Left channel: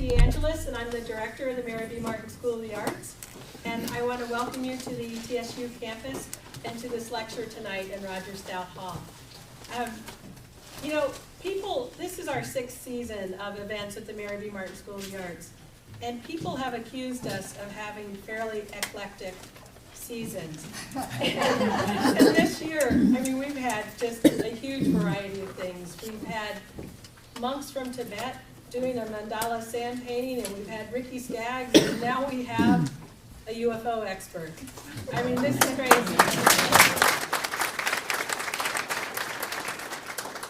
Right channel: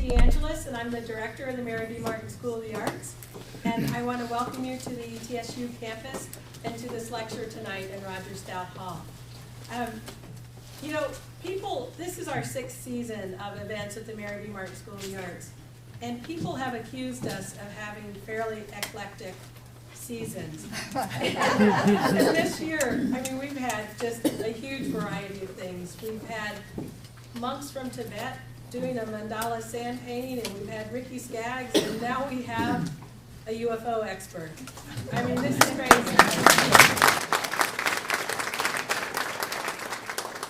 Leah DeAngelis, and I'm the director of the Mary B. Martin School of the Arts. And I want to welcome you to the TSU campus and to this lecture tonight in Roger Stout Hall. You know, this is our 6th season of events at the Mary B. Martin School of the Arts. And people have accused us of having fairly eclectic seasons. And this year, I mean, we've had just a huge variety of things. We've had monks from Tibet doing a mandala sand painting, and we've had Ricky Skaggs, and now we have a UFO expert. I mean, this is crazy.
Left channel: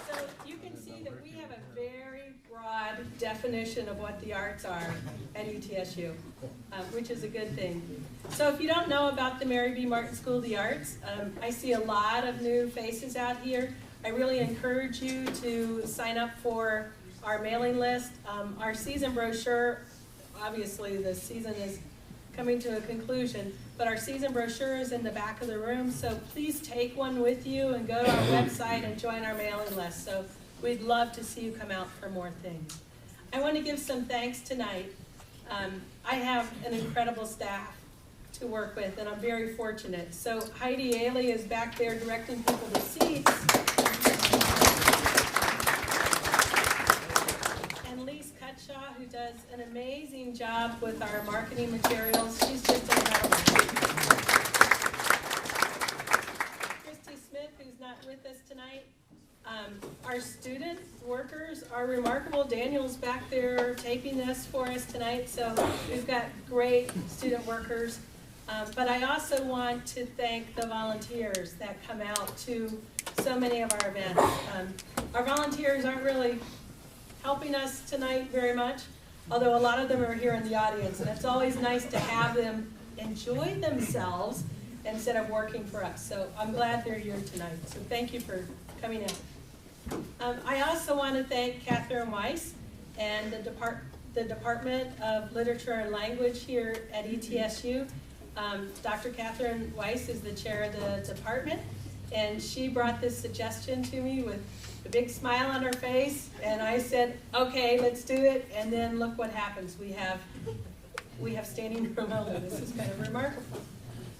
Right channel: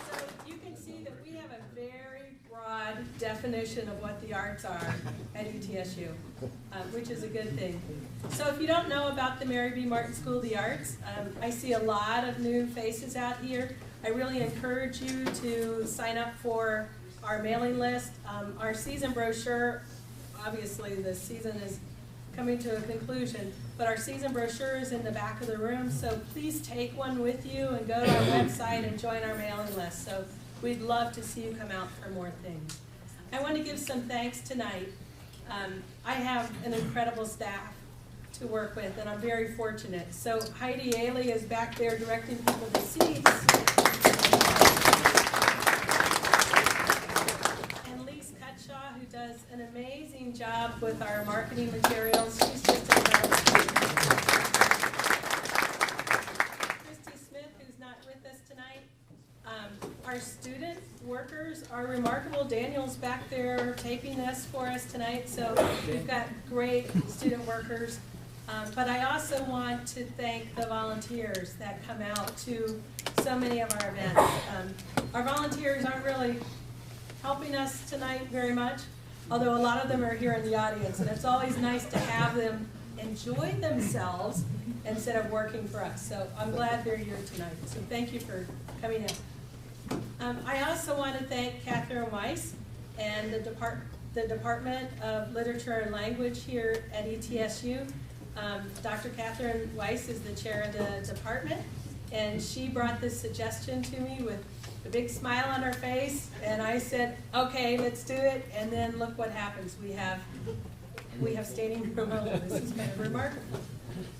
So you can see that we have a very broad definition of what the arts are at ETSU, which is a good thing. So if you don't know about the Mary B. Martin School of the Arts, I see a lot of new faces out here. I really encourage you to sign up for our mailing list. Our season brochure, obviously the season is coming to a conclusion, but our season brochure is in the back of the room, so please take one with you and go to our website and join our mailing list. So we'd love to see you come out for more things. I want to give some thanks tonight. I have an incredible staff to work with, and I'm very fortunate. So Heidi Ailey is back there directing people to seats. And Lise Cutshaw, who does an amazing job with our marketing materials. She's just incredible. Christy Smith, who's not with us tonight. Our student workers are remarkable. Daniel's back there taping this for us tonight, so we've got great student workers. But I also want to thank the volunteers that come out to so many of our events. Our volunteers aren't really helping us tonight very much, although a lot of them are here in the audience, and it's always nice to have them enjoy themselves instead of working for us. So I'm glad they're here tonight, so thank you for coming in. I also want to thank Catherine Weiss and the Department of Literature and Language here at ETSU. Dr. Catherine Weiss is the chair of the department, and she brought this suggestion to me with a big smile on her face, and I said, okay, let's do it, and then look what happens. We have standing room only. This is kind of remarkable.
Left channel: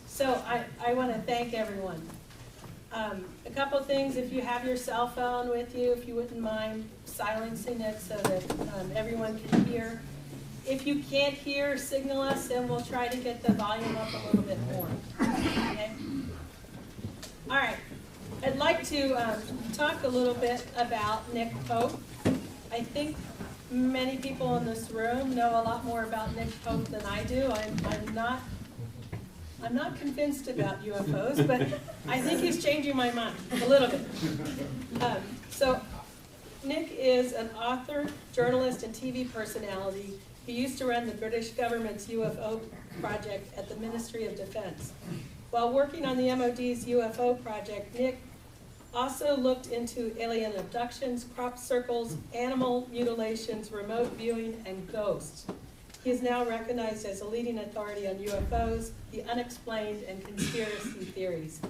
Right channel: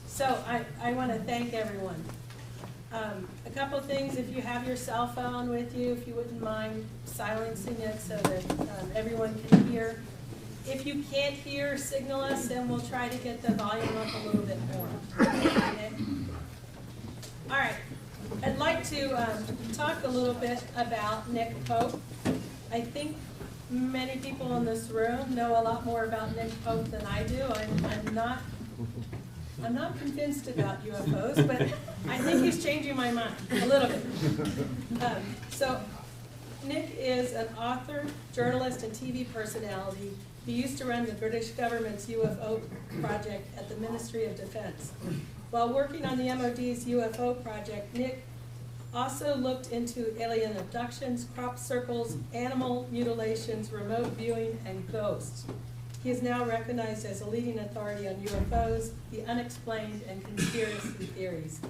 So I want to thank everyone. A couple of things, if you have your cell phone with you, if you wouldn't mind silencing it so that everyone can hear. If you can't hear, signal us, and we'll try to get the volume up a little bit more. Okay? All right. I'd like to talk a little bit about Nick Pope. I think many people in this room know a lot more about Nick Pope than I do. I'm not convinced about UFOs, but I think he's changing my mind a little bit. So Nick is an author, journalist, and TV personality. He used to run the British government's UFO project at the Ministry of Defense. While working on the MOD's UFO project, Nick also looked into alien abductions, crop circles, animal mutilations, remote viewing, and ghosts. He is now recognized as a leading authority on UFOs, the unexplained, and conspiracy theories.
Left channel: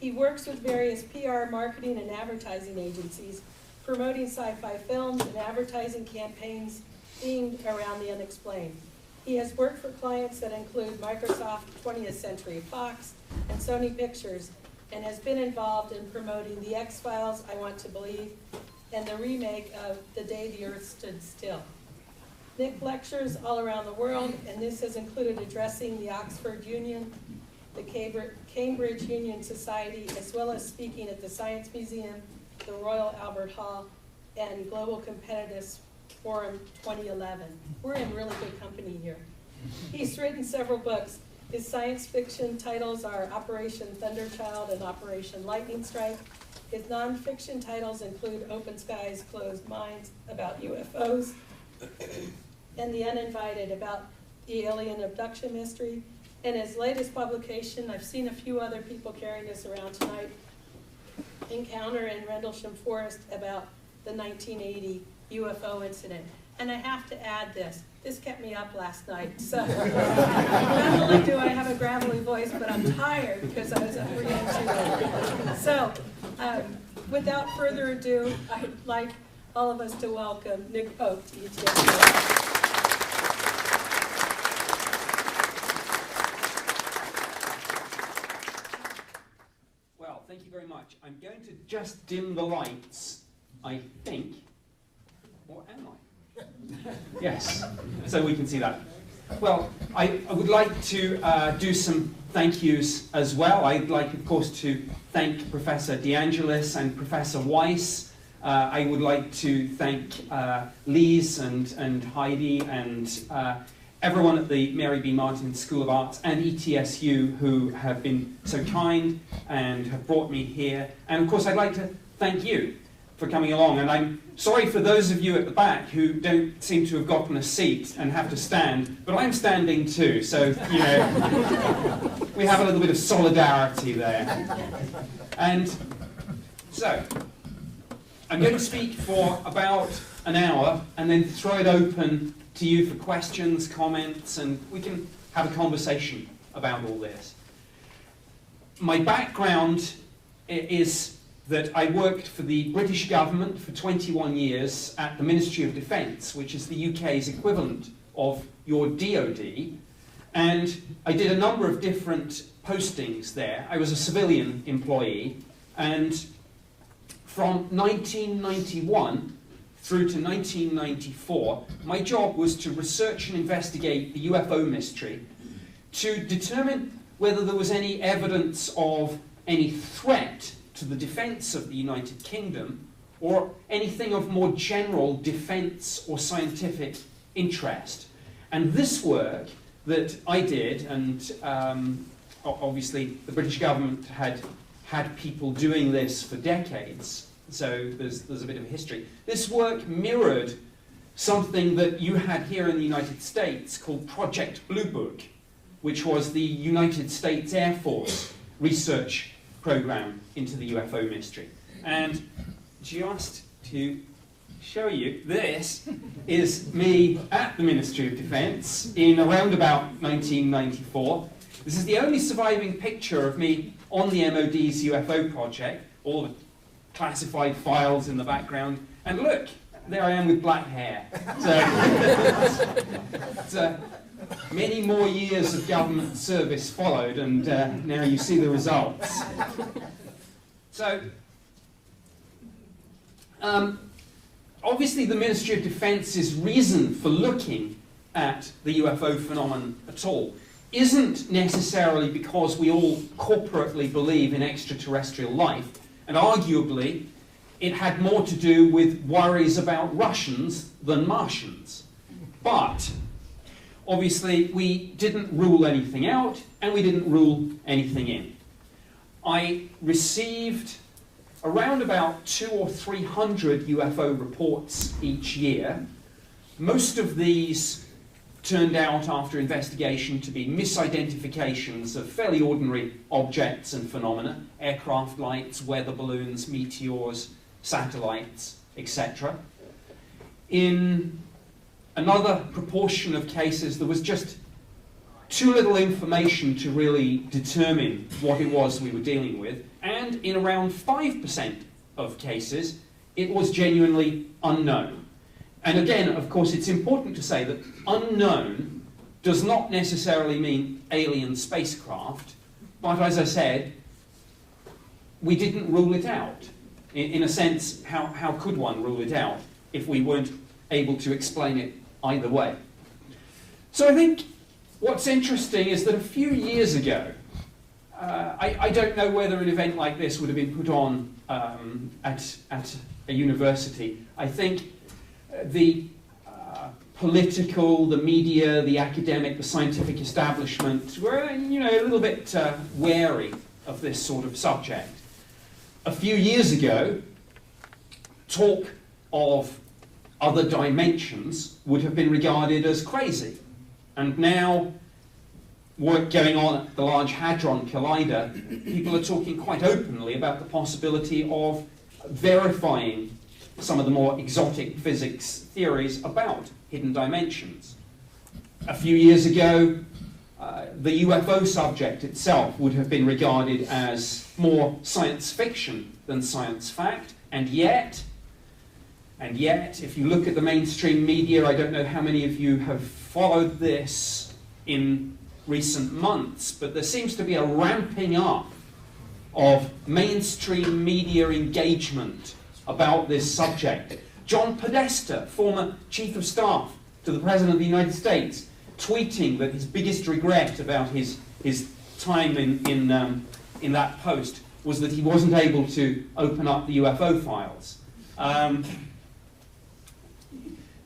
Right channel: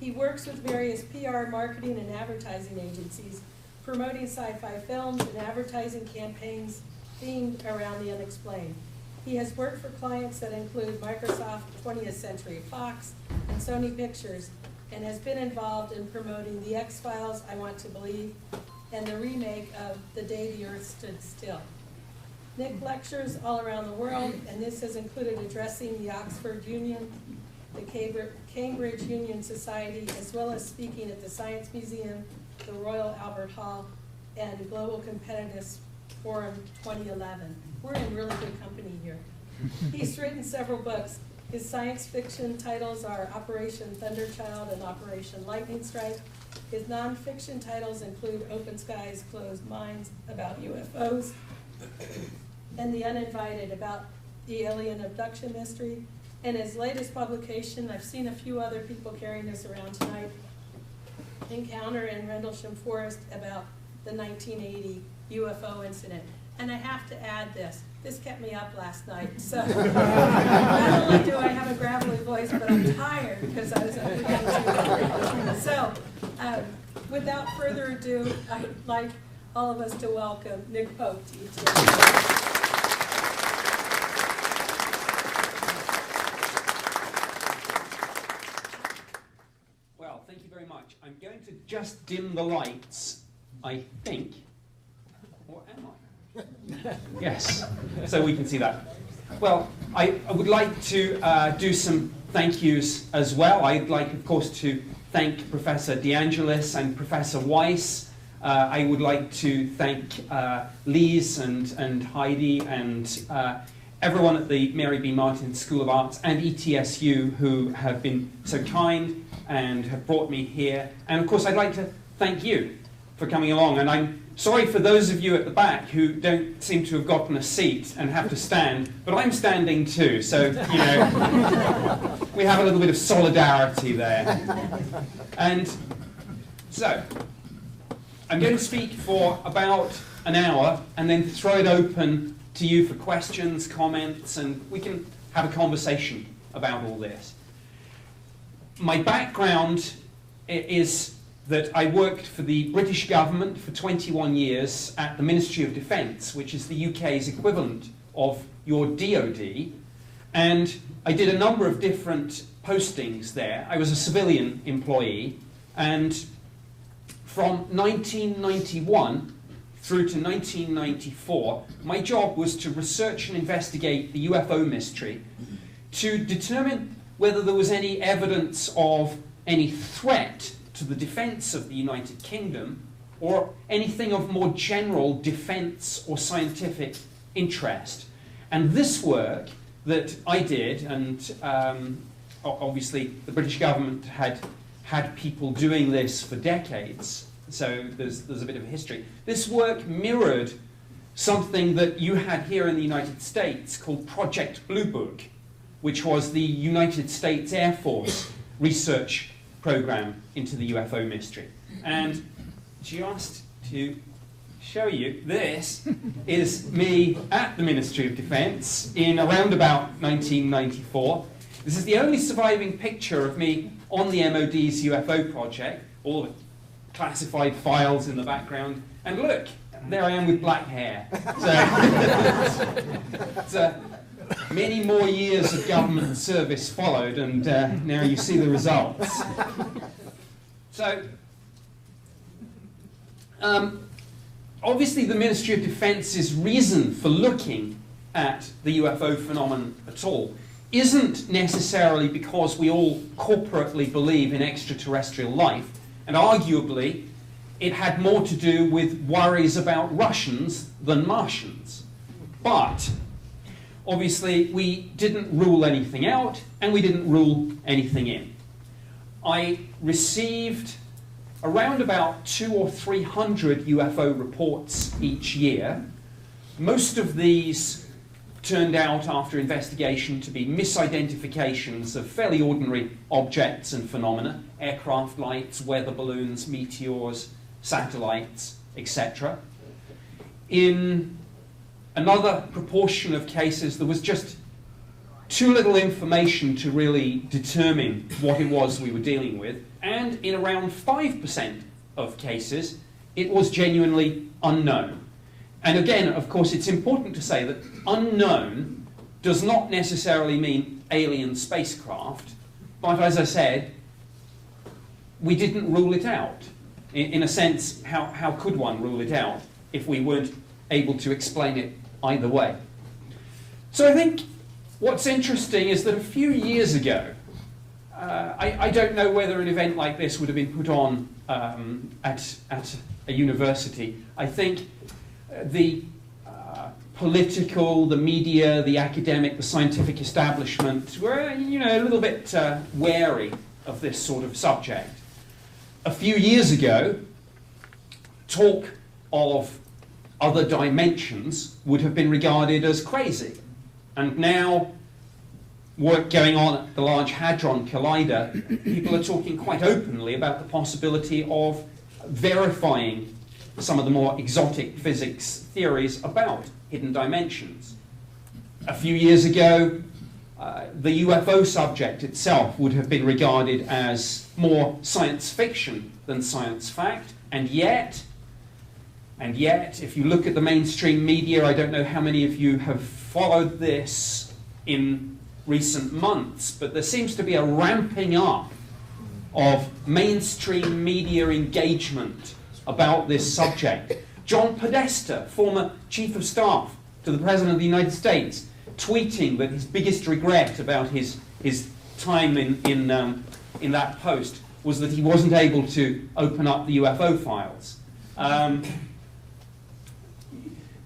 He works with various PR, marketing, and advertising agencies, promoting sci-fi films and advertising campaigns themed around the unexplained. He has worked for clients that include Microsoft, 20th Century Fox, and Sony Pictures, and has been involved in promoting The X-Files, I Want to Believe, and the remake of The Day the Earth Stood Still. Nick lectures all around the world, and this has included addressing the Oxford Union, the Cambridge Union Society, as well as speaking at the Science Museum, the Royal Albert Hall, and Global Competitiveness Forum 2011. We're in really good company here. He's written several books. His science fiction titles are Operation Thunderchild and Operation Lightning Strike. His nonfiction titles include Open Skies, Closed Minds, about UFOs, and The Uninvited, about the alien abduction mystery. And his latest publication, I've seen a few other people carrying this around tonight, Encounter in Rendlesham Forest, about the 1980 UFO incident. And I have to add this kept me up last night. So not only do I have a gravelly voice, but I'm tired because I was up for getting too late. So without further ado, I'd like all of us to welcome Nick Pope to ETSU. much. I'm going to just dim the lights, I think. Or am I? Yes, so we can see that. Well, I would like to do some thank yous as well. I'd like, of course, to thank Professor DeAngelis and Professor Weiss. I would like to thank Lise and Heidi and everyone at the Mary B. Martin School of Arts and ETSU who have been so kind and have brought me here. And of course, I'd like to thank you for coming along. And I'm sorry for those of you at the back who don't seem to have gotten a seat and have to stand, but I'm standing too, so, you know, we have a little bit of solidarity there. And so, I'm going to speak for about an hour and then throw it open to you for questions, comments, and we can have a conversation about all this. My background is that I worked for the British government for 21 years at the Ministry of Defence, which is the UK's equivalent of your DoD, and I did a number of different postings there. I was a civilian employee, and from 1991 through to 1994, my job was to research and investigate the UFO mystery to determine whether there was any evidence of any threat to the defence of the United Kingdom or anything of more general defence or scientific interest. And this work that I did, and obviously the British government had people doing this for decades, so there's a bit of a history. This work mirrored something that you had here in the United States called Project Blue Book, which was the United States Air Force research program into the UFO mystery. And just to show you, this is me at the Ministry of Defence in around about 1994. This is the only surviving picture of me on the MOD's UFO project, all the classified files in the background, and look, there I am with black hair. So many more years of government service followed, and now you see the results. So, obviously the Ministry of Defence's reason for looking at the UFO phenomenon at all isn't necessarily because we all corporately believe in extraterrestrial life, and arguably it had more to do with worries about Russians than Martians. But obviously we didn't rule anything out and we didn't rule anything in. I received around about 200 or 300 UFO reports each year. Most of these turned out after investigation to be misidentifications of fairly ordinary objects and phenomena, aircraft lights, weather balloons, meteors, satellites, etc. In another proportion of cases, there was just too little information to really determine what it was we were dealing with, and in around 5% of cases, it was genuinely unknown. And again, of course, it's important to say that unknown does not necessarily mean alien spacecraft, but as I said, we didn't rule it out. In a sense, how could one rule it out if we weren't able to explain it either way? So I think what's interesting is that a few years ago, I don't know whether an event like this would have been put on at a university. I think the political, the media, the academic, the scientific establishment were, you know, a little bit wary of this sort of subject. A few years ago, talk of other dimensions would have been regarded as crazy. And now, work going on at the Large Hadron Collider, people are talking quite openly about the possibility of verifying some of the more exotic physics theories about hidden dimensions. A few years ago, the UFO subject itself would have been regarded as more science fiction than science fact, and yet, if you look at the mainstream media, I don't know how many of you have followed this in recent months, but there seems to be a ramping up of mainstream media engagement about this subject. John Podesta, former Chief of Staff to the President of the United States, tweeting that his biggest regret about his time in that post was that he wasn't able to open up the UFO files.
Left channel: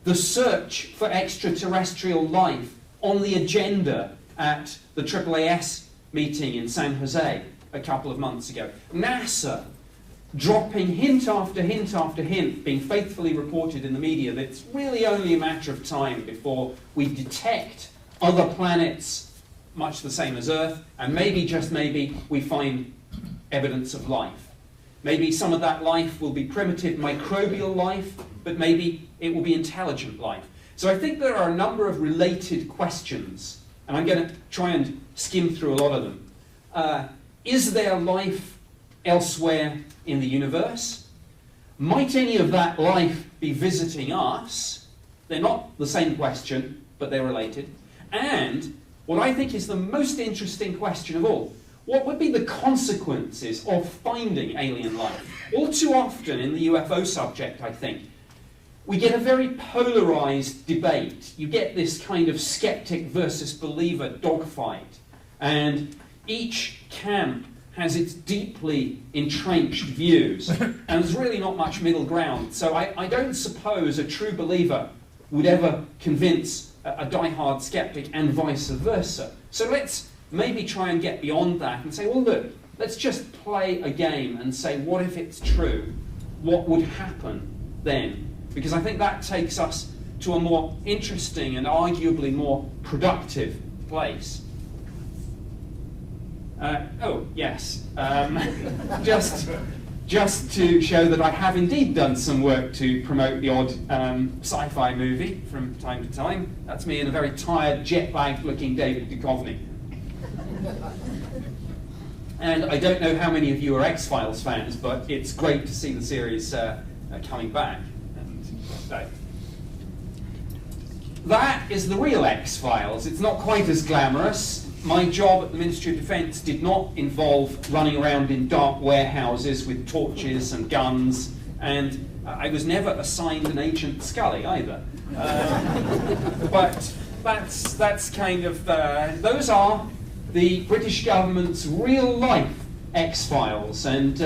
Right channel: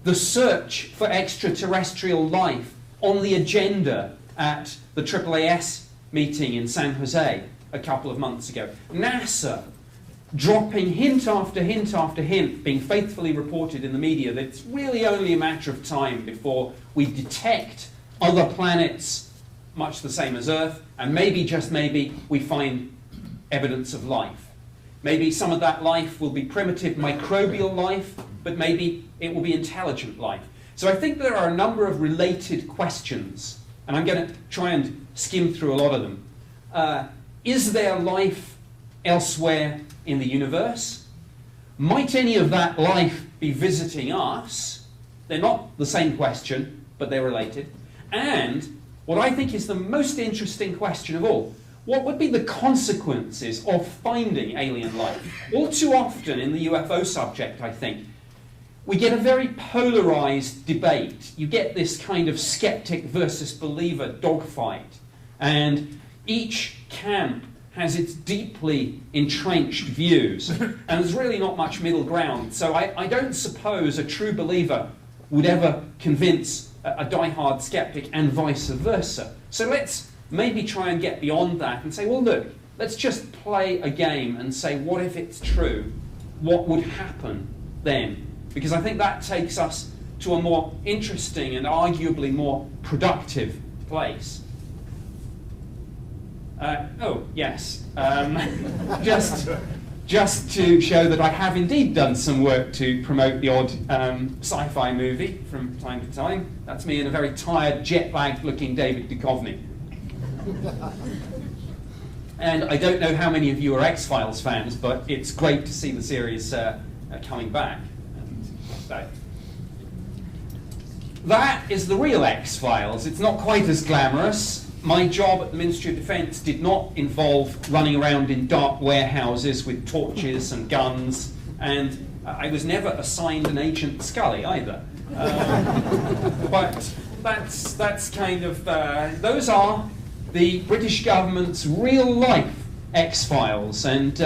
The search for extraterrestrial life on the agenda at the AAAS meeting in San Jose a couple of months ago. NASA dropping hint after hint after hint, being faithfully reported in the media that it's really only a matter of time before we detect other planets much the same as Earth, and maybe, just maybe, we find evidence of life. Maybe some of that life will be primitive microbial life, but maybe it will be intelligent life. So I think there are a number of related questions, and I'm going to try and skim through a lot of them. Is there life elsewhere in the universe? Might any of that life be visiting us? They're not the same question, but they're related. And what I think is the most interesting question of all, what would be the consequences of finding alien life? All too often in the UFO subject, I think, we get a very polarized debate. You get this kind of skeptic versus believer dogfight. And each camp has its deeply entrenched views. And there's really not much middle ground. So I don't suppose a true believer would ever convince a die-hard skeptic, and vice versa. So let's maybe try and get beyond that and say, well, look, let's just play a game and say, what if it's true? What would happen then? Because I think that takes us to a more interesting and arguably more productive place. Oh, yes. Just to show that I have indeed done some work to promote the odd sci-fi movie from time to time. That's me and a very tired, jet-lagged looking David Duchovny. And I don't know how many of you are X-Files fans, but it's great to see the series coming back. And so, that is the real X-Files. It's not quite as glamorous. My job at the Ministry of Defence did not involve running around in dark warehouses with torches and guns, and I was never assigned an Agent Scully either. But that's kind of, those are the British government's real-life X-Files, and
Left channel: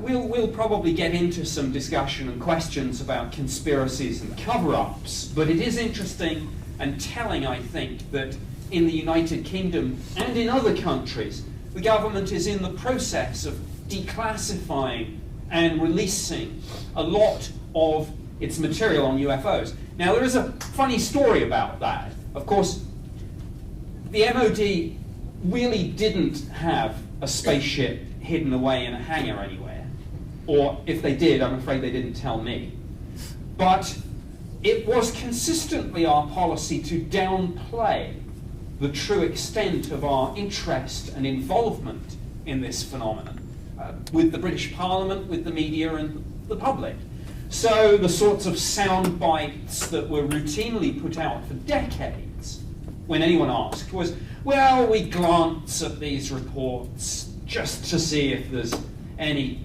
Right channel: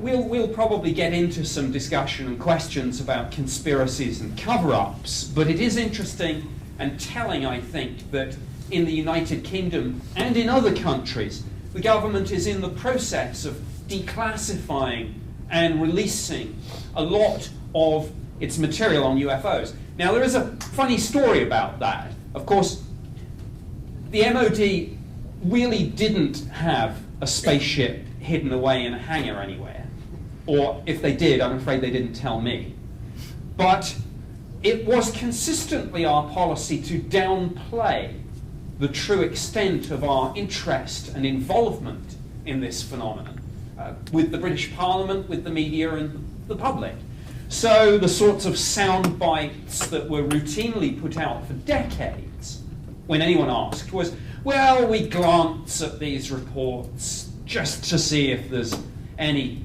we'll probably get into some discussion and questions about conspiracies and cover-ups, but it is interesting and telling, I think, that in the United Kingdom and in other countries, the government is in the process of declassifying and releasing a lot of its material on UFOs. Now, there is a funny story about that. Of course, the MOD really didn't have a spaceship hidden away in a hangar anywhere. Or if they did, I'm afraid they didn't tell me. But it was consistently our policy to downplay the true extent of our interest and involvement in this phenomenon with the British Parliament, with the media and the public. So the sorts of sound bites that were routinely put out for decades when anyone asked was, well, we glance at these reports just to see if there's any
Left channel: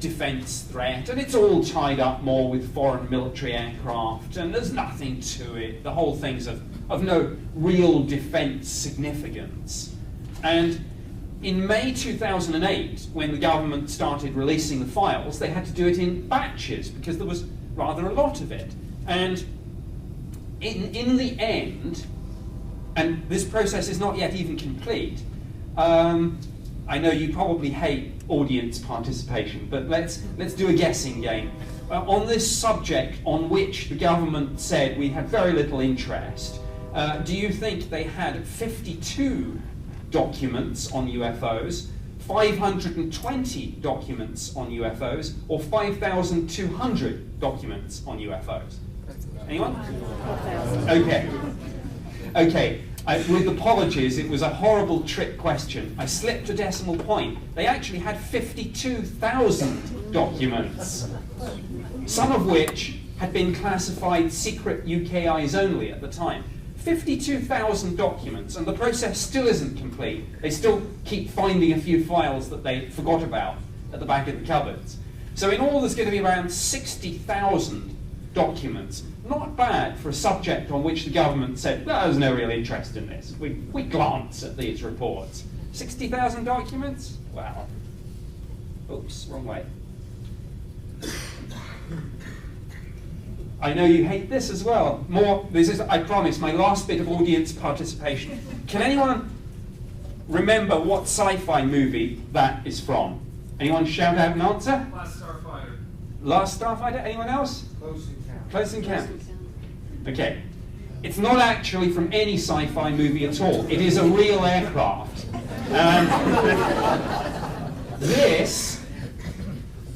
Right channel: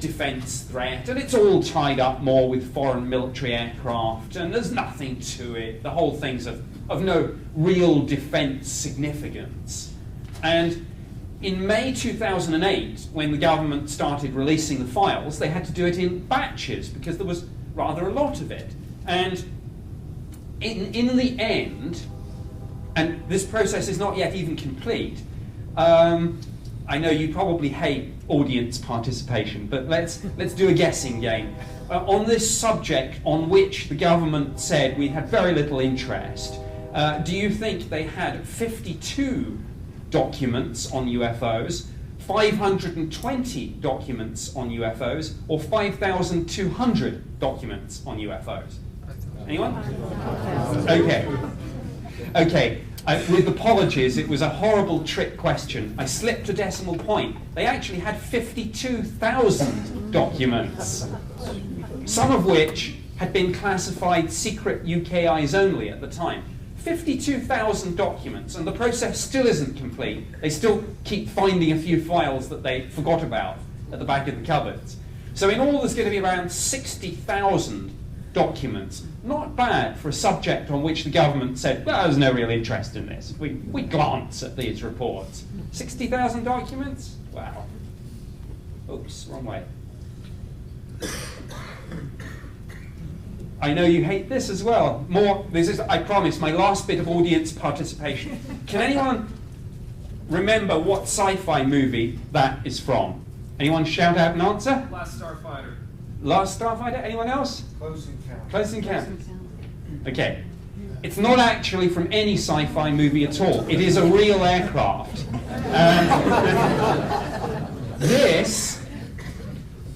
defence threat, and it's all tied up more with foreign military aircraft, and there's nothing to it. The whole thing's of no real defence significance. And in May 2008, when the government started releasing the files, they had to do it in batches because there was rather a lot of it. And in the end, and this process is not yet even complete, I know you probably hate audience participation, but let's do a guessing game. On this subject on which the government said we had very little interest, do you think they had 52 documents on UFOs, 520 documents on UFOs, or 5,200 documents on UFOs? Anyone? Okay. With apologies, it was a horrible trick question. I slipped a decimal point. They actually had 52,000 documents, some of which had been classified secret UK eyes only at the time. 52,000 documents, and the process still isn't complete. They still keep finding a few files that they forgot about at the back of the cupboards. So in all, there's going to be around 60,000 documents. Not bad for a subject on which the government said, well, there's no real interest in this. We glance at these reports. 60,000 documents? Wow. Oops, wrong way. I know you hate this as well. This is, I promise, my last bit of audience participation. Can anyone remember what sci-fi movie that is from? Anyone shout out an answer? Last Starfighter. Last Starfighter? Anyone else? Close Encounter. Close Encounter. Okay. It's not actually from any sci-fi movie at all. It is a real aircraft. This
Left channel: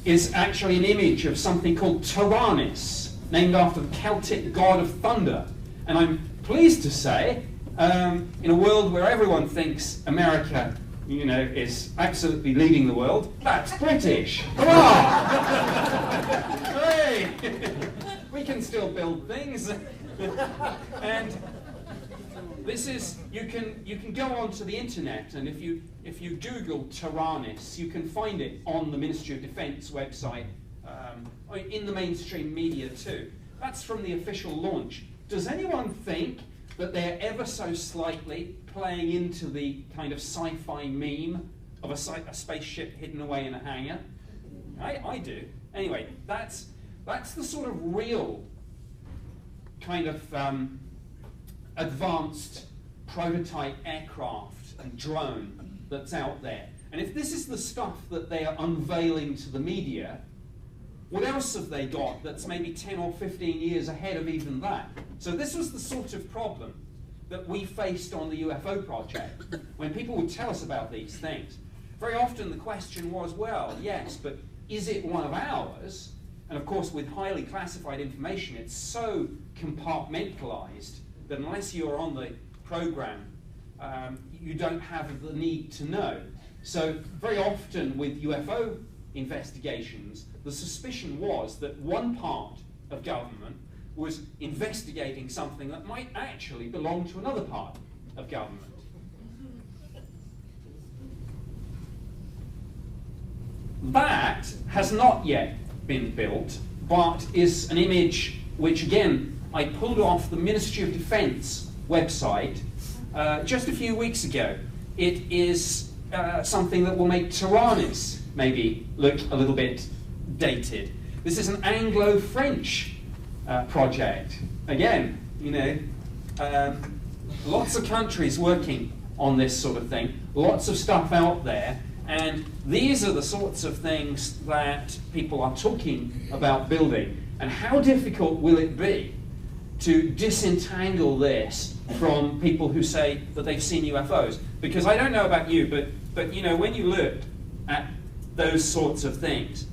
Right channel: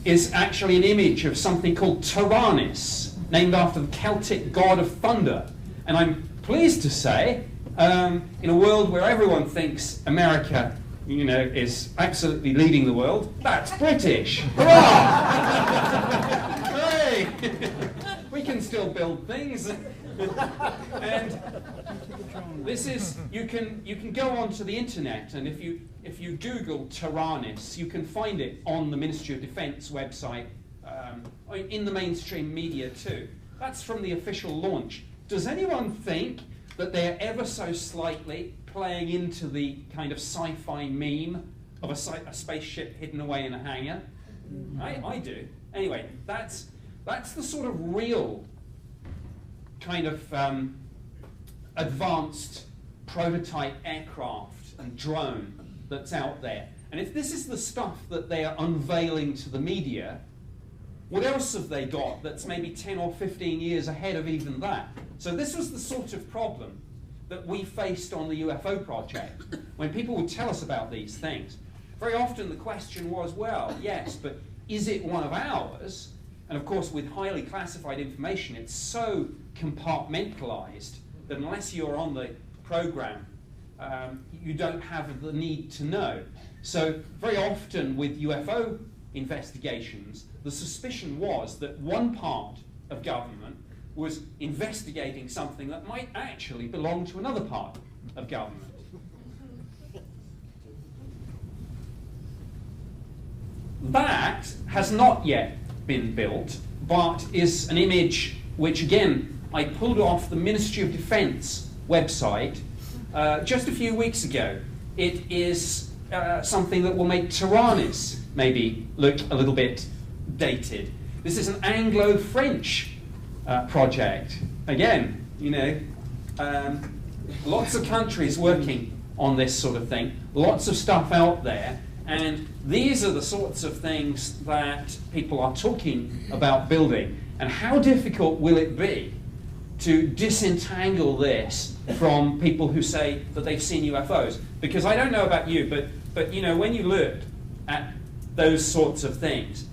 is actually an image of something called Taranis, named after the Celtic god of thunder. And I'm pleased to say, in a world where everyone thinks America, is absolutely leading the world, that's British. Hurrah! Hey! We can still build things. And this is, you can go onto the internet, and if you Google Taranis, you can find it on the Ministry of Defence website, in the mainstream media too. That's from the official launch. Does anyone think that they're ever so slightly playing into the kind of sci-fi meme of a spaceship hidden away in a hangar? I do. Anyway, that's the sort of real kind of advanced prototype aircraft and drone that's out there. And if this is the stuff that they are unveiling to the media, what else have they got that's maybe 10 or 15 years ahead of even that? So this was the sort of problem that we faced on the UFO project, when people would tell us about these things. Very often the question was, well, yes, but is it one of ours? And of course, with highly classified information, it's so compartmentalized that unless you're on the program, you don't have the need to know. So very often with UFO investigations, the suspicion was that one part of government was investigating something that might actually belong to another part of government. That has not yet been built, but is an image which, again, I pulled off the Ministry of Defence website just a few weeks ago. It is something that will make Taranis maybe look a little bit dated. This is an Anglo-French project. Again, lots of countries working on this sort of thing, lots of stuff out there, and these are the sorts of things that people are talking about building. And how difficult will it be to disentangle this from people who say that they've seen UFOs? Because I don't know about you, but when you look at those sorts of things,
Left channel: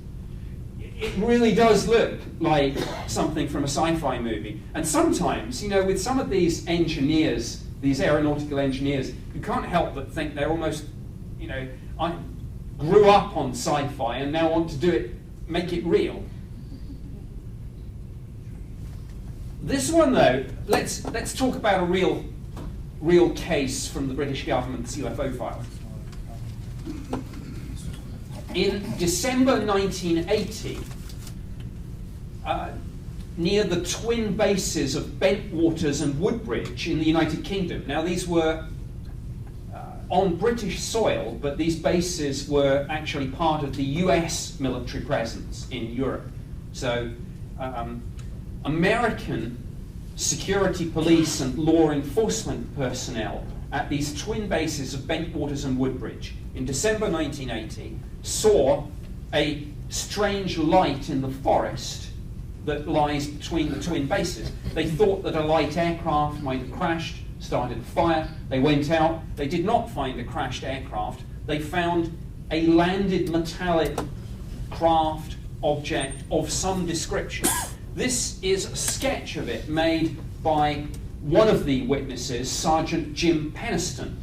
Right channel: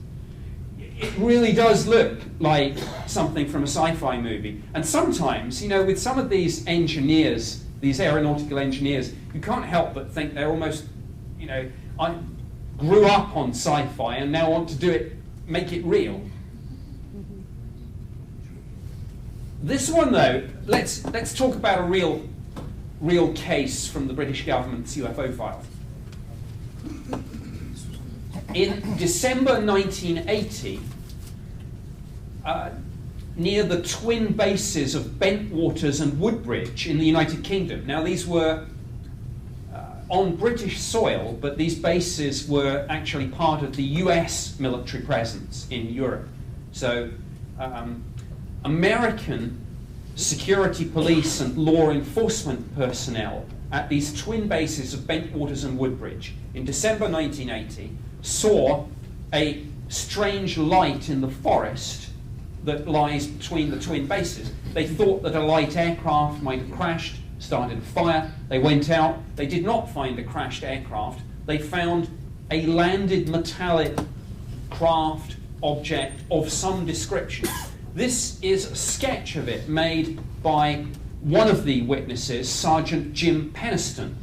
it really does look like something from a sci-fi movie. And sometimes, with some of these engineers, these aeronautical engineers, you can't help but think they're almost, I grew up on sci-fi and now want to do it, make it real. This one, though, let's talk about a real case from the British government's UFO file. In December 1980, near the twin bases of Bentwaters and Woodbridge in the United Kingdom. Now, these were on British soil, but these bases were actually part of the US military presence in Europe. So, American security police and law enforcement personnel at these twin bases of Bentwaters and Woodbridge in December 1980 saw a strange light in the forest that lies between the twin bases. They thought that a light aircraft might have crashed, started a fire. They went out. They did not find a crashed aircraft. They found a landed metallic craft object of some description. This is a sketch of it made by one of the witnesses, Sergeant Jim Penniston.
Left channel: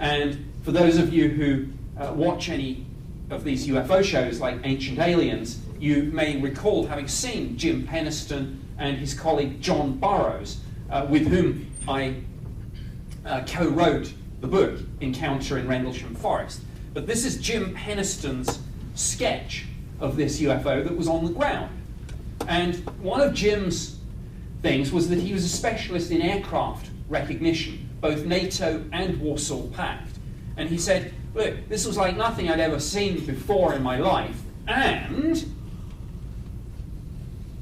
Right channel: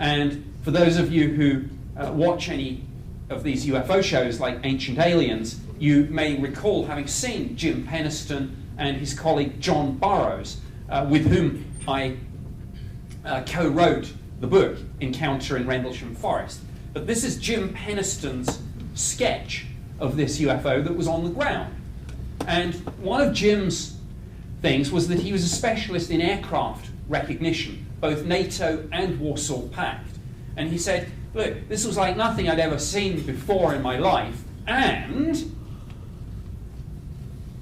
And for those of you who watch any of these UFO shows like Ancient Aliens, you may recall having seen Jim Penniston and his colleague John Burroughs, with whom I co-wrote the book Encounter in Rendlesham Forest. But this is Jim Penniston's sketch of this UFO that was on the ground. And one of Jim's things was that he was a specialist in aircraft recognition, both NATO and Warsaw Pact. And he said, look, this was like nothing I'd ever seen before in my life, and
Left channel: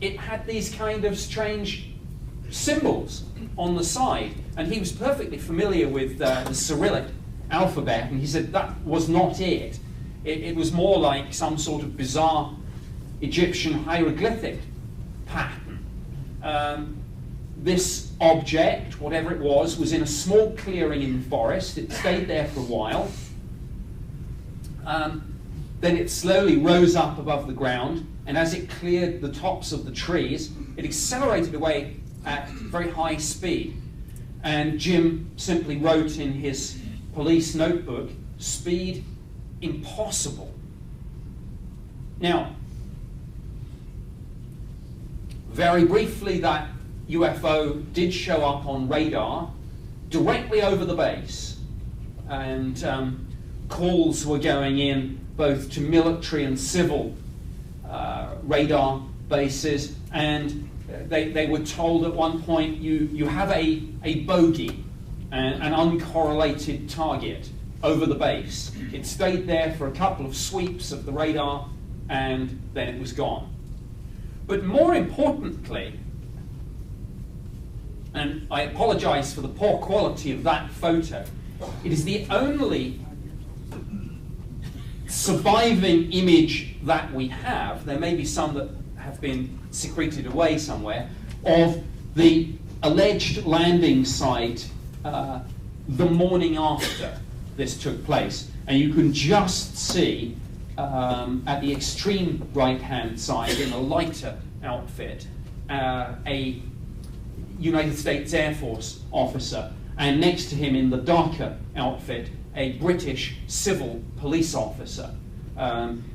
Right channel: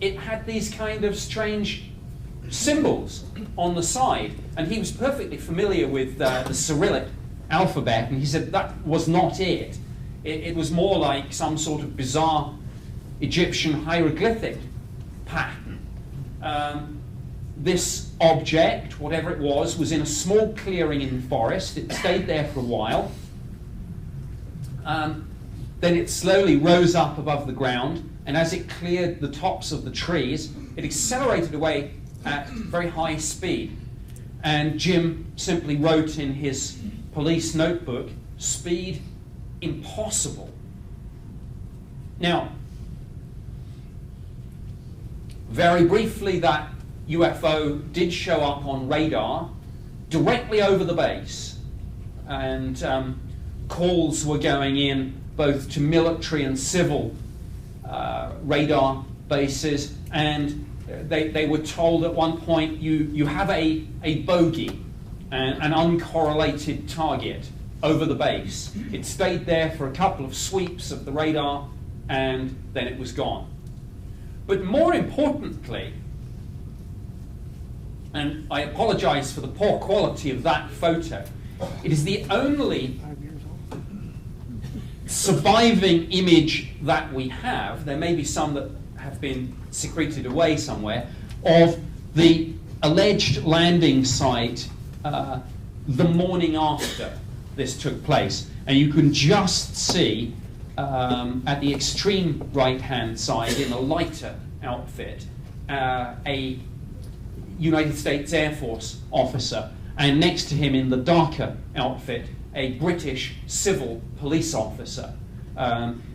it had these kind of strange symbols on the side. And he was perfectly familiar with the Cyrillic alphabet, and he said that was not it. It was more like some sort of bizarre Egyptian hieroglyphic pattern. This object, whatever it was in a small clearing in the forest. It stayed there for a while. Then it slowly rose up above the ground, and as it cleared the tops of the trees, it accelerated away at very high speed. And Jim simply wrote in his police notebook, "Speed impossible." Now, very briefly, that UFO did show up on radar directly over the base, and calls were going in both to military and civil radar bases, and they were told at one point, you have a bogey, an uncorrelated target over the base. It stayed there for a couple of sweeps of the radar, and then it was gone. But more importantly, and I apologize for the poor quality of that photo, it is the only surviving image that we have, there may be some that have been secreted away somewhere, of the alleged landing site the morning after this took place. And you can just see at the extreme right-hand side, in a lighter outfit, a United States Air Force officer, and next to him in the darker outfit, a British civil police officer.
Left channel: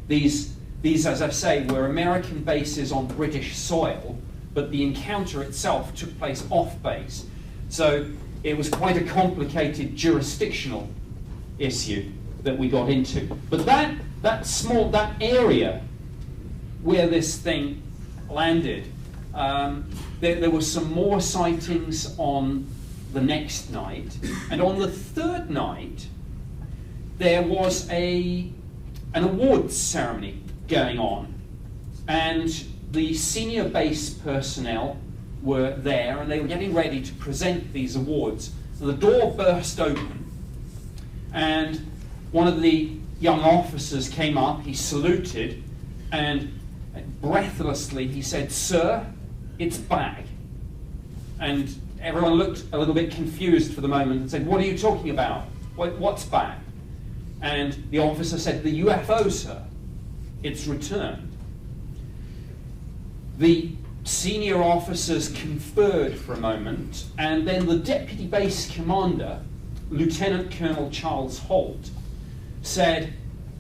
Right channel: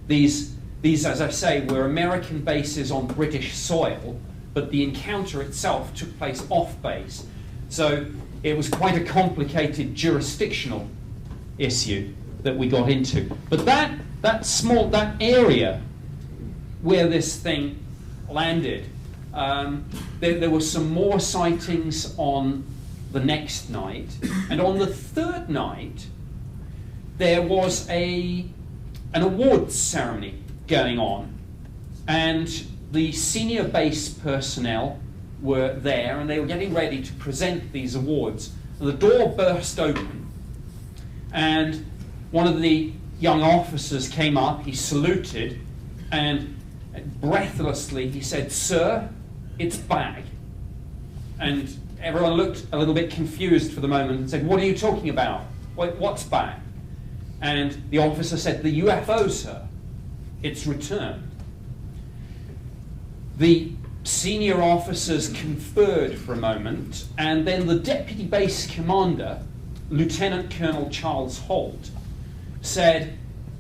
These, as I say, were American bases on British soil, but the encounter itself took place off base. So it was quite a complicated jurisdictional issue that we got into. But that area where this thing landed, there were some more sightings on the next night, and on the third night there was an awards ceremony going on, and the senior base personnel were there, and they were getting ready to present these awards. The door burst open, and one of the young officers came up, he saluted, and breathlessly he said, "Sir, it's back." And everyone looked a little bit confused for the moment and said, "What are you talking about? What's back?" And the officer said, "The UFO, sir. It's returned." The senior officers conferred for a moment, and then the deputy base commander, Lieutenant Colonel Charles Holt, said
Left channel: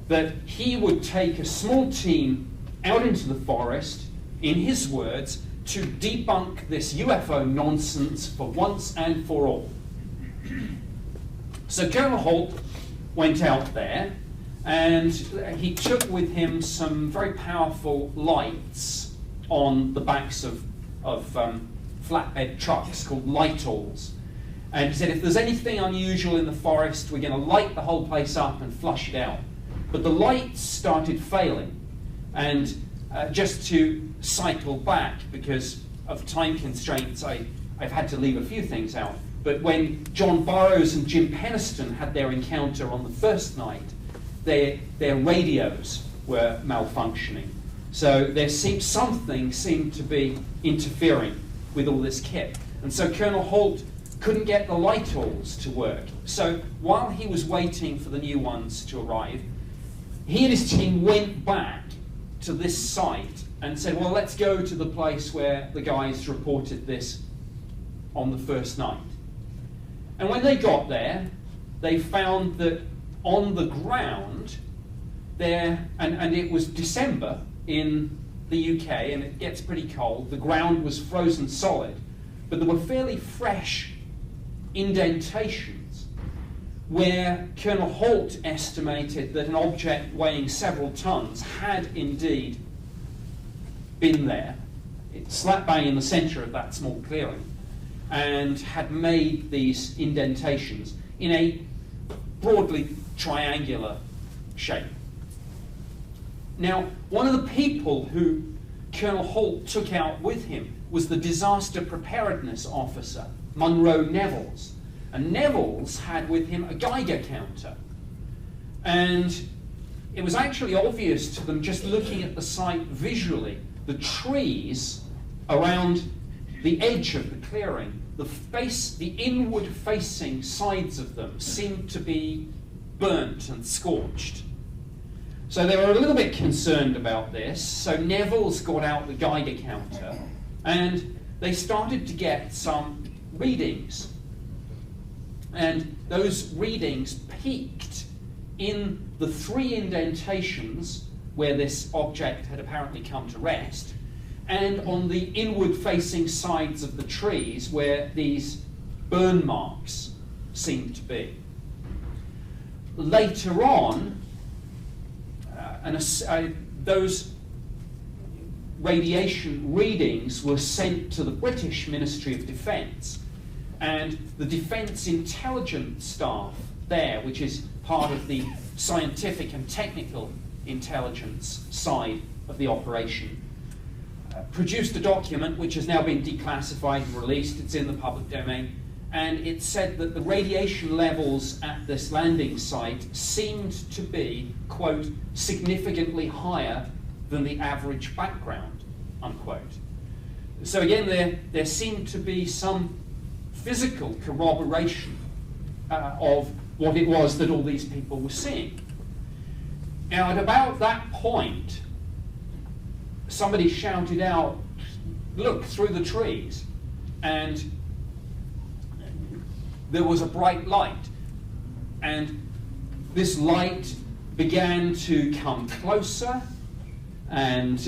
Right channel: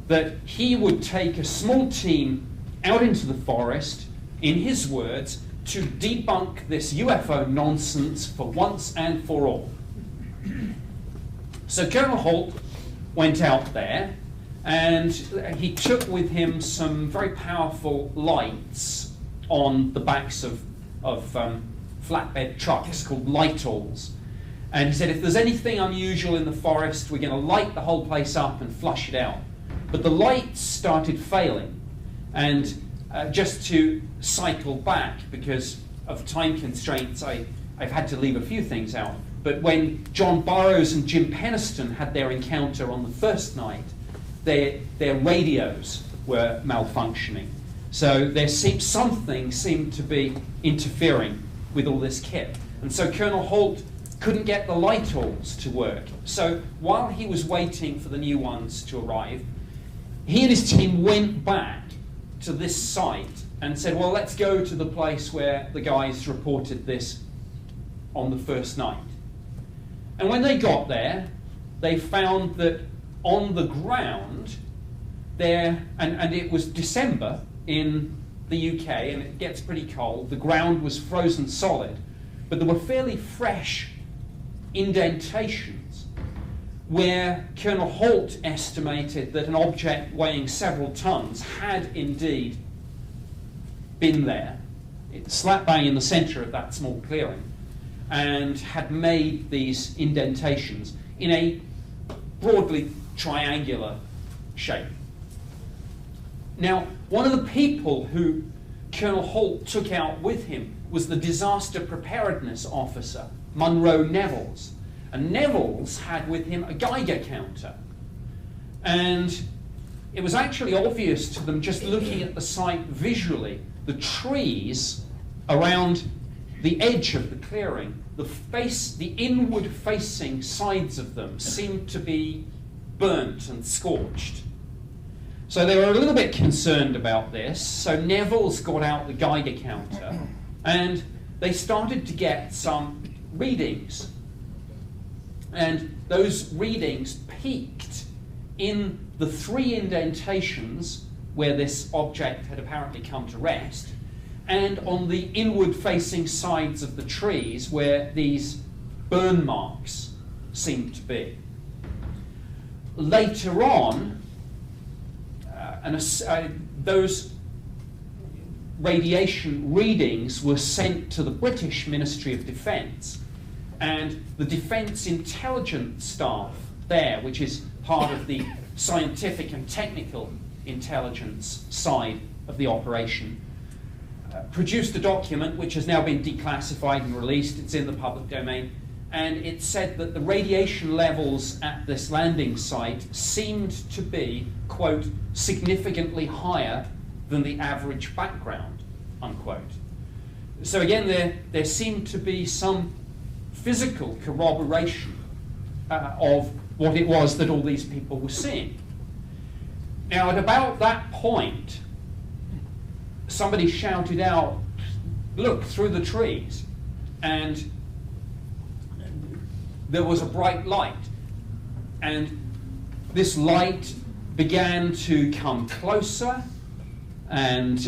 that he would take a small team out into the forest, in his words, to debunk this UFO nonsense for once and for all. So Colonel Holt went out there, and he took with him some very powerful lights on the backs of flatbed trucks called light-alls. And he said, if there's anything unusual in the forest, we're going to light the whole place up and flush it out. But the lights started failing, and just to cycle back, because of time constraints, I've had to leave a few things out. But when John Burroughs and Jim Penniston had their encounter on the first night, their radios were malfunctioning. So something seemed to be interfering with all this kit. And so Colonel Holt couldn't get the light-alls to work. So while he was waiting for the new ones to arrive, he and his team went back to this site and said, well, let's go to the place where the guys reported this on the first night. And when they got there, they found that on the ground there, and it was December in the UK, and it gets pretty cold, the ground was frozen solid, but there were fairly fresh indentations where Colonel Holt estimated that an object weighing several tons had indeed been there. It's slap bang in the centre of that small clearing, and had made these indentations in a broadly triangular shape. Now, one of the people who Colonel Holt took out with him was the disaster preparedness officer, Munro Nevels. And Nevels had with him a Geiger counter. And it was actually obvious to them, just looking at the site visually, the trees around the edge of the clearing, the inward-facing sides of them seemed to be burnt and scorched. So they were a little bit concerned about this, so Nevels got out the Geiger counter, and they started to get some readings. And those readings peaked in the 3 indentations where this object had apparently come to rest, and on the inward-facing sides of the trees where these burn marks seemed to be. Later on, those radiation readings were sent to the British Ministry of Defence, and the Defence Intelligence Staff there, which is part of the scientific and technical intelligence side of the operation, produced a document which has now been declassified and released. It's in the public domain, and it said that the radiation levels at this landing site seemed to be, quote, significantly higher than the average background, unquote. So again, there seemed to be some physical corroboration of what it was that all these people were seeing. Now, at about that point, somebody shouted out, "Look, through the trees," and there was a bright light, and this light began to come closer, and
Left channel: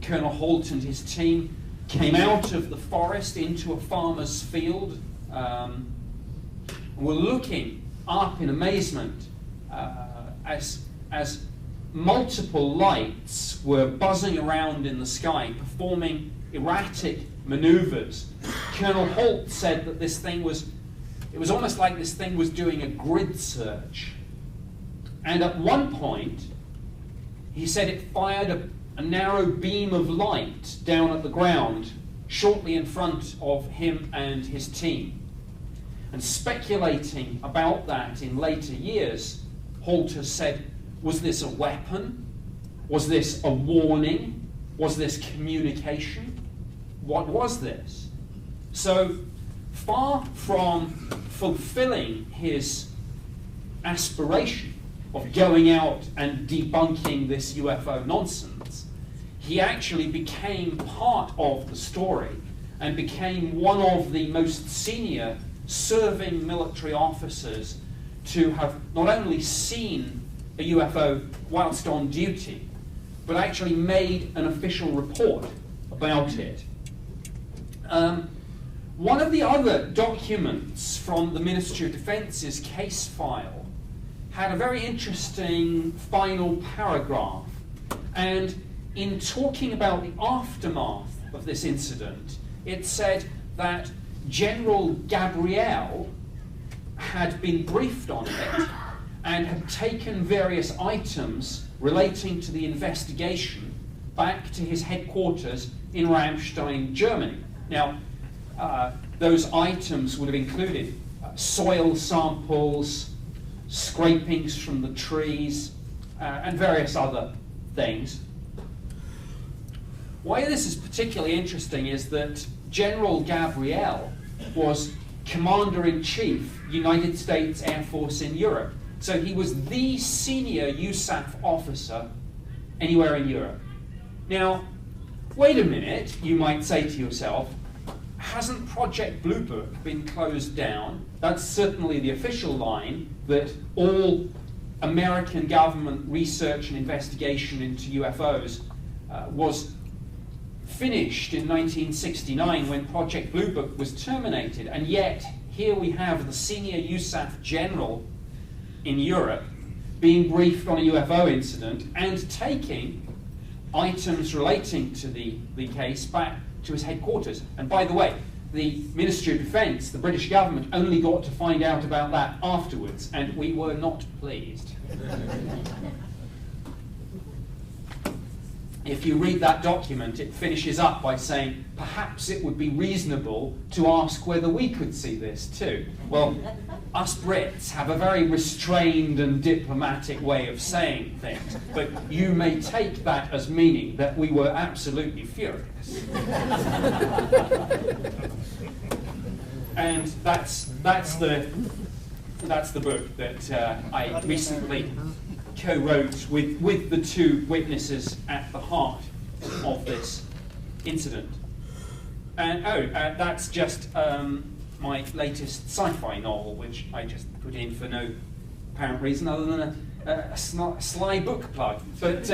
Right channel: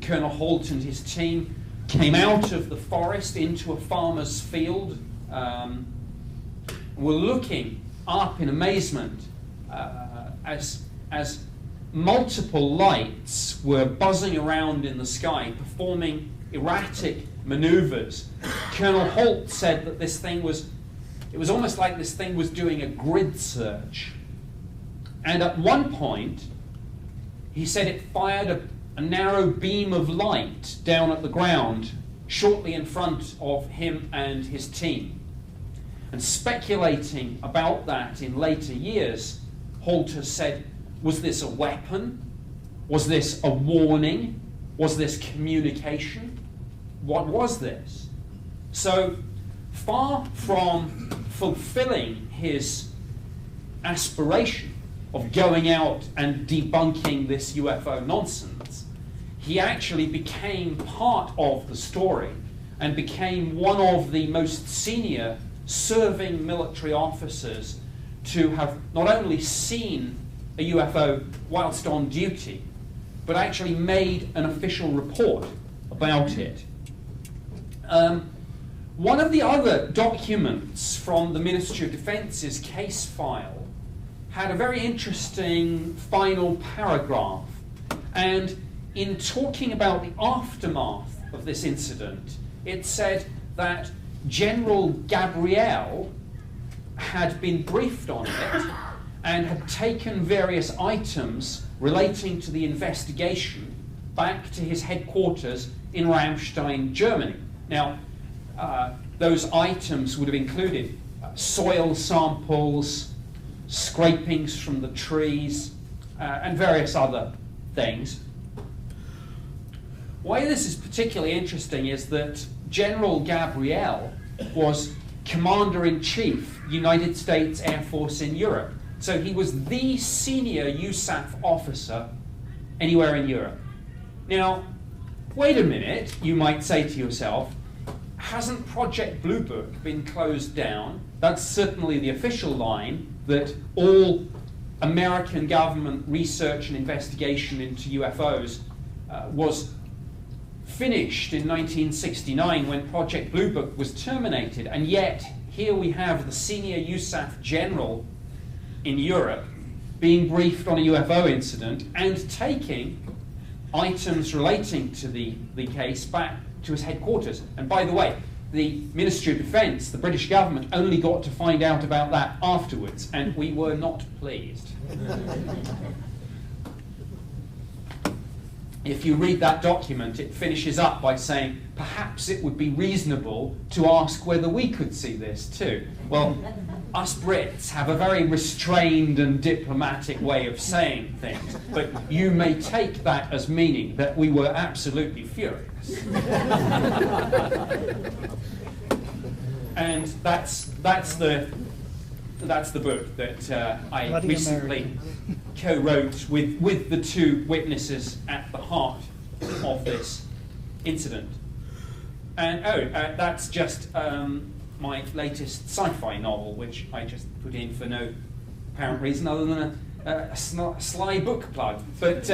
Colonel Holt and his team came out of the forest into a farmer's field, were looking up in amazement as multiple lights were buzzing around in the sky, performing erratic maneuvers. Colonel Holt said that it was almost like this thing was doing a grid search. And at one point, he said it fired a narrow beam of light down at the ground shortly in front of him and his team. And speculating about that in later years, Holt has said, was this a weapon? Was this a warning? Was this communication? What was this? So, far from fulfilling his aspiration of going out and debunking this UFO nonsense, he actually became part of the story and became one of the most senior serving military officers to have not only seen a UFO whilst on duty, but actually made an official report about it. One of the other documents from the Ministry of Defence's case file had a very interesting final paragraph, and in talking about the aftermath of this incident, it said that General Gabriel had been briefed on it and had taken various items relating to the investigation back to his headquarters in Ramstein, Germany. Now, those items would have included soil samples, scrapings from the trees, and various other things. Why this is particularly interesting is that General Gabriel was Commander-in-Chief, United States Air Force in Europe. So he was the senior USAF officer anywhere in Europe. Now, wait a minute, you might say to yourself, hasn't Project Blue Book been closed down? That's certainly the official line, that all American government research and investigation into UFOs was finished in 1969 when Project Blue Book was terminated, and yet here we have the senior USAF general in Europe being briefed on a UFO incident and taking items relating to the case back to his headquarters. And by the way, the Ministry of Defence, the British government, only got to find out about that afterwards, and we were not pleased. If you read that document, it finishes up by saying, perhaps it would be reasonable to ask whether we could see this too. Well, us Brits have a very restrained and diplomatic way of saying things, but you may take that as meaning that we were absolutely furious. And that's the book that I recently co-wrote with the two witnesses at the heart of this incident. And that's just my latest sci-fi novel, which I just put in for no apparent reason other than a sly book plug. But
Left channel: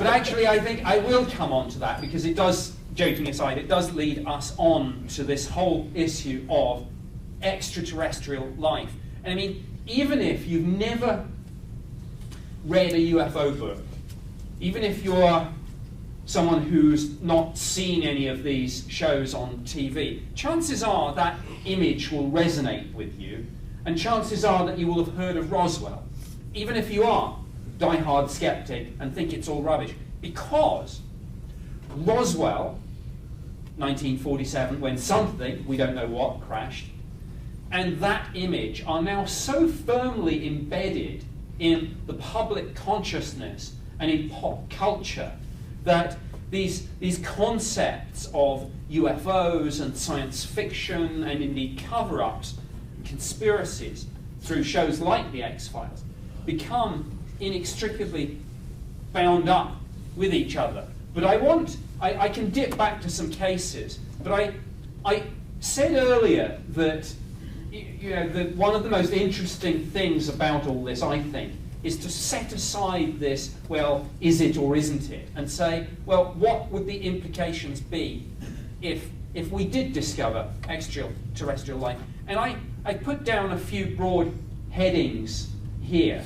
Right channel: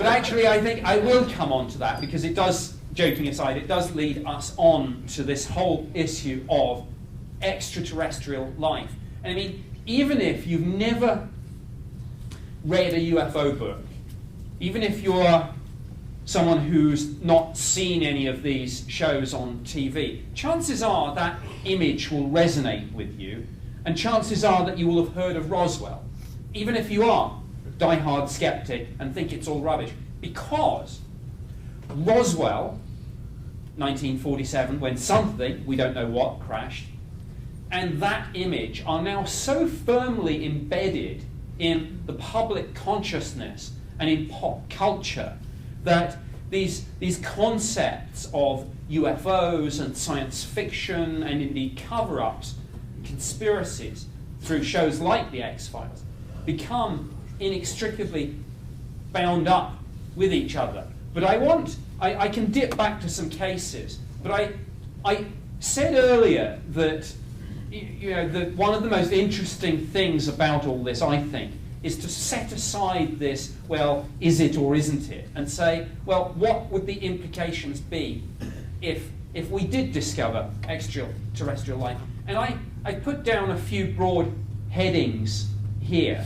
actually, I think I will come on to that, because it does, joking aside, it does lead us on to this whole issue of extraterrestrial life. And I mean, even if you've never read a UFO book, even if you're someone who's not seen any of these shows on TV, chances are that image will resonate with you, and chances are that you will have heard of Roswell, even if you are a die-hard skeptic and think it's all rubbish, because Roswell, 1947, when something, we don't know what, crashed, and that image are now so firmly embedded in the public consciousness and in pop culture that these concepts of UFOs and science fiction and indeed cover-ups and conspiracies through shows like The X-Files become inextricably bound up with each other. But I can dip back to some cases, but I said earlier that that one of the most interesting things about all this, I think, is to set aside this, well, is it or isn't it, and say, well, what would the implications be if we did discover extraterrestrial life? And I put down a few broad headings here,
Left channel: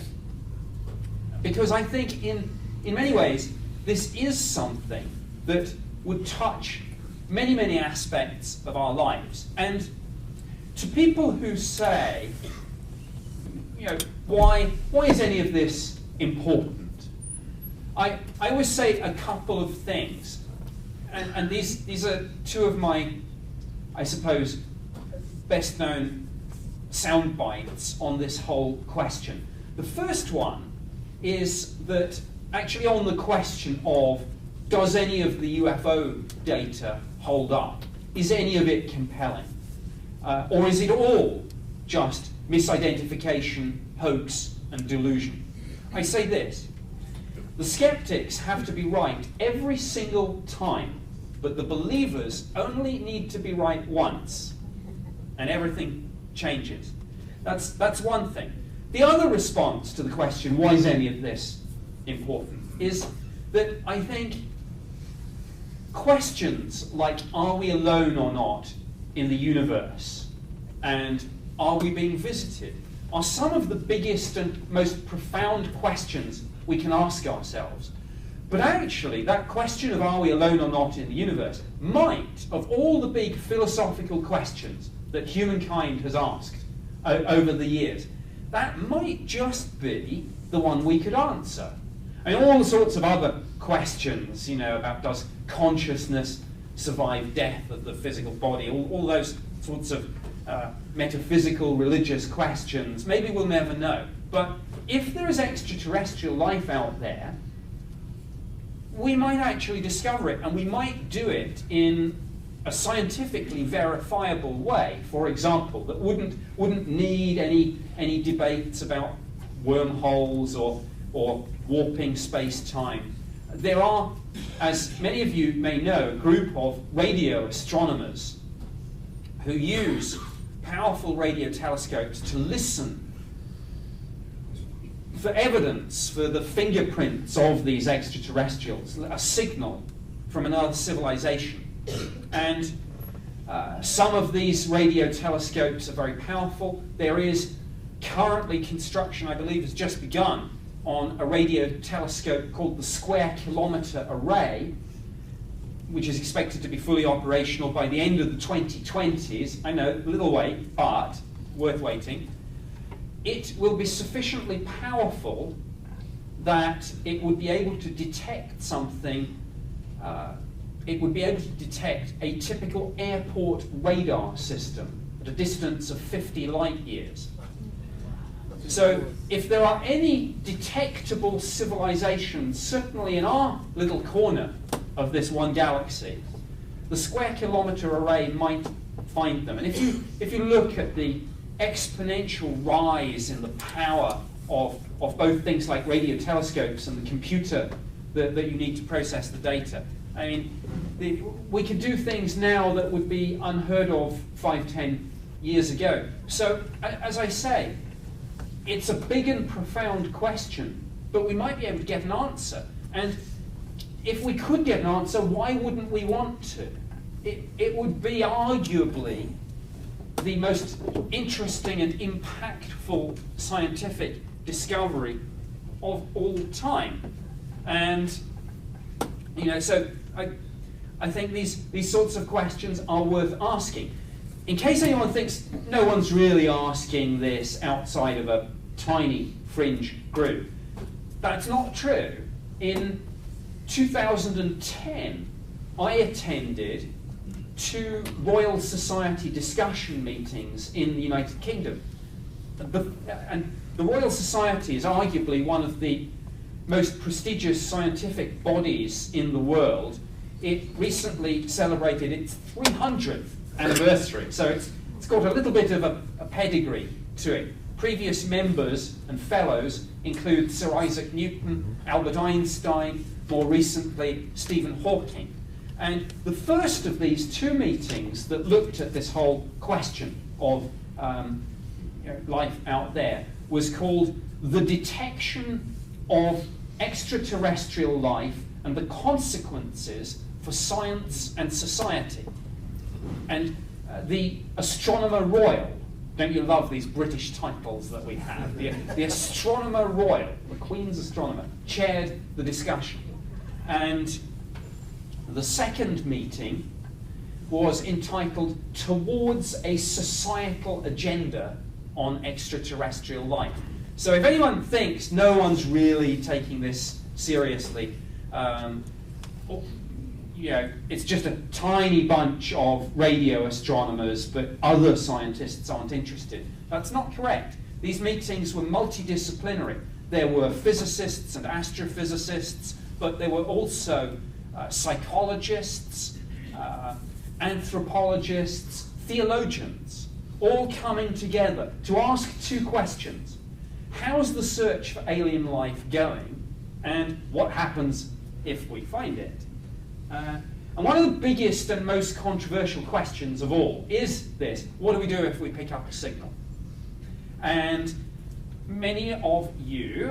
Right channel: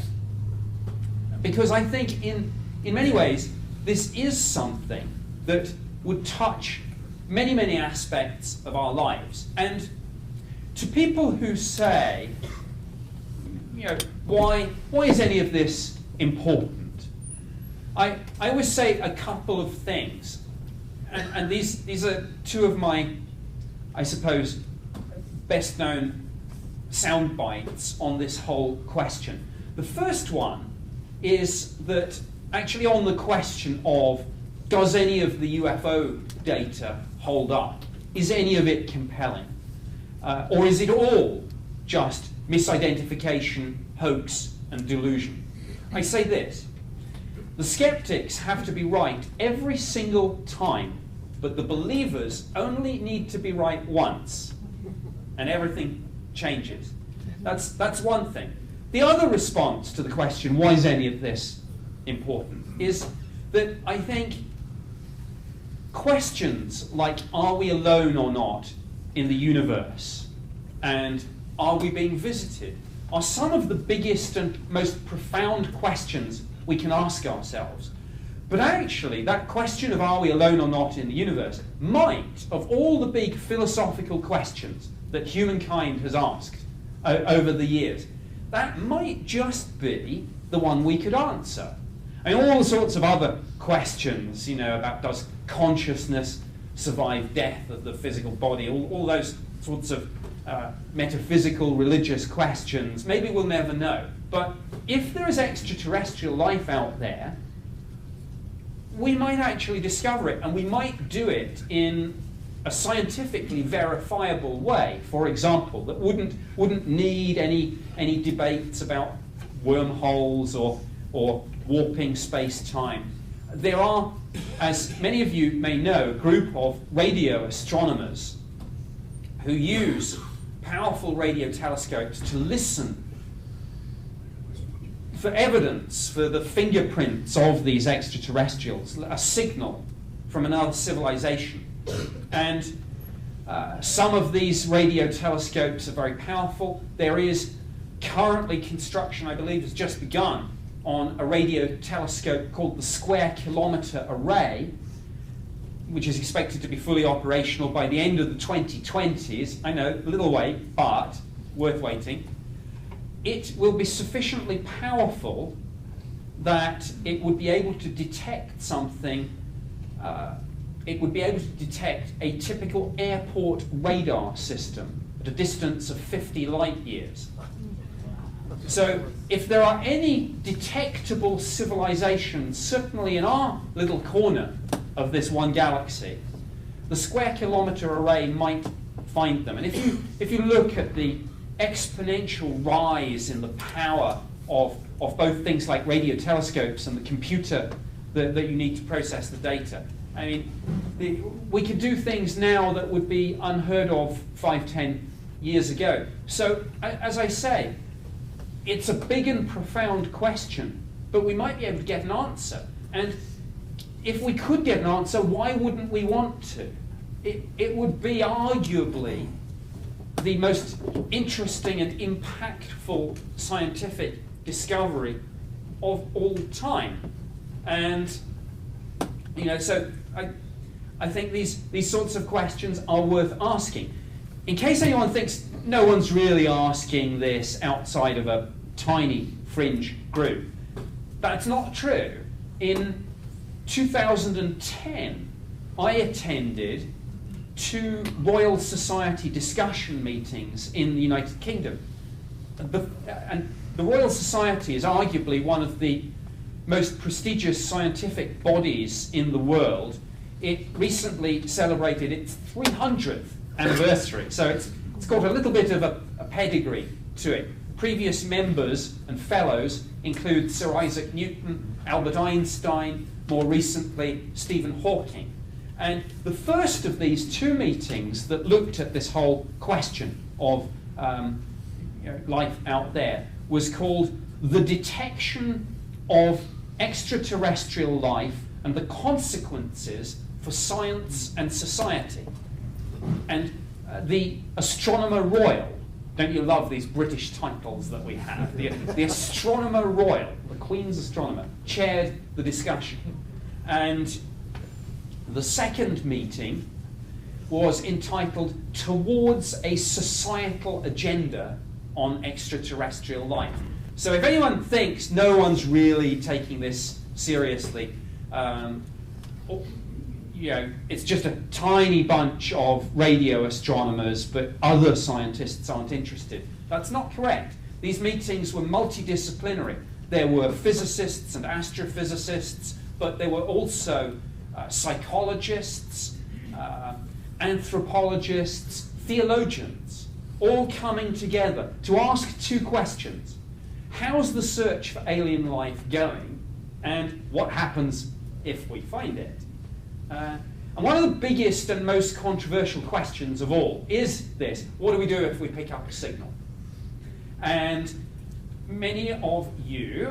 because I think in many ways this is something that would touch many, many aspects of our lives. And to people who say, why is any of this important? I always say a couple of things, and these are two of my, I suppose, best known sound bites on this whole question. The first one is that actually on the question of, does any of the UFO data hold up? Is any of it compelling? Or is it all just misidentification, hoax, and delusion? I say this: the skeptics have to be right every single time, but the believers only need to be right once, and everything changes. That's one thing. The other response to the question, why is any of this important, is that I think questions like, are we alone or not in the universe, and are we being visited, are some of the biggest and most profound questions we can ask ourselves. But actually, that question of are we alone or not in the universe might, of all the big philosophical questions that humankind has asked over the years, that might just be the one we could answer. And all sorts of other questions, about does consciousness survive death of the physical body, all those sorts of metaphysical, religious questions, maybe we'll never know. But if there is extraterrestrial life out there, we might actually discover it, and we might do it in a scientifically verifiable way, for example, that wouldn't need any debates about wormholes or warping space-time. There are, as many of you may know, a group of radio astronomers who use powerful radio telescopes to listen for evidence, for the fingerprints of these extraterrestrials, a signal from another civilization. And Some of these radio telescopes are very powerful. There is currently construction, I believe, has just begun on a radio telescope called the Square Kilometre Array, which is expected to be fully operational by the end of the 2020s. I know, a little way, but worth waiting. It will be sufficiently powerful that it would be able to detect something. It would be able to detect a typical airport radar system at a distance of 50 light years. So if there are any detectable civilizations, certainly in our little corner of this one galaxy, the Square Kilometre Array might find them. And if you look at the exponential rise in the power of both things like radio telescopes and the computer that you need to process the data, I mean, we can do things now that would be unheard of 5-10 years ago. So, as I say, it's a big and profound question, but we might be able to get an answer. And if we could get an answer, why wouldn't we want to? It would be arguably the most interesting and impactful scientific discovery of all time. And, you know, so I think these sorts of questions are worth asking. In case anyone thinks no one's really asking this outside of a tiny fringe group, that's not true. In 2010, I attended 2 Royal Society discussion meetings in the United Kingdom. And the Royal Society is arguably one of the most prestigious scientific bodies in the world. It recently celebrated its 300th anniversary, so it's got a little bit of a pedigree to it. Previous members and fellows include Sir Isaac Newton, Albert Einstein, more recently Stephen Hawking. And the first of these 2 meetings that looked at this whole question of life out there was called The Detection of Extraterrestrial Life and the Consequences for Science and Society. And the Astronomer Royal, don't you love these British titles that we have? The Astronomer Royal, the Queen's Astronomer, chaired the discussion. And the second meeting was entitled Towards a Societal Agenda on Extraterrestrial Life. So if anyone thinks no one's really taking this seriously, you know, it's just a tiny bunch of radio astronomers, but other scientists aren't interested. That's not correct. These meetings were multidisciplinary. There were physicists and astrophysicists, but there were also psychologists, anthropologists, theologians, all coming together to ask 2 questions. How's the search for alien life going? And what happens if we find it? And one of the biggest and most controversial questions of all is this: what do we do if we pick up a signal? And many of you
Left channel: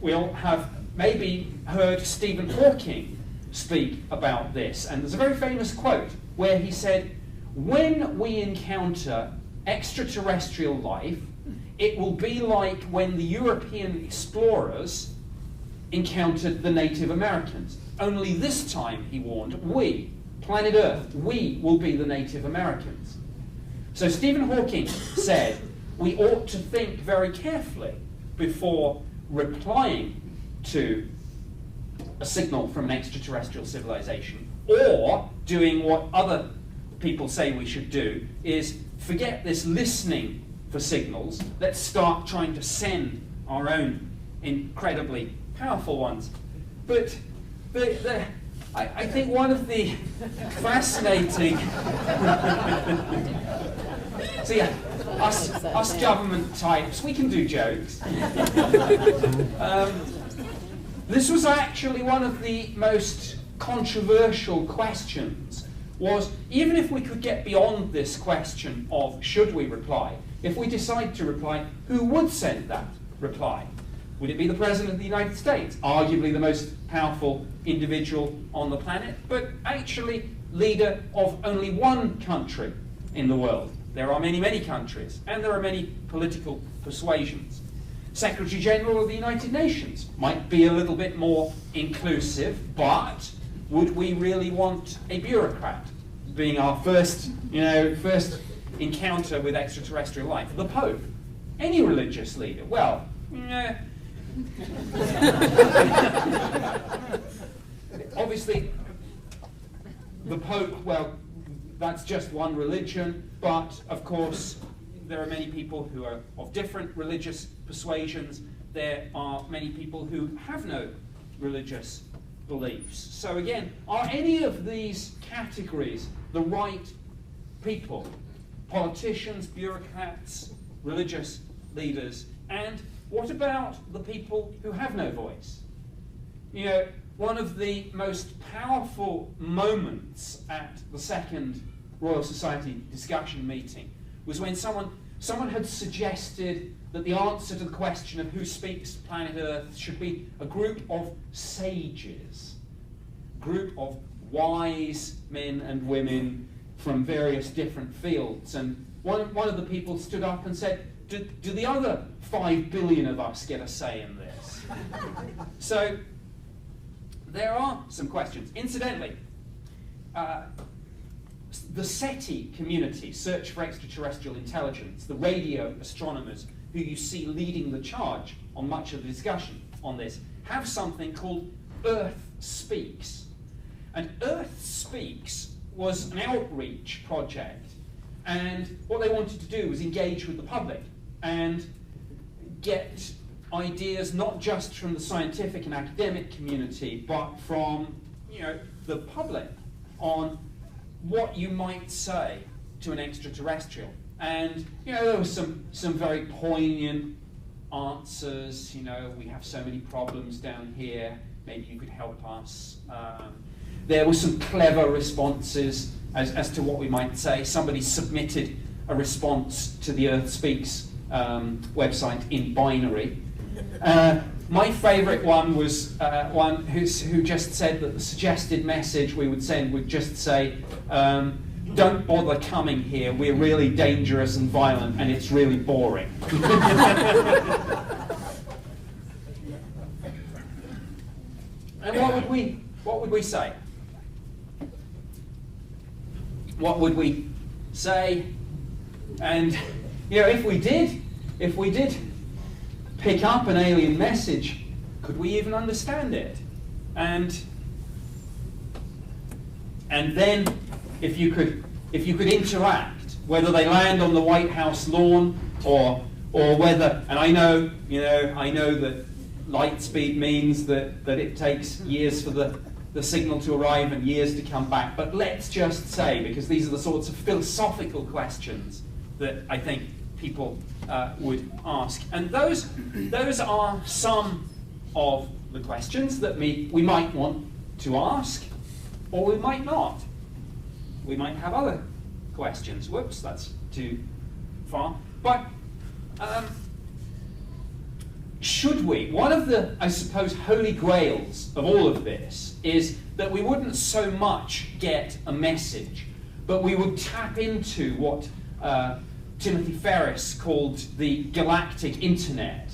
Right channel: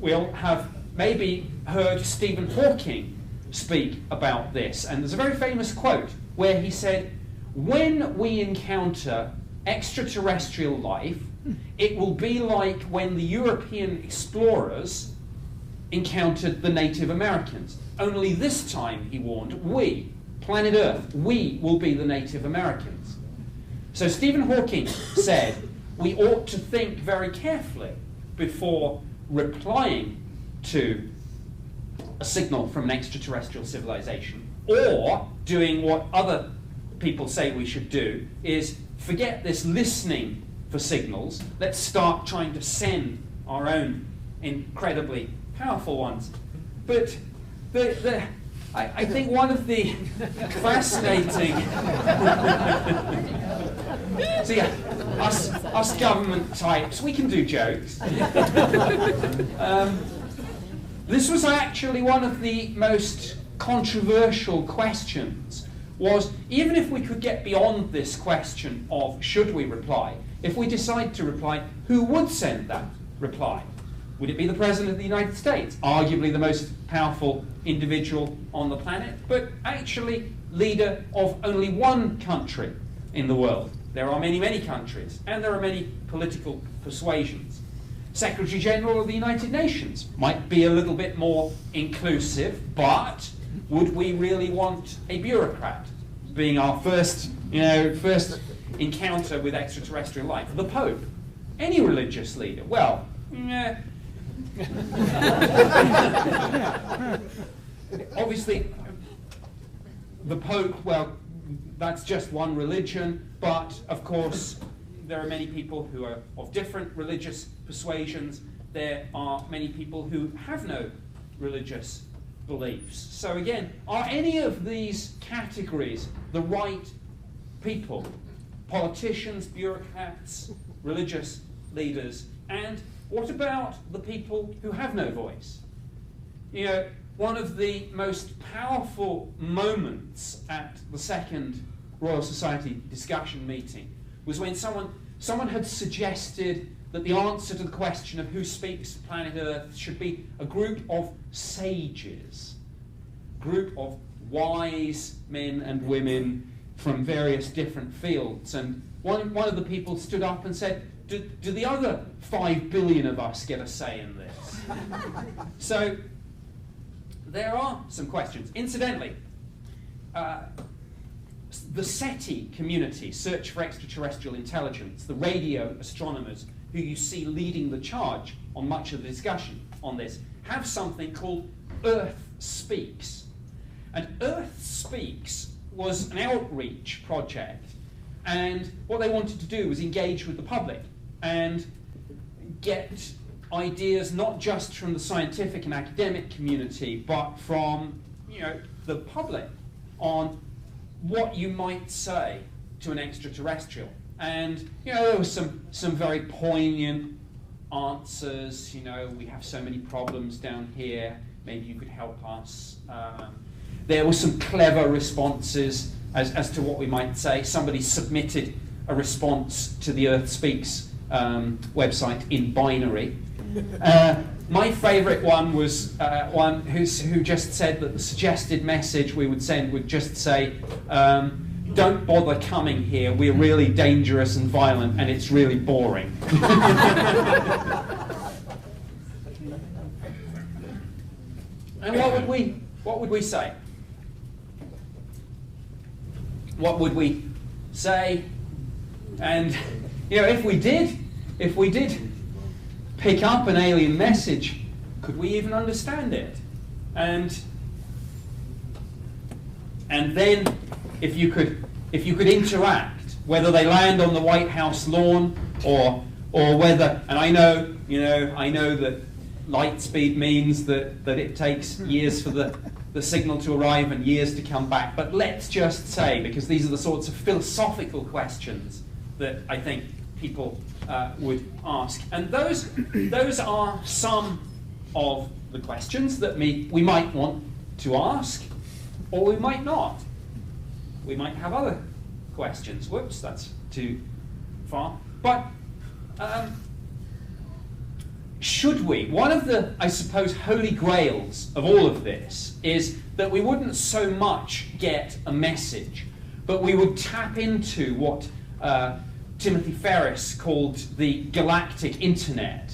will have maybe heard Stephen Hawking speak about this. And there's a very famous quote where he said, "When we encounter extraterrestrial life, it will be like when the European explorers encountered the Native Americans. Only this time," he warned, "we, planet Earth, we will be the Native Americans." So Stephen Hawking said we ought to think very carefully before replying to a signal from an extraterrestrial civilization, or doing what other people say we should do, is forget this listening for signals. Let's start trying to send our own incredibly powerful ones. But I think one of the fascinating... So yeah, us government types, we can do jokes. This was actually one of the most controversial questions, was even if we could get beyond this question of should we reply, if we decide to reply, who would send that reply? Would it be the President of the United States, arguably the most powerful individual on the planet? But actually, leader of only one country in the world. There are many, many countries, and there are many political persuasions. Secretary General of the United Nations might be a little bit more inclusive, but would we really want a bureaucrat being our first encounter with extraterrestrial life? The Pope, any religious leader? Well, obviously, the Pope, well, that's just one religion, but of course, there are many people who are of different religious persuasions. There are many people who have no religious beliefs. So again, are any of these categories the right people? Politicians, bureaucrats, religious leaders, and what about the people who have no voice? You know, one of the most powerful moments at the second Royal Society discussion meeting was when someone had suggested that the answer to the question of who speaks planet Earth should be a group of sages, group of wise men and women from various different fields. And one of the people stood up and said, do the other 5 billion of us get a say in this? So there are some questions. Incidentally, the SETI community, Search for Extraterrestrial Intelligence, the radio astronomers who you see leading the charge on much of the discussion on this, have something called Earth Speaks. And Earth Speaks was an outreach project, and what they wanted to do was engage with the public and get ideas not just from the scientific and academic community, but from the public on what you might say to an extraterrestrial. And there were some very poignant answers. We have so many problems down here, maybe you could help us. There were some clever responses as to what we might say. Somebody submitted a response to the Earth Speaks website in binary. My favourite one was one who just said that the suggested message we would send would just say, don't bother coming here, we're really dangerous and violent and it's really boring. And what would we say? What would we say? And if we did pick up an alien message, could we even understand it? And then if you could interact, whether they land on the White House lawn or whether, and I know that light speed means that it takes years for the signal to arrive and years to come back, but let's just say, because these are the sorts of philosophical questions that I think people would ask. And those are some of the questions that we might want to ask, or we might not. We might have other questions. Whoops, that's too far. But should we? One of the, I suppose, holy grails of all of this is that we wouldn't so much get a message, but we would tap into what Timothy Ferris called the galactic internet,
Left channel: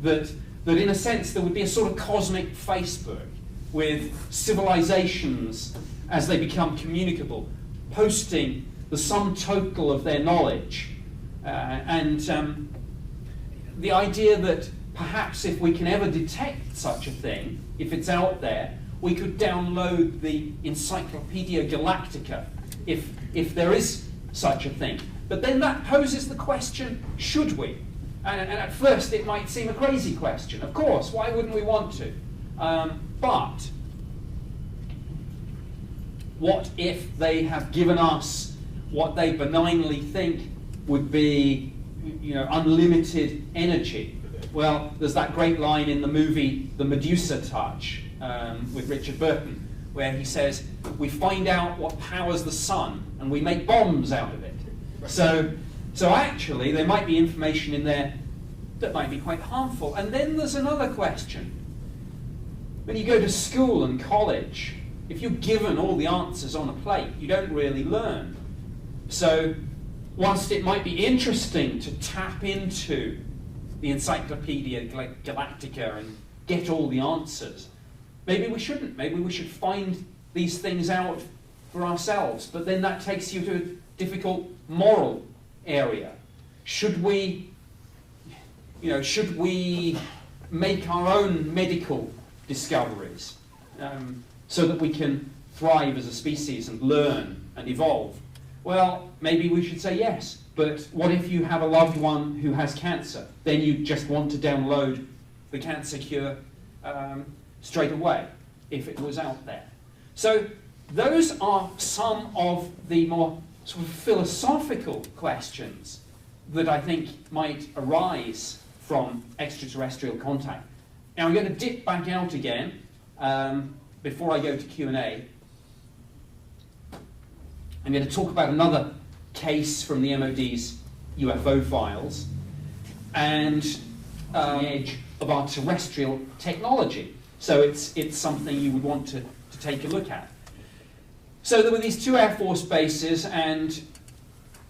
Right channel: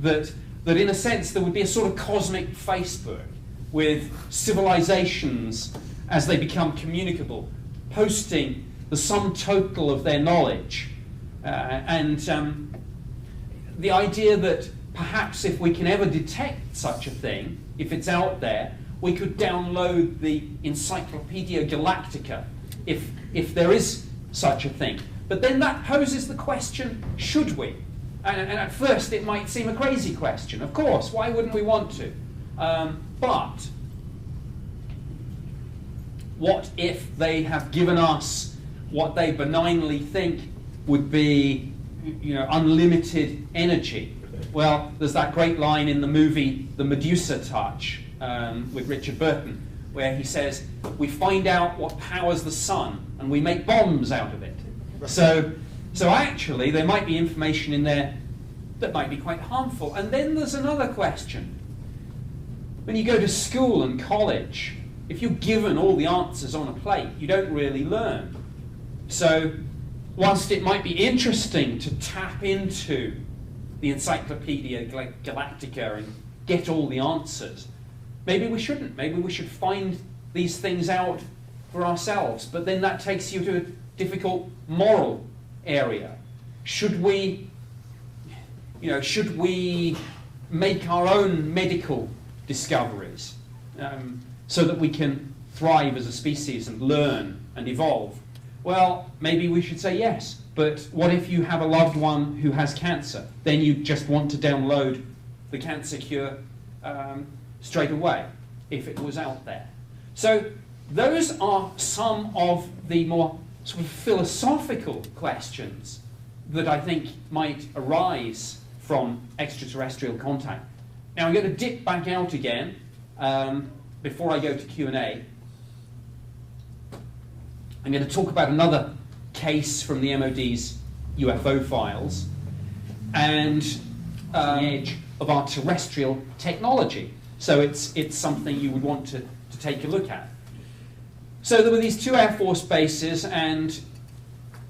that in a sense there would be a sort of cosmic Facebook with civilizations as they become communicable, posting the sum total of their knowledge. And the idea that perhaps if we can ever detect such a thing, if it's out there, we could download the Encyclopedia Galactica, if there is such a thing. But then that poses the question, should we? And at first it might seem a crazy question. Of course, why wouldn't we want to? But what if they have given us what they benignly think would be, unlimited energy? Well, there's that great line in the movie The Medusa Touch with Richard Burton, where he says, we find out what powers the sun and we make bombs out of it. So actually, there might be information in there that might be quite harmful. And then there's another question. When you go to school and college, if you're given all the answers on a plate, you don't really learn. So whilst it might be interesting to tap into the Encyclopedia Galactica and get all the answers, maybe we shouldn't. Maybe we should find these things out for ourselves. But then that takes you to a difficult moral area. Should we make our own medical discoveries so that we can thrive as a species and learn and evolve? Well, maybe we should say yes. But what if you have a loved one who has cancer? Then you just want to download the cancer cure straight away, if it was out there. So those are some of the more sort of philosophical questions that I think might arise from extraterrestrial contact. Now I'm going to dip back out again before I go to Q&A. I'm going to talk about another case from the MOD's UFO files and the edge of our terrestrial technology. So it's something you would want to take a look at. So there were these two Air Force bases, and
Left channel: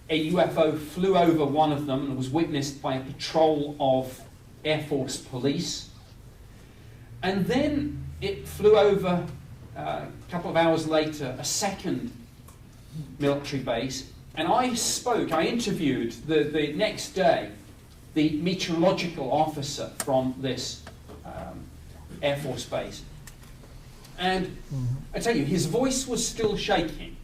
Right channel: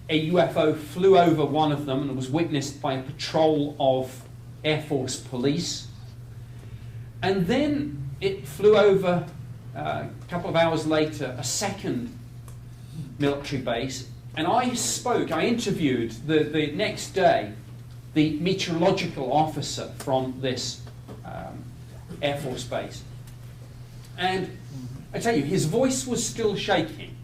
a UFO flew over one of them and was witnessed by a patrol of Air Force police. And then it flew over, a couple of hours later, a second military base. And I interviewed the next day the meteorological officer from this Air Force base. And I tell you, his voice was still shaking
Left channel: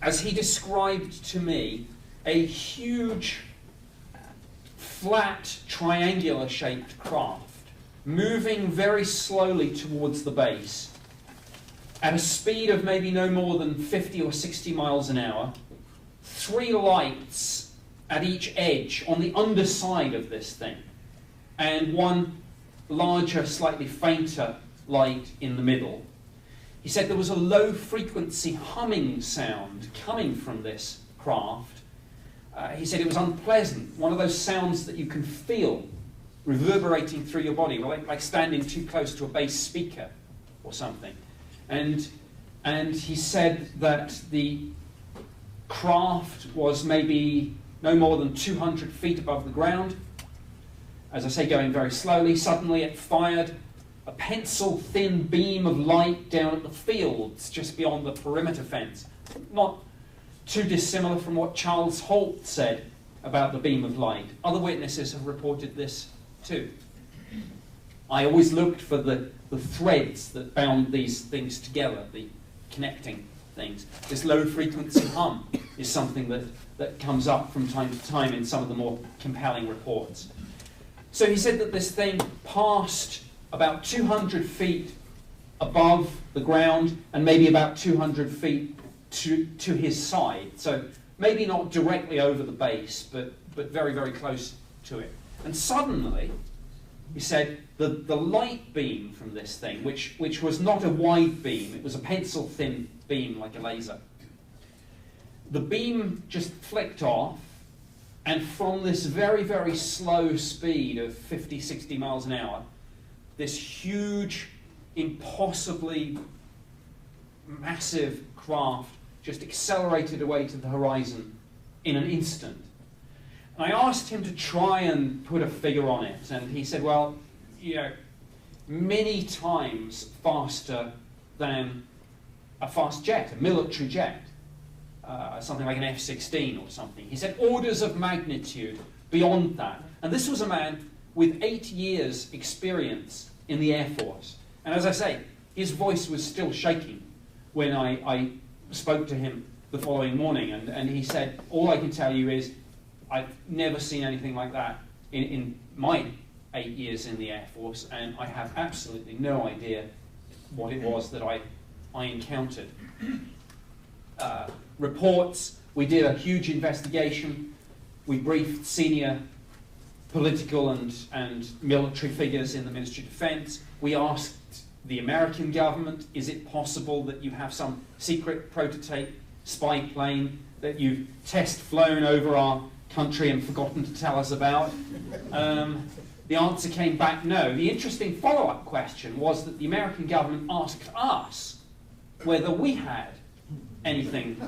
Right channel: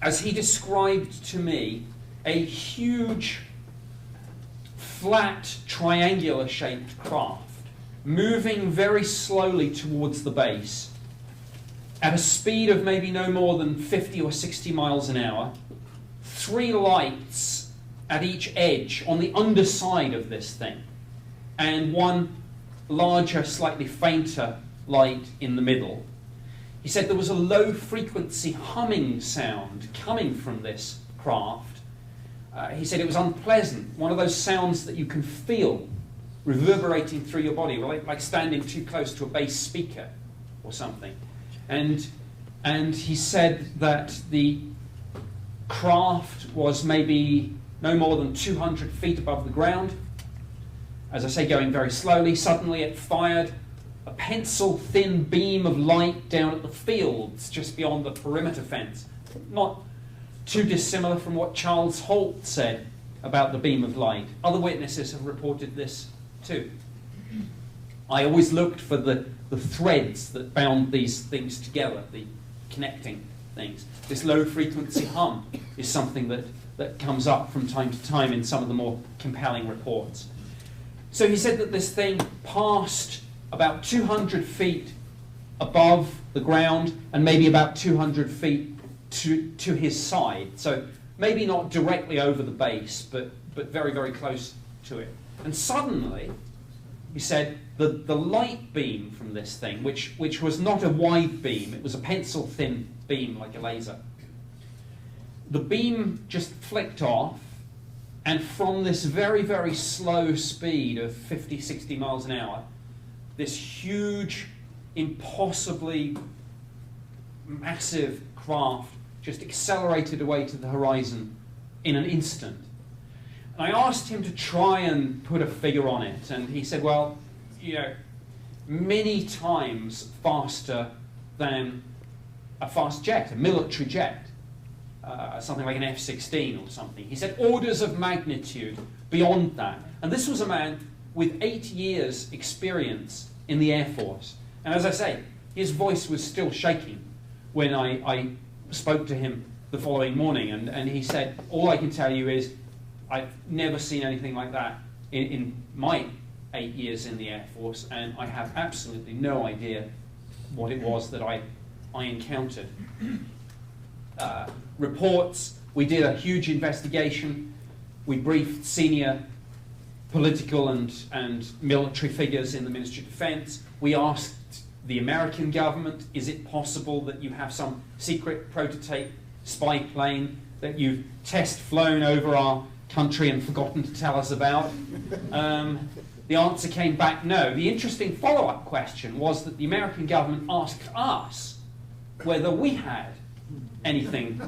as he described to me a huge, flat, triangular-shaped craft moving very slowly towards the base at a speed of maybe no more than 50 or 60 miles an hour, 3 lights at each edge on the underside of this thing, and one larger, slightly fainter light in the middle. He said there was a low-frequency humming sound coming from this craft. He said it was unpleasant, one of those sounds that you can feel reverberating through your body, like standing too close to a bass speaker or something. And he said that the craft was maybe no more than 200 feet above the ground. As I say, going very slowly. Suddenly it fired a pencil-thin beam of light down at the fields just beyond the perimeter fence. Not too dissimilar from what Charles Holt said about the beam of light. Other witnesses have reported this too. I always looked for the threads that bound these things together, the connecting things. This low-frequency hum is something that comes up from time to time in some of the more compelling reports. So he said that this thing passed about 200 feet above the ground and maybe about 200 feet to his side. So maybe not directly over the base, but very, very close to it. And suddenly, he said, the light beam from this thing, which was not a wide beam, it was a pencil-thin beam like a laser. The beam just flicked off, and from this very, very slow speed of 50, 60 miles an hour, this huge, impossibly massive craft just accelerated away to the horizon in an instant. And I asked him to try and put a figure on it, and he said, well, many times faster than a fast jet, a military jet, something like an F-16 or something. He said orders of magnitude beyond that. And this was a man with 8 years' experience in the Air Force. And as I say, his voice was still shaking when I spoke to him the following morning. And he said, all I can tell you is I've never seen anything like that in my 8 years in the Air Force, and I have absolutely no idea what it was that I encountered. Reports, we did a huge investigation. We briefed senior political and military figures in the Ministry of Defense. We asked the American government, is it possible that you have some secret prototype spy plane that you've test flown over our country and forgotten to tell us about? The answer came back no. The interesting follow-up question was that the American government asked us whether we had anything,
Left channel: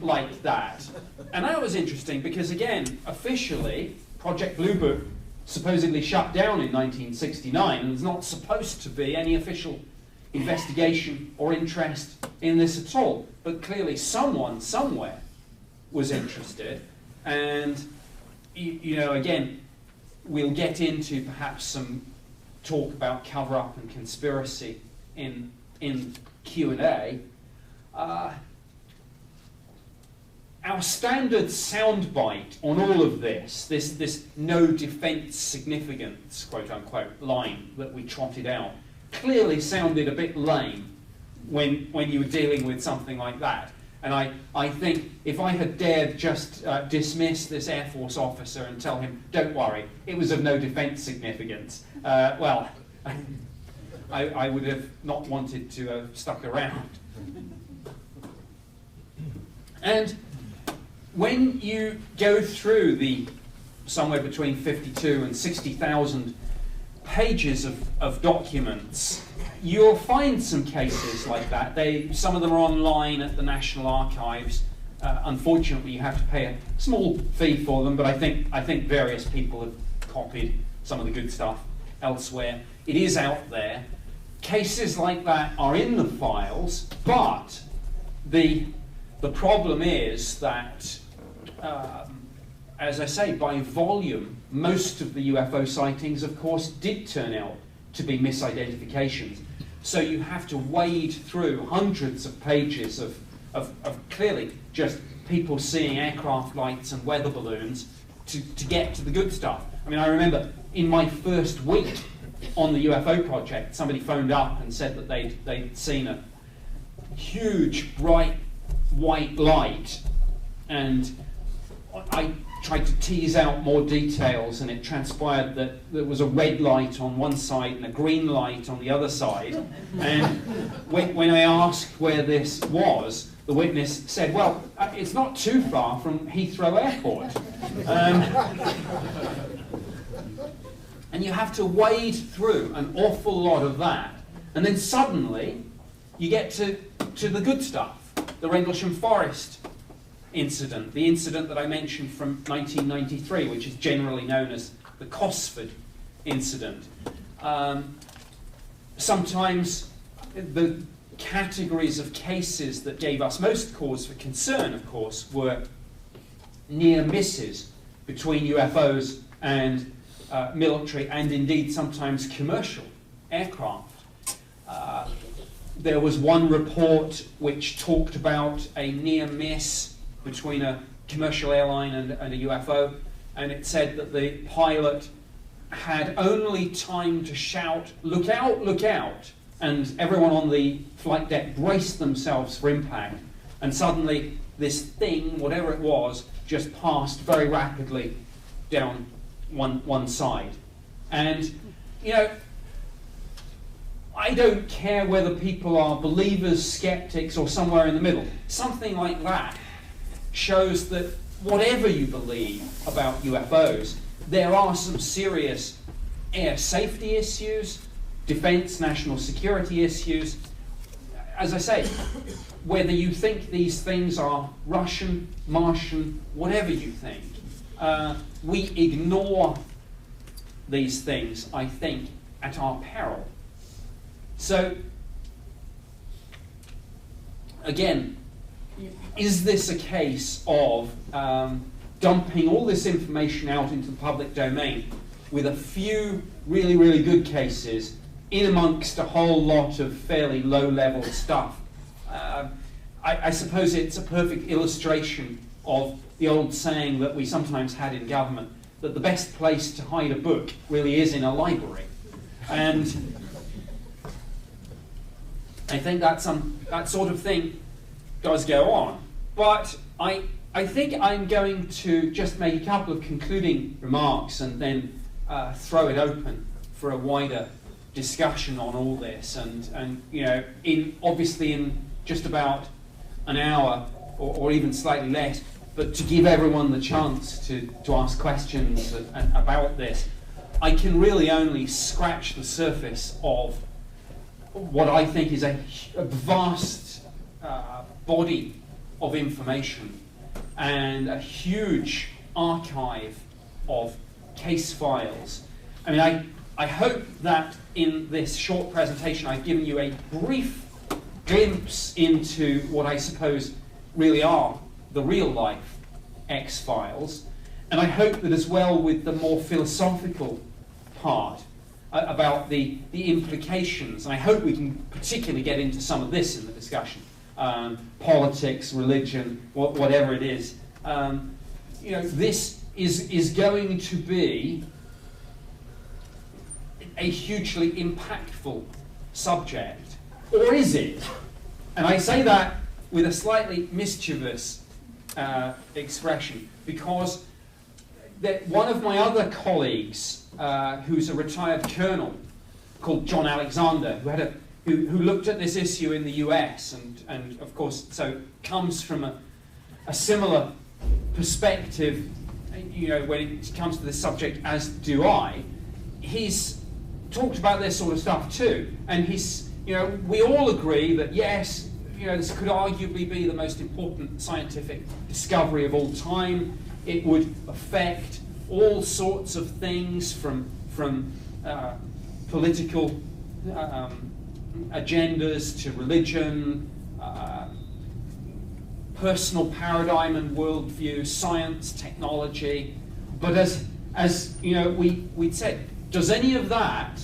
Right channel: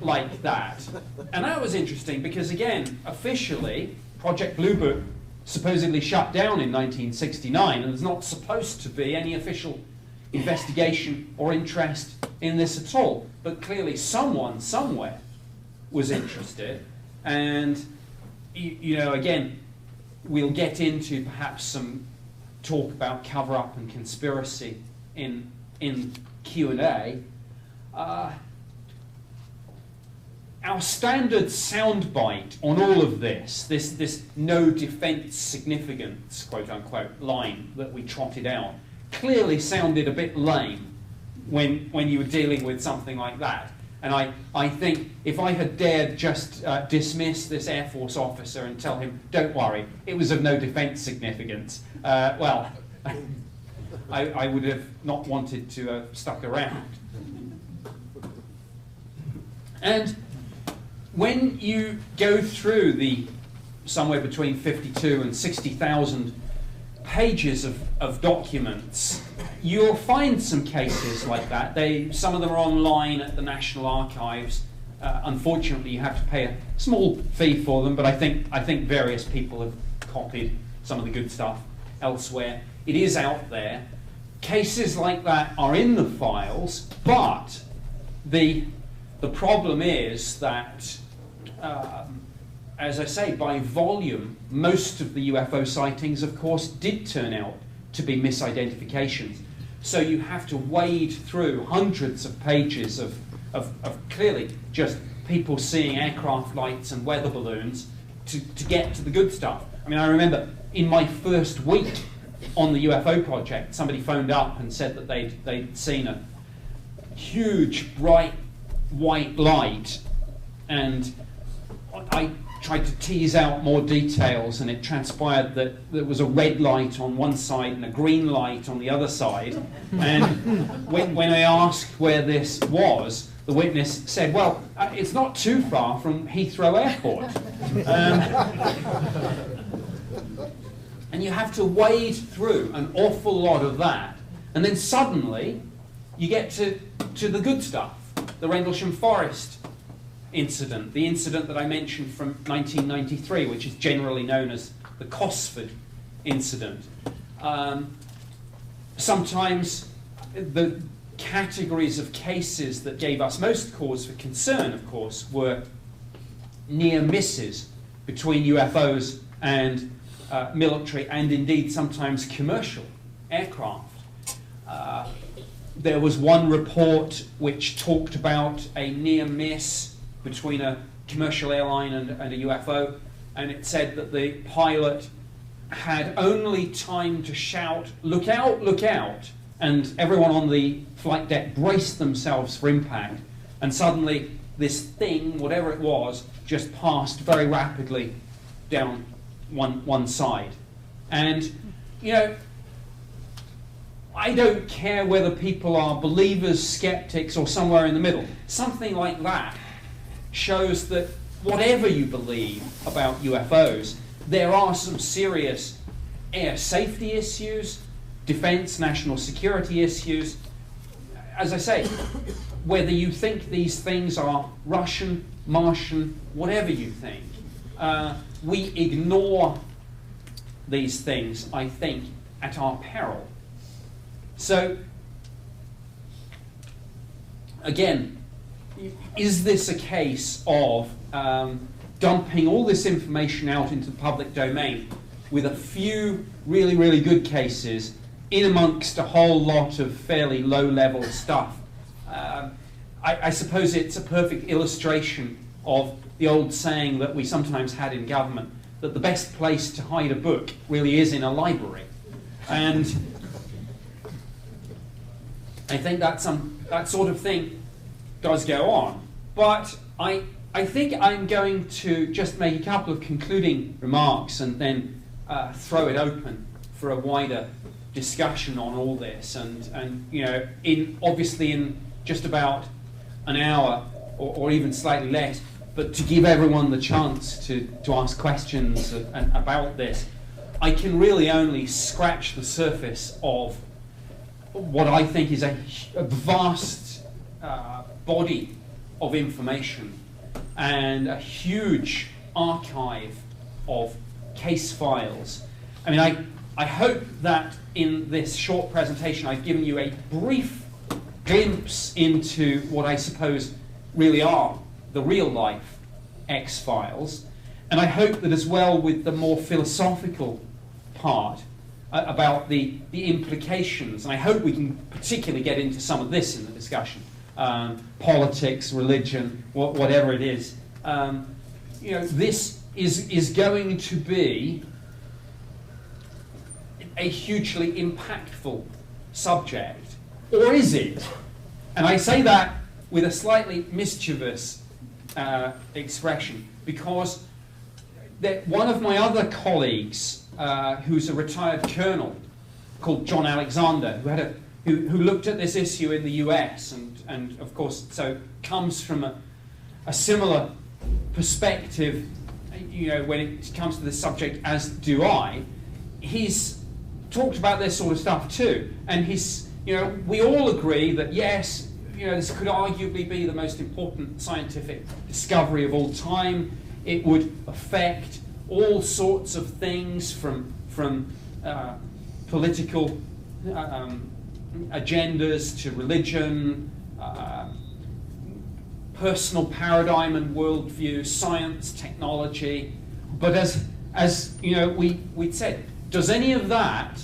like that. And that was interesting because, again, officially, Project Blue Book supposedly shut down in 1969, and there's not supposed to be any official investigation or interest in this at all. But clearly someone, somewhere, was interested. And, again, we'll get into perhaps some talk about cover-up and conspiracy in Q&A. Our standard soundbite on all of this no defence significance, quote-unquote, line that we trotted out, clearly sounded a bit lame when you were dealing with something like that. And I think if I had dared just dismiss this Air Force officer and tell him, don't worry, it was of no defence significance, well, I would have not wanted to have stuck around. And when you go through the somewhere between 52 and 60,000 pages of documents, you'll find some cases like that. Some of them are online at the National Archives. Unfortunately, you have to pay a small fee for them, but I think various people have copied some of the good stuff elsewhere. It is out there. Cases like that are in the files, but the problem is that, as I say, by volume, most of the UFO sightings, of course, did turn out to be misidentifications. So you have to wade through hundreds of pages of clearly just people seeing aircraft lights and weather balloons to get to the good stuff. I mean, I remember in my first week on the UFO project, somebody phoned up and said that they'd seen a huge, bright, white light, and I tried to tease out more details, and it transpired that there was a red light on one side and a green light on the other side. And when I asked where this was, the witness said, well, it's not too far from Heathrow Airport. And you have to wade through an awful lot of that, and then suddenly you get to the good stuff. The Rendlesham Forest incident, the incident that I mentioned from 1993, which is generally known as the Cosford incident. Sometimes the categories of cases that gave us most cause for concern, of course, were near misses between UFOs and military and indeed sometimes commercial aircraft. There was one report which talked about a near miss between a commercial airline and a UFO, and it said that the pilot had only time to shout, "Look out, look out," and everyone on the flight deck braced themselves for impact, and suddenly this thing, whatever it was, just passed very rapidly down one side. And, I don't care whether people are believers, skeptics, or somewhere in the middle. Something like that shows that whatever you believe about UFOs, there are some serious air safety issues, defense, national security issues. As I say, whether you think these things are Russian, Martian, whatever you think, we ignore these things, I think, at our peril. So, again, is this a case of dumping all this information out into the public domain with a few really, really good cases in amongst a whole lot of fairly low-level stuff? I suppose it's a perfect illustration of the old saying that we sometimes had in government, that the best place to hide a book really is in a library. And I think that sort of thing does go on. But I think I'm going to just make a couple of concluding remarks and then throw it open for a wider discussion on all this. And obviously in just about an hour or even slightly less, but to give everyone the chance to ask questions about this, I can really only scratch the surface of what I think is a vast body of information and a huge archive of case files. I mean, I hope that in this short presentation I've given you a brief glimpse into what I suppose really are the real life X-Files, and I hope that as well with the more philosophical part about the implications, and I hope we can particularly get into some of this in the discussion, politics, religion, whatever it is. This is going to be a hugely impactful subject, or is it? And I say that with a slightly mischievous expression, because one of my other colleagues, who's a retired colonel called John Alexander, who looked at this issue in the US, and of course, so comes from a similar perspective, when it comes to this subject, as do I. He's talked about this sort of stuff too, and we all agree that yes, this could arguably be the most important scientific discovery of all time. It would affect all sorts of things from political agendas to religion, personal paradigm and worldview, science, technology. But as we'd said, does any of that,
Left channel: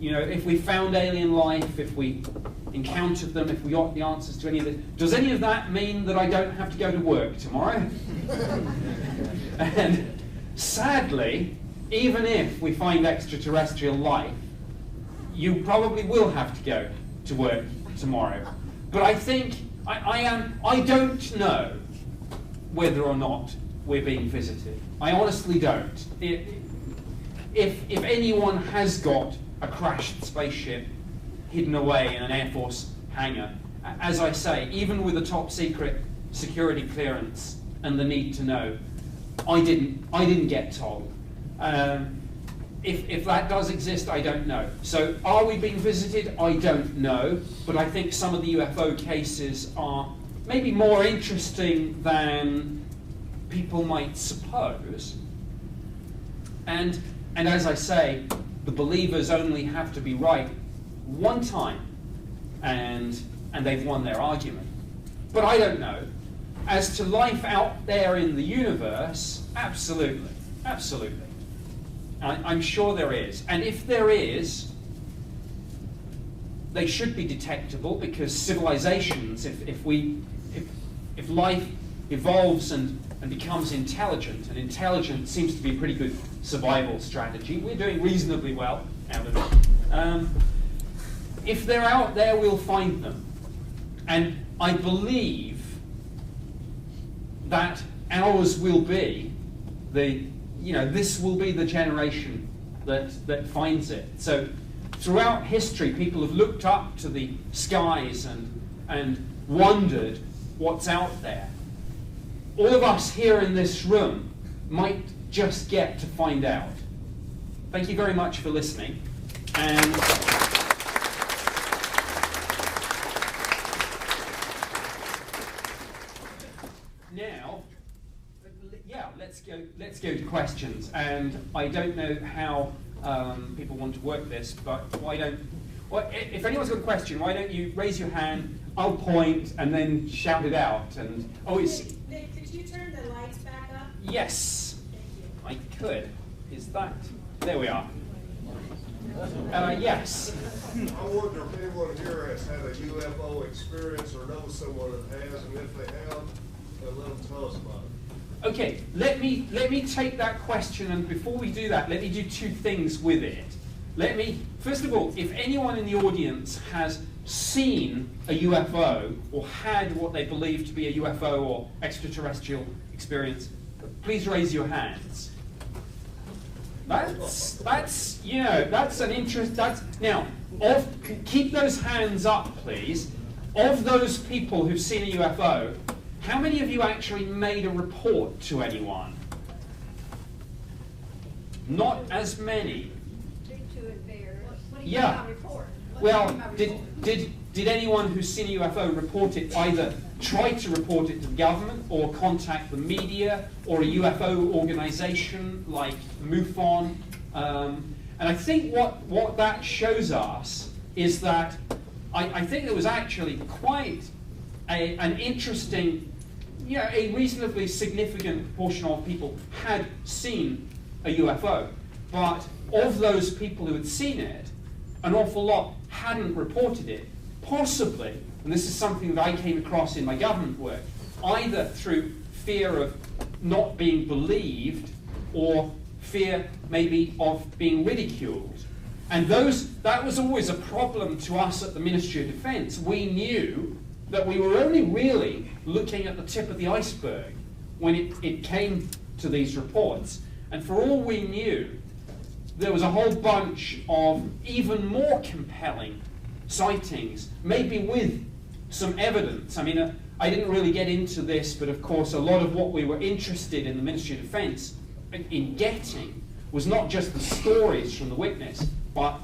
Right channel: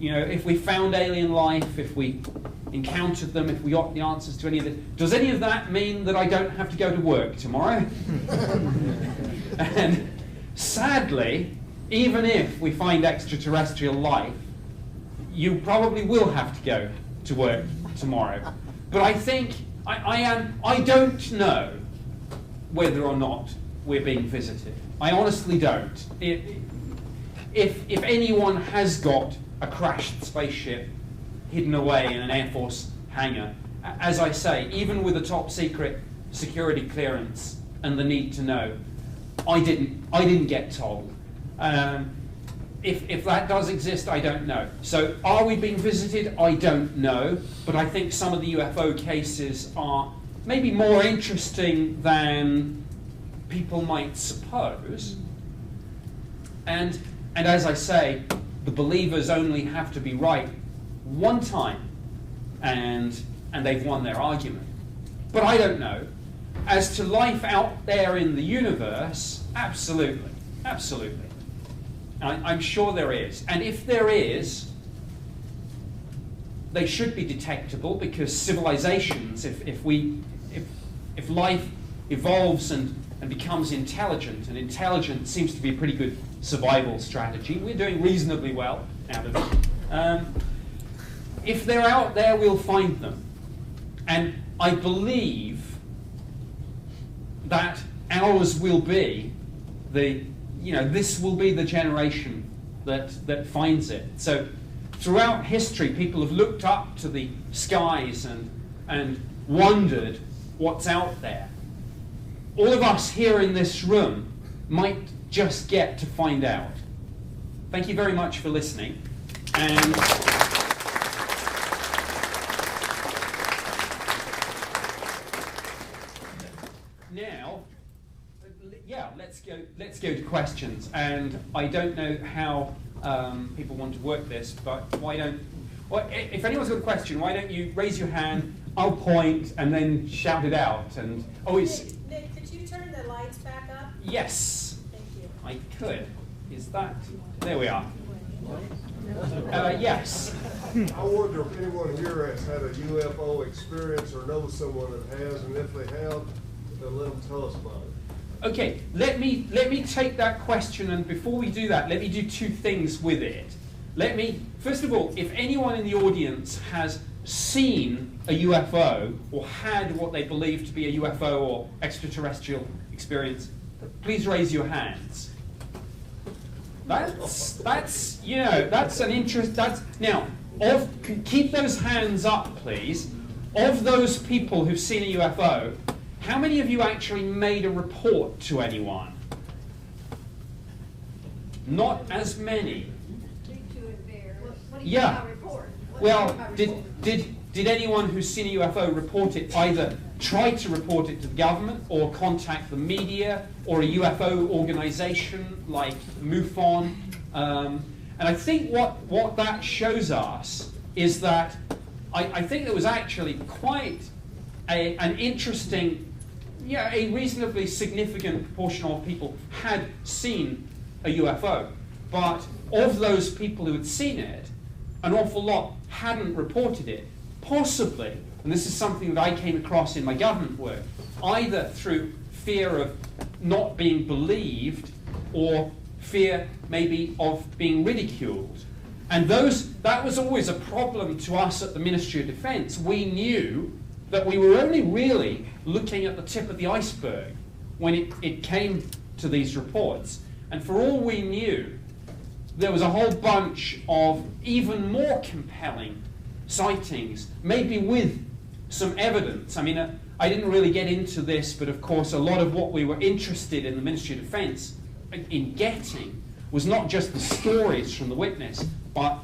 if we found alien life, if we encountered them, if we got the answers to any of it, does any of that mean that I don't have to go to work tomorrow? And sadly, even if we find extraterrestrial life, you probably will have to go to work tomorrow. But I think, I don't know whether or not we're being visited. I honestly don't. If anyone has got a crashed spaceship hidden away in an Air Force hangar, as I say, even with a top secret security clearance and the need to know, I didn't get told. If that does exist, I don't know. So are we being visited? I don't know. But I think some of the UFO cases are maybe more interesting than people might suppose. And as I say, the believers only have to be right one time, and they've won their argument. But I don't know. As to life out there in the universe, absolutely, absolutely. I'm sure there is. And if there is, they should be detectable, because civilizations, if life evolves and becomes intelligent, and intelligence seems to be a pretty good survival strategy, we're doing reasonably well out of it. If they're out there, we'll find them. And I believe that ours will be this will be the generation that finds it. So throughout history, people have looked up to the skies and wondered what's out there. All of us here in this room might just get to find out. Thank you very much for listening. And now, let's go to questions. And I don't know how people want to work this, but if anyone's got a question, why don't you raise your hand, I'll point, and then shout it out. And Nick, could you turn the lights back up? Yes. Thank you. I could. Is that? There we are. Yes. I wonder if anyone here has had a UFO experience or knows someone that has, and if they have, then let them tell us about it. Okay, let me take that question, and before we do that, let me do two things with it. First of all, if anyone in the audience has seen a UFO or had what they believe to be a UFO or extraterrestrial experience, please raise your hands. That's an interest. Keep those hands up, please. Of those people who've seen a UFO, how many of you actually made a report to anyone? Not as many. What do you Yeah. mean by report? Well, did anyone who's seen a UFO report it, either try to report it to the government or contact the media or a UFO organization like MUFON? And I think what that shows us is that I think there was actually quite an interesting, a reasonably significant proportion of people had seen a UFO. But of those people who had seen it, an awful lot hadn't reported it. Possibly, and this is something that I came across in my government work, either through fear of not being believed or fear maybe of being ridiculed. And that was always a problem to us at the Ministry of Defence. We knew that we were only really looking at the tip of the iceberg when it came to these reports. And for all we knew, there was a whole bunch of even more compelling sightings, maybe with some evidence. I mean, I didn't really get into this, but of course a lot of what we were interested in the Ministry of Defence in getting was not just the stories from the witness, but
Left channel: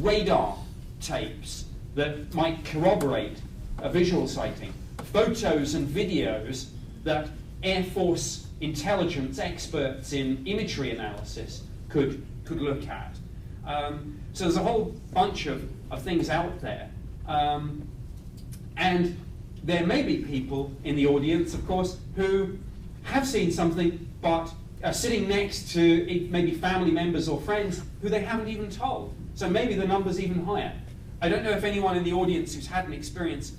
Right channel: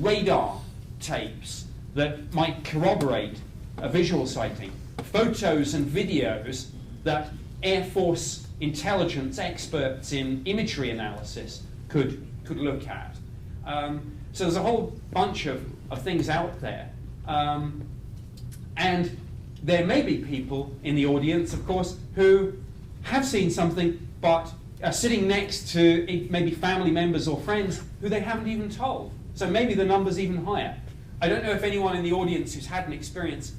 radar tapes that might corroborate a visual sighting, photos and videos that Air Force intelligence experts in imagery analysis could look at. So there's a whole bunch of things out there. And there may be people in the audience, of course, who have seen something but are sitting next to maybe family members or friends who they haven't even told. So maybe the number's even higher. I don't know if anyone in the audience who's had an experience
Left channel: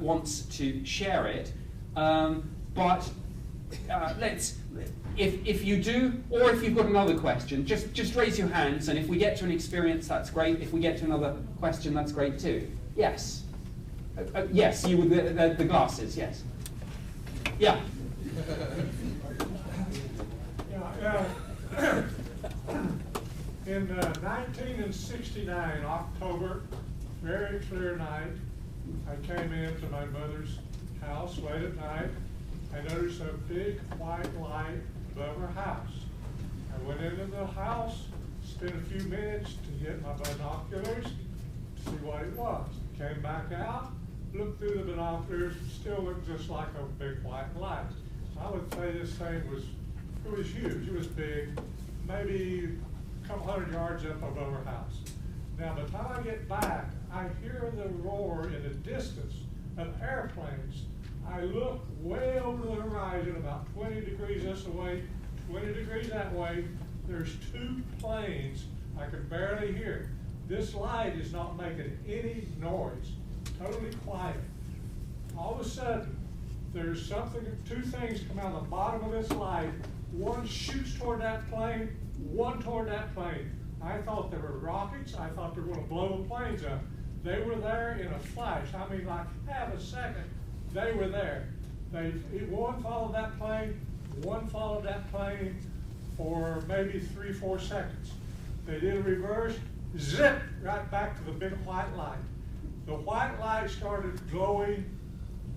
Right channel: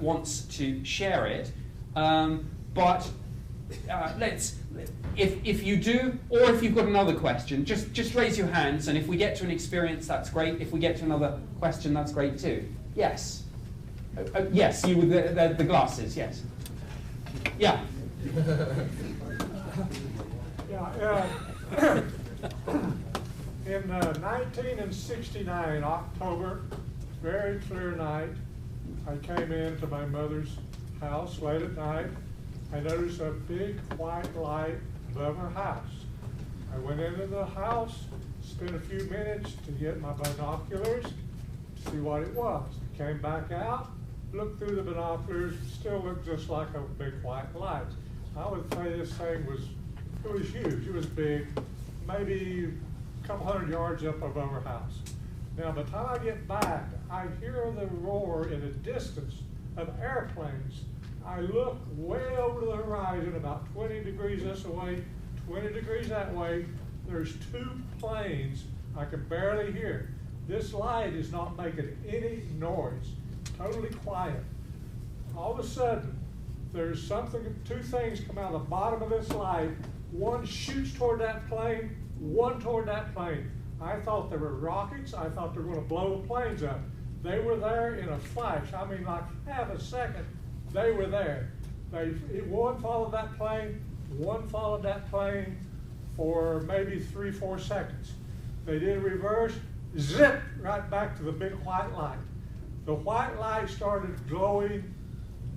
wants to share it, but if you do, or if you've got another question, just raise your hands, and if we get to an experience, that's great. If we get to another question, that's great too. Yes. Yes, you with the glasses, yes. Yeah. In 1969, October, very clear night, I came into my mother's house late at night. I noticed a big white light above her house. I went into the house, spent a few minutes to get my binoculars, see what it was. Came back out, looked through the binoculars, still looked just like a big white light. I would say this thing was huge. It was big, maybe a couple hundred yards up above her house. Now, by the time I get back, I hear the roar in the distance of airplanes. I look way over the horizon, about 20 degrees this way, 20 degrees that way. There's two planes I can barely hear. This light is not making any noise, totally quiet. All of a sudden, there's two things come out of the bottom of this light. One shoots toward that plane, one toward that plane. I thought they were rockets. I thought they were going to blow the planes up. They were there in a flash. I mean, like half a second, they were there. One followed that plane, one followed that plane for maybe 3-4 seconds. They did reverse, zip, right back to the big white light. The white light started glowing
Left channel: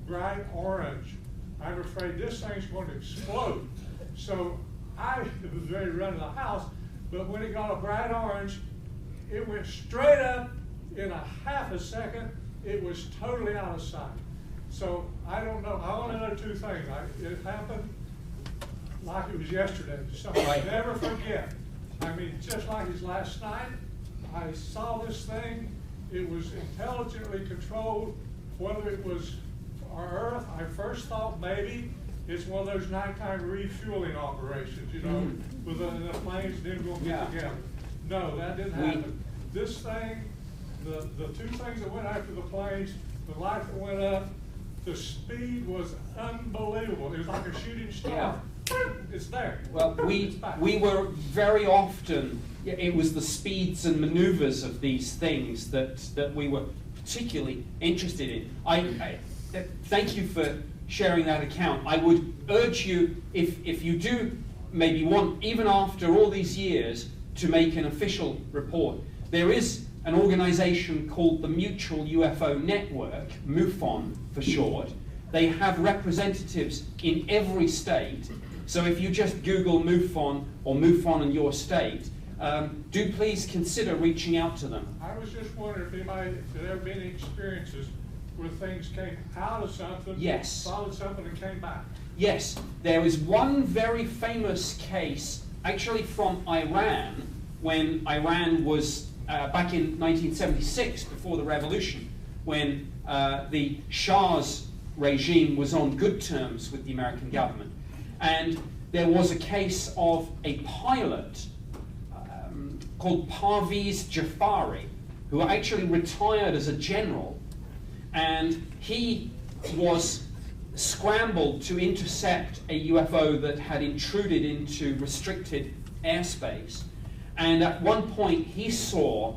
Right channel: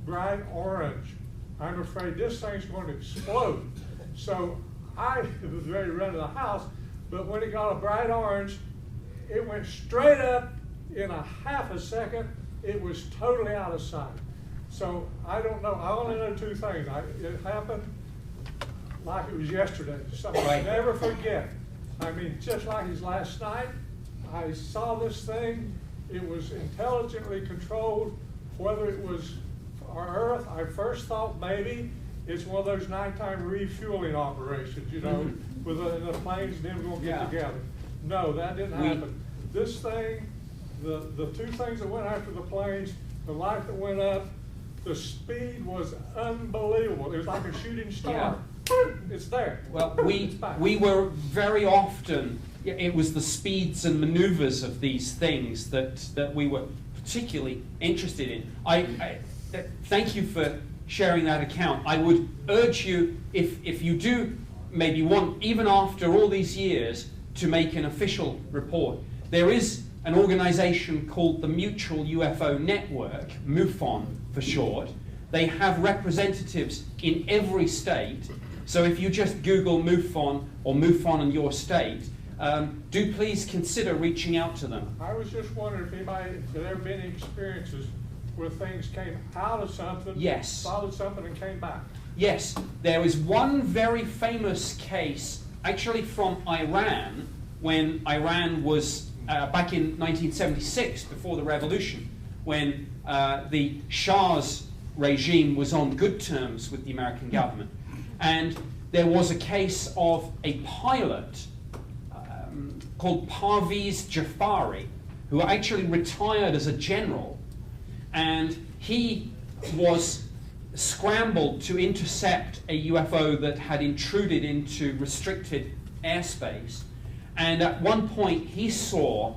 bright orange. I'm afraid this thing's going to explode. So I was ready to run to the house, but when it got a bright orange, it went straight up in a half a second. It was totally out of sight. So I don't know. I only know two things. It happened like it was yesterday. Something I never forget. I mean, just like it was last night, I saw this thing. It was intelligently controlled. Whether it was our Earth, I first thought maybe it's one of those nighttime refueling operations, you know, with the planes and them going to get together. No, that didn't happen. This thing, the two things that went after the planes, the light that went up, the speed was unbelievable. It was like a shooting star. Yeah. It's there. Well, we were very often, it was the speeds and maneuvers of these things that we were particularly interested in. I thank you for sharing that account. I would urge you, if you do maybe want, even after all these years, to make an official report, there is an organization called the Mutual UFO Network, MUFON for short. They have representatives in every state. So if you just Google MUFON or MUFON in your state, do please consider reaching out to them. I was just wondering if anybody, did there have any experiences where things came out of something, Yes. followed something and came back? Yes, there is one very famous case, actually from Iran, when Iran was back in 1976, before the revolution, when the Shah's regime was on good terms with the American government. And there was a case of a pilot called Parviz Jafari, who actually retired as a general, and he was scrambled to intercept a UFO that had intruded into restricted airspace. And at one point he saw,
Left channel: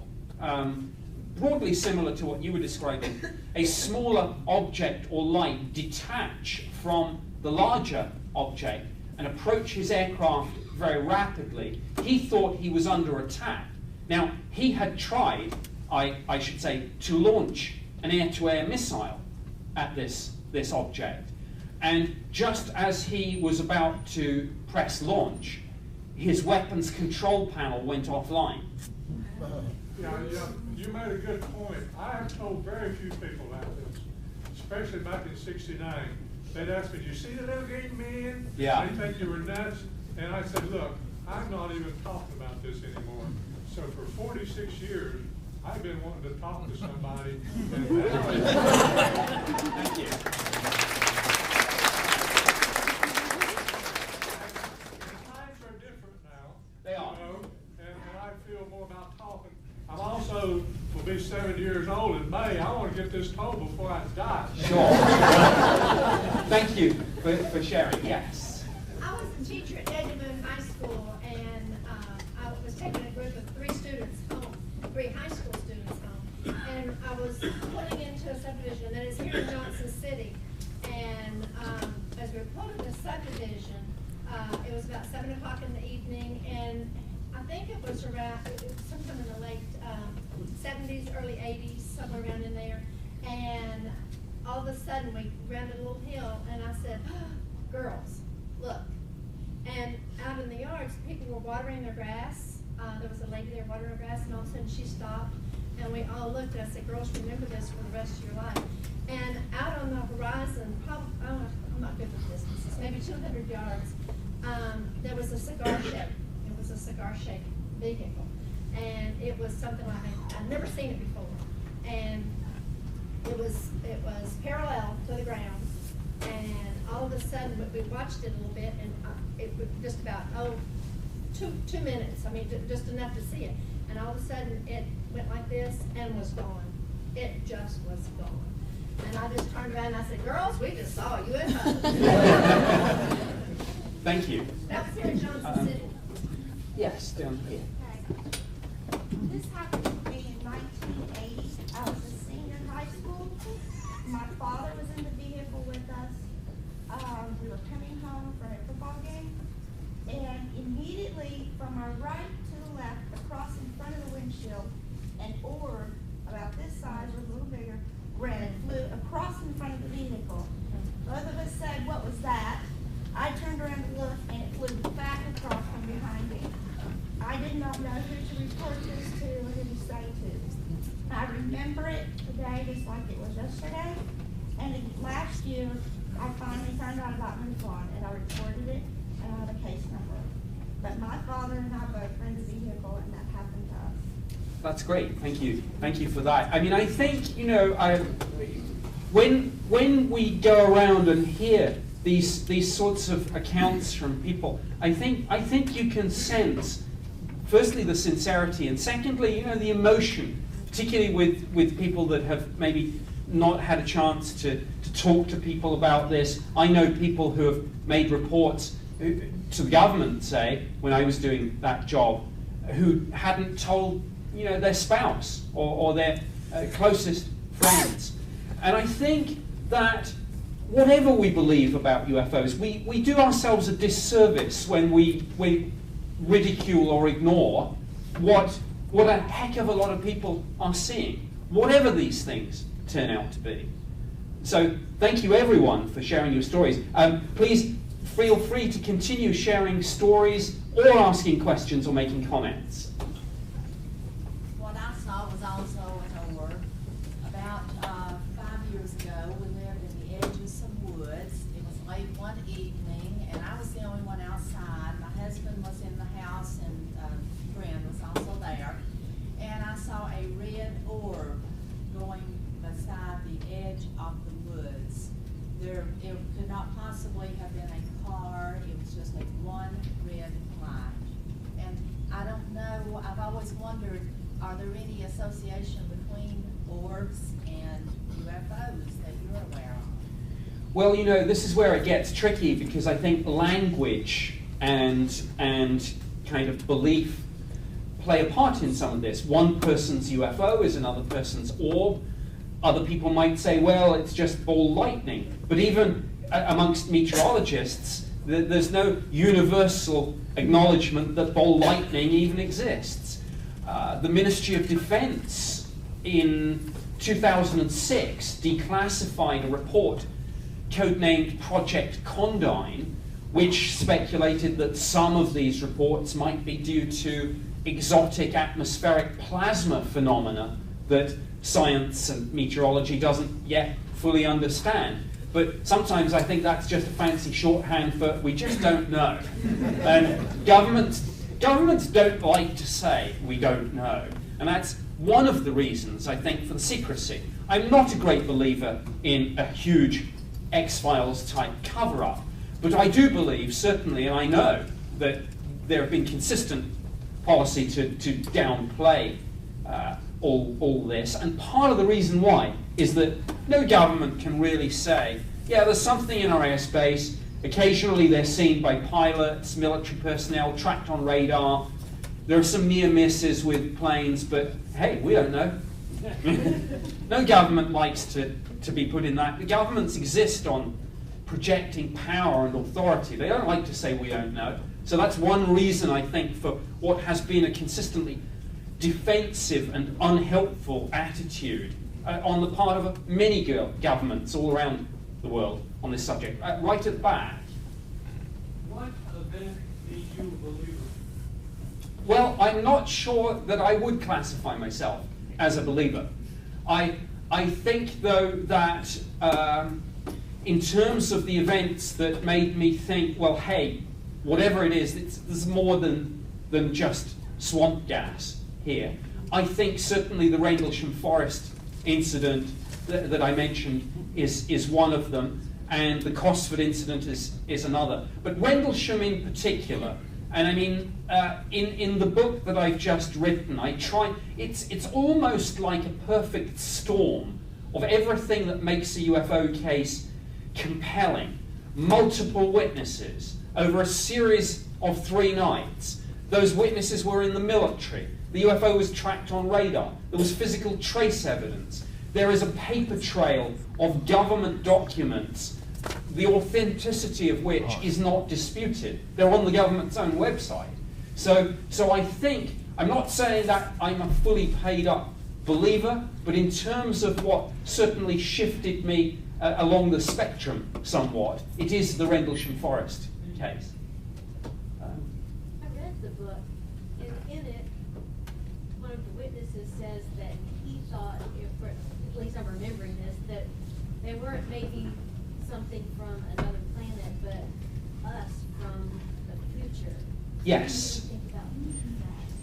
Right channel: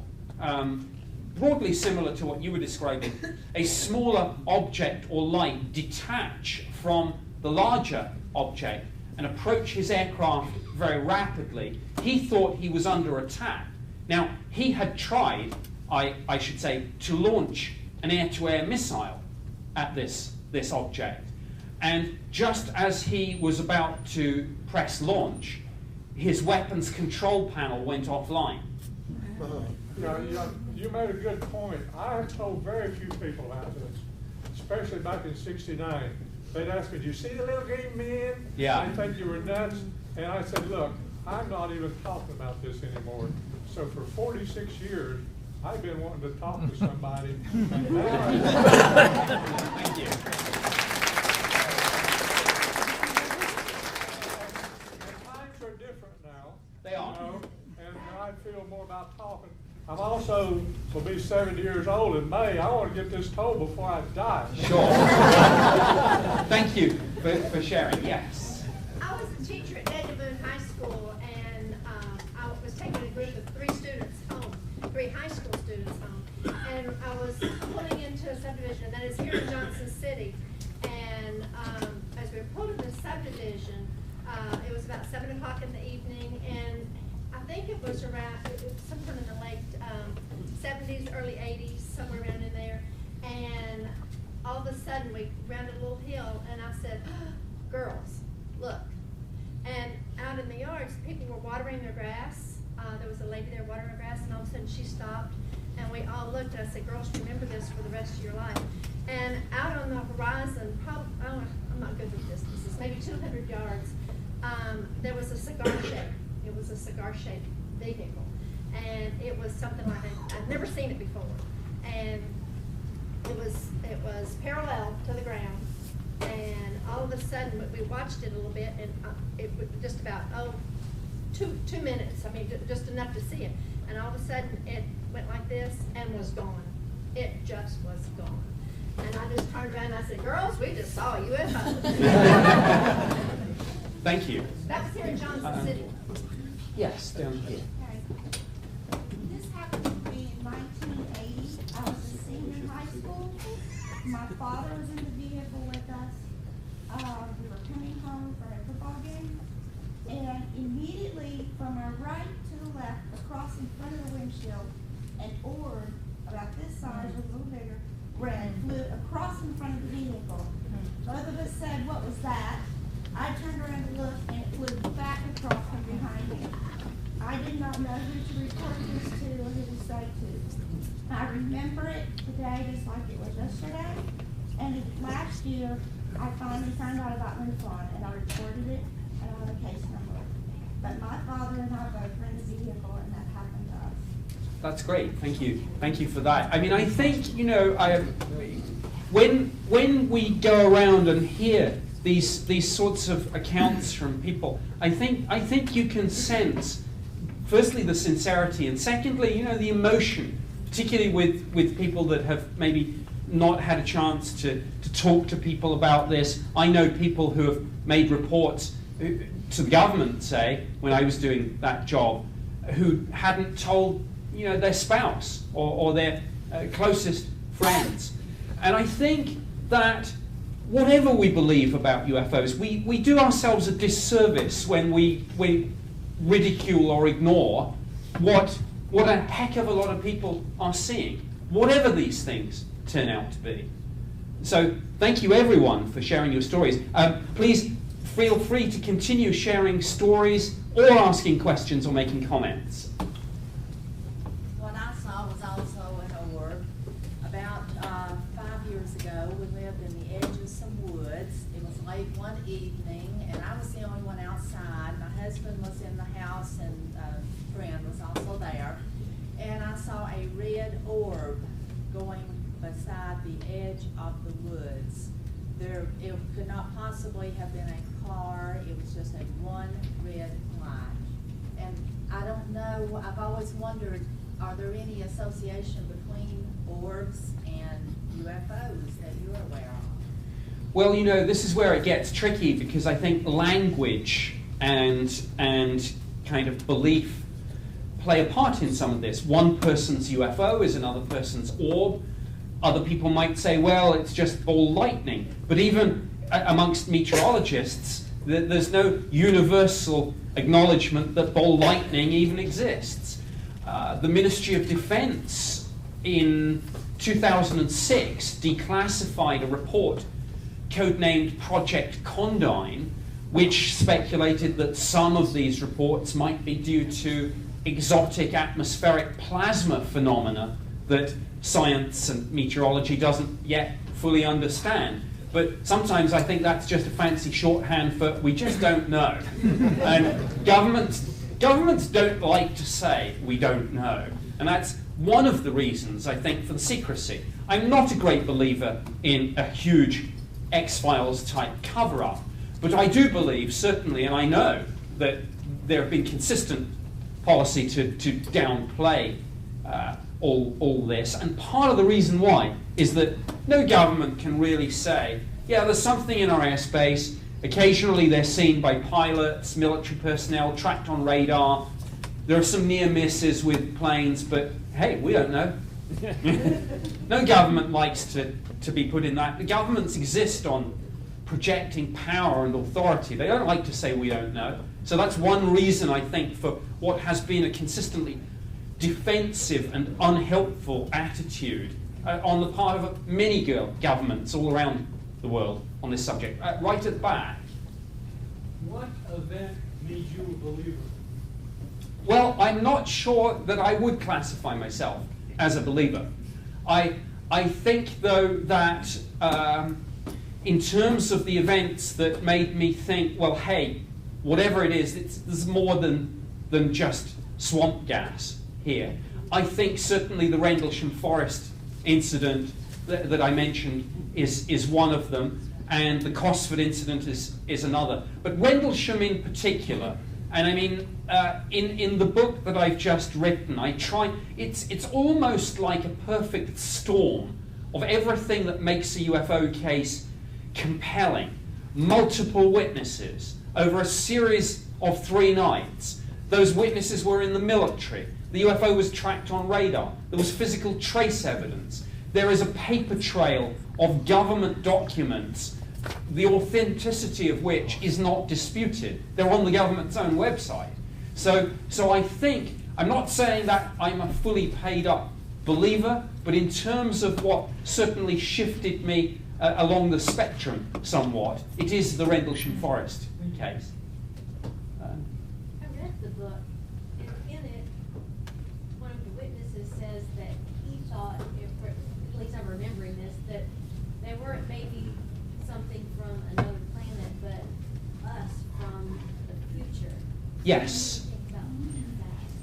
broadly similar to what you were describing, a smaller object or light detach from the larger object and approach his aircraft very rapidly. He thought he was under attack. Now, he had tried, I should say, to launch an air-to-air missile at this object. And just as he was about to press launch, his weapons control panel went offline. You made a good point. I have told very few people about this, especially back in '69. They'd ask me, "Do you see the little green man?" Yeah. They think you were nuts. And I said, "Look, I'm not even talking about this anymore." So for 46 years, I've been wanting to talk to somebody. And now Thank you. times are different now. They are. You know, and I feel more about talking. I'm also will be 70 years old in May. I want to get this told before I die. Sure. Thank you for sharing. Yes. I was a teacher at Edmond High School, and I was taking a group of 3 students home, 3 high school students home, and I was pulling into a subdivision that is here in Johnson City. And as we were pulling the subdivision, it was about 7 o'clock in the evening, and I think it was around, sometime in the late 70s, early 80s, somewhere around in there. And all of a sudden, we rounded a little hill, and I said, "Girls, look." And out in the yards, people were watering their grass. There was a lady there watering her grass, and all of a sudden she stopped, and we all looked, and I said, "Girls, remember this for the rest of your life." And out on the horizon, probably, I'm not good with distances, maybe 200 yards, there was a cigar shape. It was a cigar-shaped vehicle, and it was something like I'd never seen it before, and it was parallel to the ground, and all of a sudden we watched it a little bit, and it was just about 2 minutes. I mean, just enough to see it, and all of a sudden it went like this and was gone. It just was gone, and I just turned around and I said, "Girls, we just saw a UFO." Thank you. That was here in Johnson City. Yes, down here. Okay. This happened to me in 1980. I was a senior in high school. My father was in the vehicle with us. We were coming home from a football game. And immediately from our right to the left, across in front of the windshield, an orb about this size or a little bigger, red, flew across in front of the vehicle. Both of us said, "What was that?" I turned around to look, and it flew back across from behind me. I did not know who to report this to or who to say to. I remember it today just like it was yesterday. And last year, I finally found out about MUFON, and I reported it, and I have a case number. But my father and I both were in the vehicle, and that happened to us. That's great. Thank you. Thank you for that. I mean, I think, you know, when we go around and hear these sorts of accounts from people, I think you can sense, firstly, the sincerity, and secondly, you know, the emotion, particularly with people that have maybe not had a chance to talk to people about this. I know people who have made reports to the government, say, when I was doing that job, who hadn't told, you know, their spouse or their closest friends. And I think that whatever we believe about UFOs, we do ourselves a disservice when we ridicule or ignore what a heck of a lot of people are seeing, whatever these things turn out to be. So thank you everyone for sharing your stories. Please feel free to continue sharing stories or asking questions or making comments. What I saw was also in a work. About 5 years ago, we lived in the edge of some woods. It was late one evening, and I was the only one outside. My husband was in the house, and a friend was also there. And I saw a red orb going beside the edge of the woods. It could not possibly have been a car. It was just a one red light. And I don't know, I've always wondered, are there any association between orbs and UFOs that you're aware of? Well, you know, this is where it gets tricky, because I think language and kind of belief play a part in some of this. One person's UFO is another person's orb. Other people might say, well, it's just ball lightning. But even amongst meteorologists, there's no universal acknowledgement that ball lightning even exists. The Ministry of Defense in 2006 declassified a report codenamed Project Condign, which speculated that some of these reports might be due to exotic atmospheric plasma phenomena that science and meteorology doesn't yet fully understand. But sometimes I think that's just a fancy shorthand for we just don't know. And governments don't like to say we don't know. And that's one of the reasons, I think, for the secrecy. I'm not a great believer in a huge X-Files type cover-up, but I do believe, certainly, and I know that there have been consistent policy to downplay all this, and part of the reason why is that no government can really say, yeah, there's something in our airspace. Occasionally they're seen by pilots, military personnel, tracked on radar. There are some near misses with planes, but hey, we don't know. No government likes to be put in that. The governments exist on projecting power and authority. They don't like to say we don't know. So that's one reason, I think, for what has been a consistently defensive and unhelpful attitude on the part of many governments all around the world on this subject. Right at the back. What event made you a believer? Well, I'm not sure that I would classify myself as a believer. I think, though, that in terms of the events that made me think, well, hey, whatever it is, there's more than just swamp gas here. I think certainly the Rendlesham Forest incident that I mentioned is one of them, and the Cosford incident is another. But Rendlesham in particular, and I mean, in the book that I've just written, it's almost like a perfect storm of everything that makes a UFO case compelling. Multiple witnesses over a series of 3 nights. Those witnesses were in the military. The UFO was tracked on radar. There was physical trace evidence. There is a paper trail of government documents, the authenticity of which is not disputed. They're on the government's own website. So I think, I'm not saying that I'm a fully paid up believer, but in terms of what certainly shifted me along the spectrum somewhat, it is the Rendlesham Forest case. I read the book, and in it, one of the witnesses says that he thought, at least I'm remembering this, that they weren't maybe something from another planet, but us from the future. Yes. What do you think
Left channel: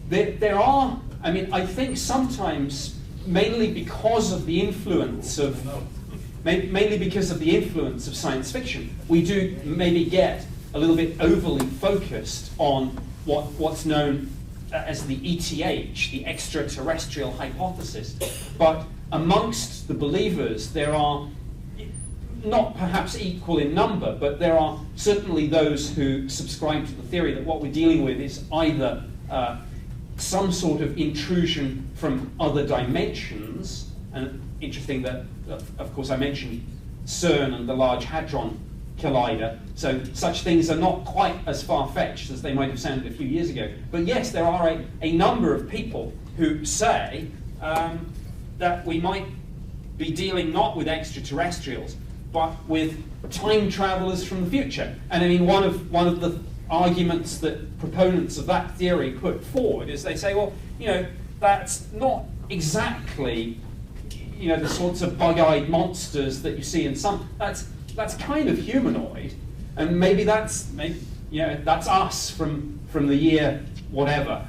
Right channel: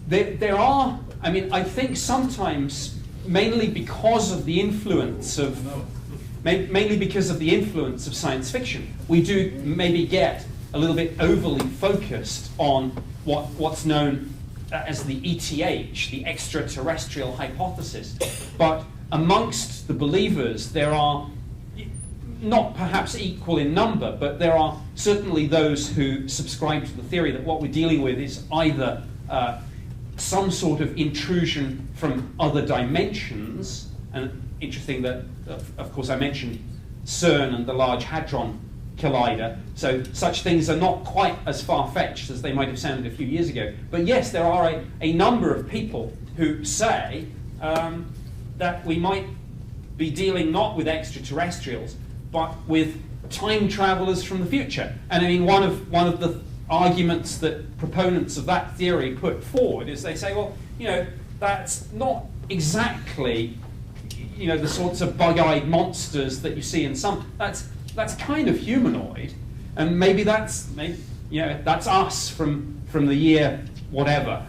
about that? There are, I mean, I think sometimes, mainly because of the influence of science fiction, we do maybe get a little bit overly focused on what's known as the ETH, the extraterrestrial hypothesis. But amongst the believers, there are, not perhaps equal in number, but there are certainly those who subscribe to the theory that what we're dealing with is either some sort of intrusion from other dimensions, and interesting that, of course, I mentioned CERN and the Large Hadron Collider, so such things are not quite as far-fetched as they might have sounded a few years ago. But yes, there are a number of people who say that we might be dealing not with extraterrestrials, but with time travelers from the future. And I mean, one of the arguments that proponents of that theory put forward is they say, well, you know, that's not exactly, you know, the sorts of bug-eyed monsters that you see in some. That's kind of humanoid, and maybe that's us from the year whatever.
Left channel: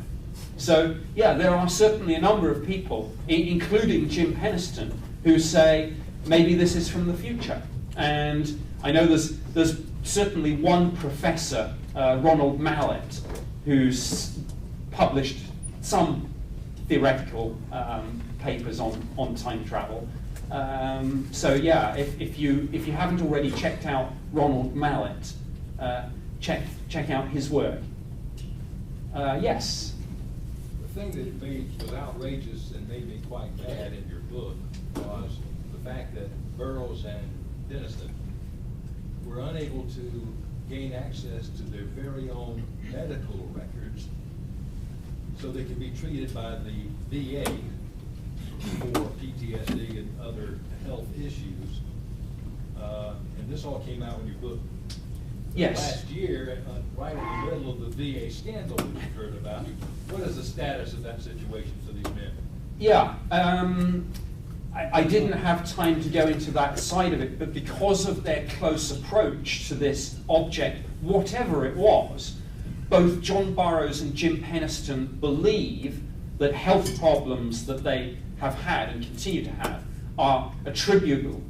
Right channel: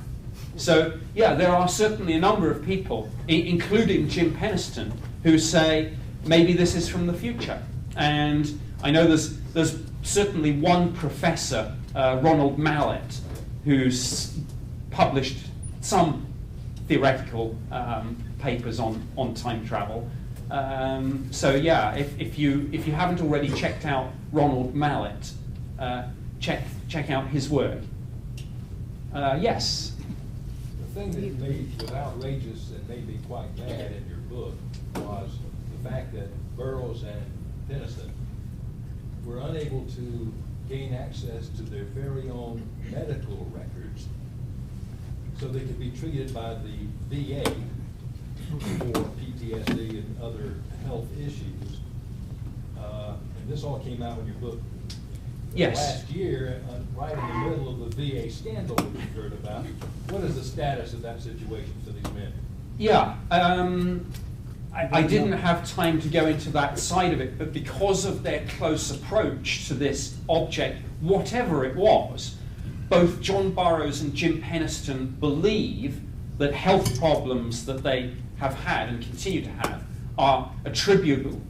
So yeah, there are certainly a number of people, including Jim Penniston, who say maybe this is from the future. And I know there's certainly one professor, Ronald Mallett, who's published some theoretical papers on time travel. So yeah, if you haven't already checked out Ronald Mallett, check out his work. Yes. The thing that was outrageous and made me quite mad in your book was the fact that Burroughs and Penniston were unable to gain access to their very own medical records so they could be treated by the VA for PTSD and other health issues. And this all came out in your book Yes. last year, right in the middle of the VA scandal that you heard about. What is the status of that situation for these men? Yeah, I didn't have time to go into that side of it, but because of their close approach to this object, whatever it was, both John Burroughs and Jim Penniston believe that health problems that they have had and continue to have are attributable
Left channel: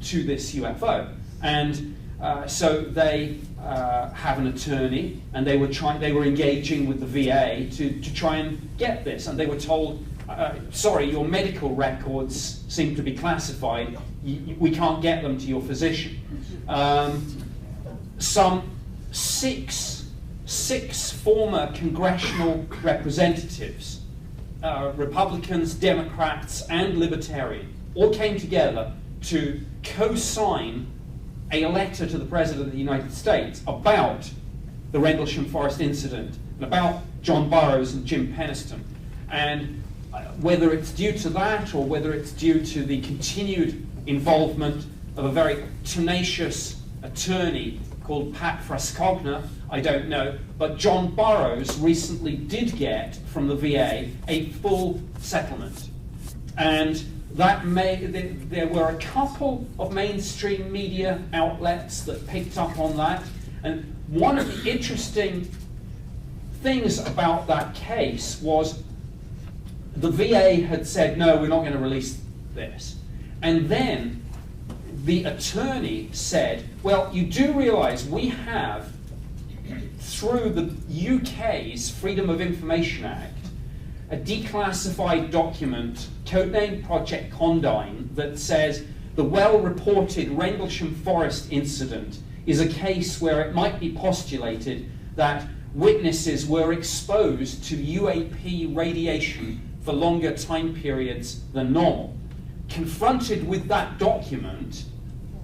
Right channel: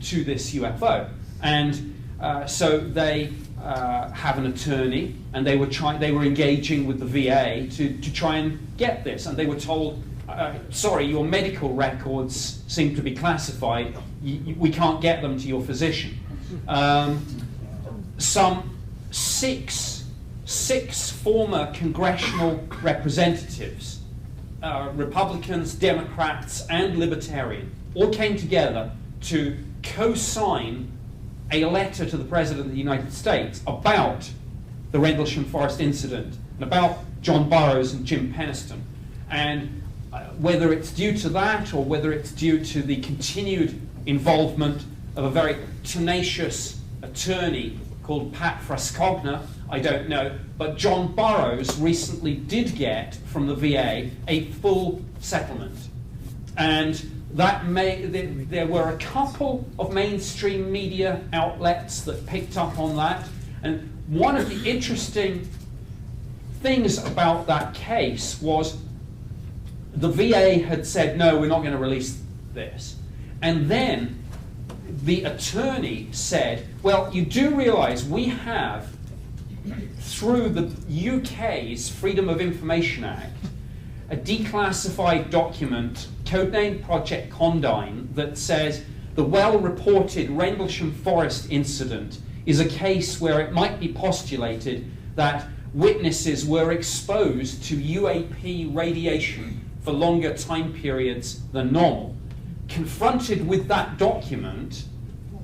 to this UFO. And so they have an attorney, and they were engaging with the VA to try and get this, and they were told, sorry, your medical records seem to be classified. We can't get them to your physician. Some six former congressional representatives, Republicans, Democrats, and Libertarians, all came together to co-sign a letter to the President of the United States about the Rendlesham Forest incident and about John Burroughs and Jim Penniston. And whether it's due to that or whether it's due to the continued involvement of a very tenacious attorney called Pat Frascogna, I don't know, but John Burroughs recently did get from the VA a full settlement. And there were a couple of mainstream media outlets that picked up on that. And one of the interesting things about that case was the VA had said, no, we're not going to release this. And then the attorney said, well, you do realize we have, through the UK's Freedom of Information Act, a declassified document, codenamed Project Condign, that says the well-reported Rendlesham Forest incident is a case where it might be postulated that witnesses were exposed to UAP radiation for longer time periods than normal. Confronted with that document,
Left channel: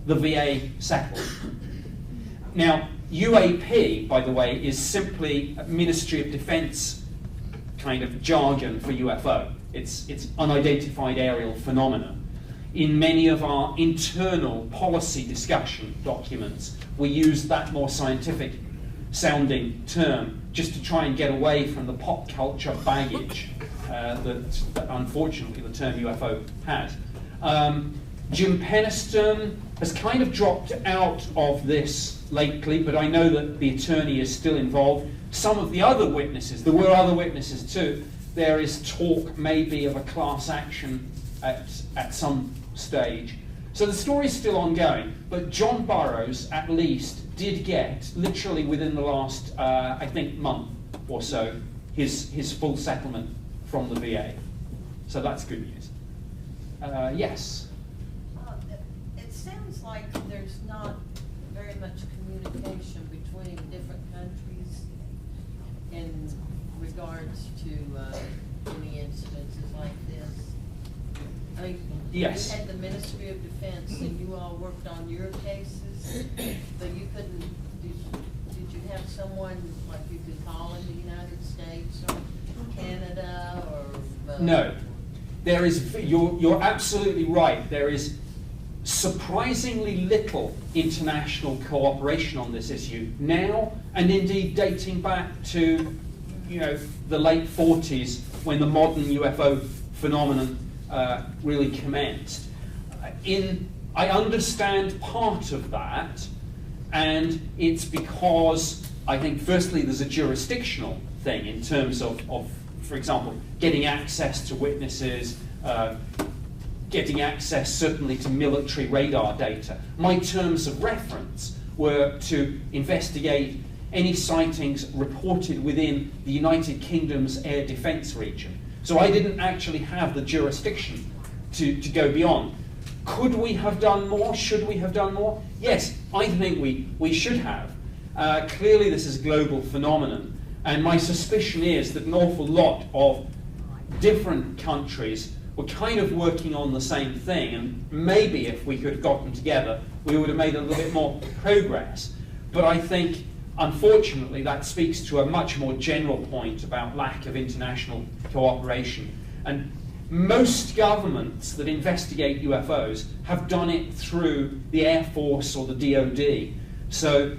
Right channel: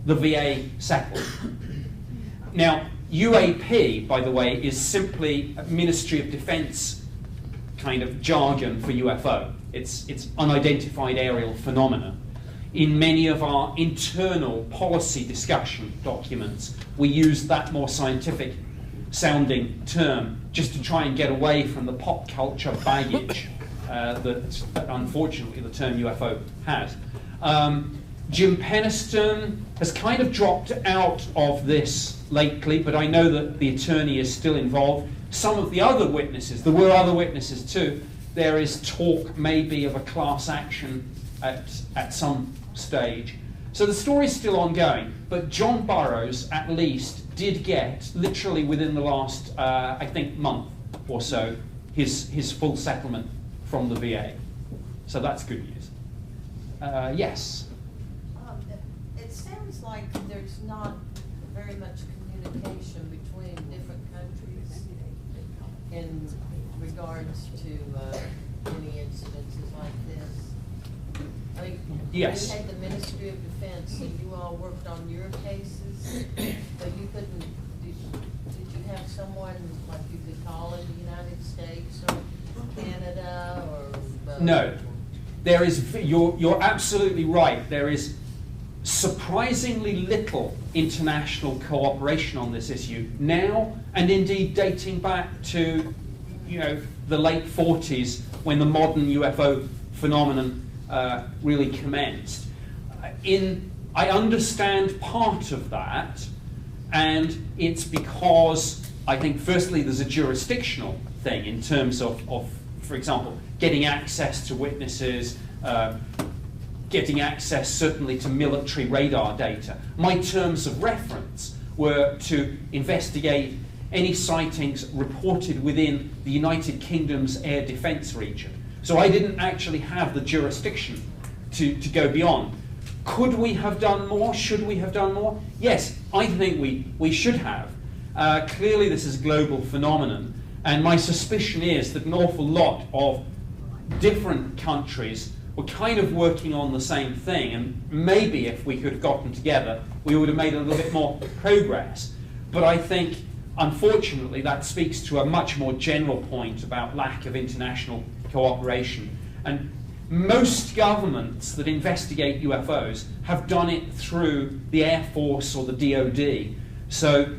the VA settled. Now, UAP, by the way, is simply a Ministry of Defense kind of jargon for UFO. It's unidentified aerial phenomena. In many of our internal policy discussion documents, we use that more scientific sounding term just to try and get away from the pop culture baggage that unfortunately the term UFO has. Jim Penniston has kind of dropped out of this lately, but I know that the attorney is still involved. Some of the other witnesses, there were other witnesses too, there is talk maybe of a class action at some stage. So the story is still ongoing, but John Burroughs at least did get, literally within the last, I think, month or so, his full settlement from the VA. So that's good news. Yes? It sounds like there's not very much communication between different countries in regards to any incidences like this. I mean, Yes. you had the Ministry of Defense and you all worked on your cases, so you couldn't, did you have someone like you could call in the United States or Canada or? No. There is, you're absolutely right. There is surprisingly little international cooperation on this issue now, and indeed dating back to the late 40s when the modern UFO phenomenon really commenced. I understand part of that, and it's because I think firstly there's a jurisdictional thing in terms of for example, getting access to witnesses, getting access certainly to military radar data. My terms of reference were to investigate any sightings reported within the United Kingdom's air defence region. So I didn't actually have the jurisdiction to go beyond. Could we have done more? Should we have done more? Yes, I think we should have. Clearly this is a global phenomenon, and my suspicion is that an awful lot of different countries were kind of working on the same thing, and maybe if we could have gotten together, we would have made a little bit more progress. But I think, unfortunately, that speaks to a much more general point about lack of international cooperation. And most governments that investigate UFOs have done it through the Air Force or the DoD. So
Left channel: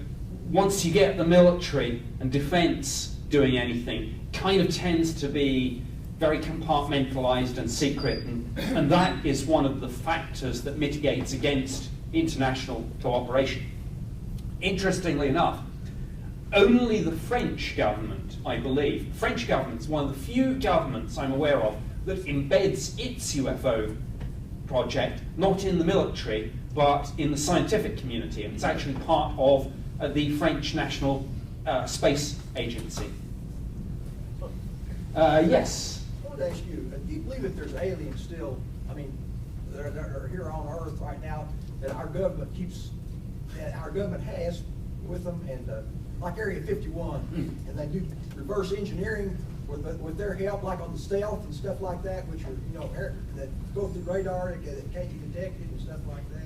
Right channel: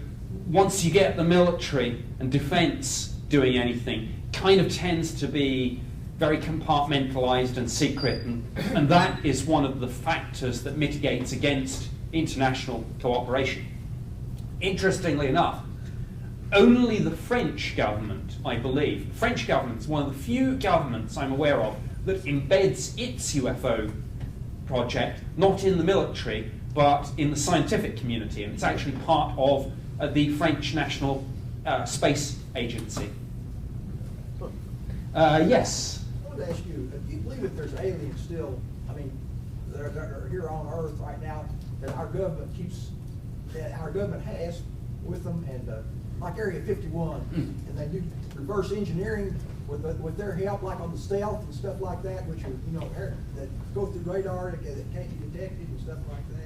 once you get the military and defense doing anything, it kind of tends to be very compartmentalized and secret, and that is one of the factors that mitigates against international cooperation. Interestingly enough, only the French government, I believe, the French government is one of the few governments I'm aware of that embeds its UFO project not in the military but in the scientific community, and it's actually part of the French National Space Agency. Yes? I wanted to ask you, do you believe that there's aliens still, I mean, that are here on Earth right now that our government has with them, and like Area 51, and they do reverse engineering with their help, like on the stealth and stuff like that, which are, that go through radar that can't be detected and stuff like that?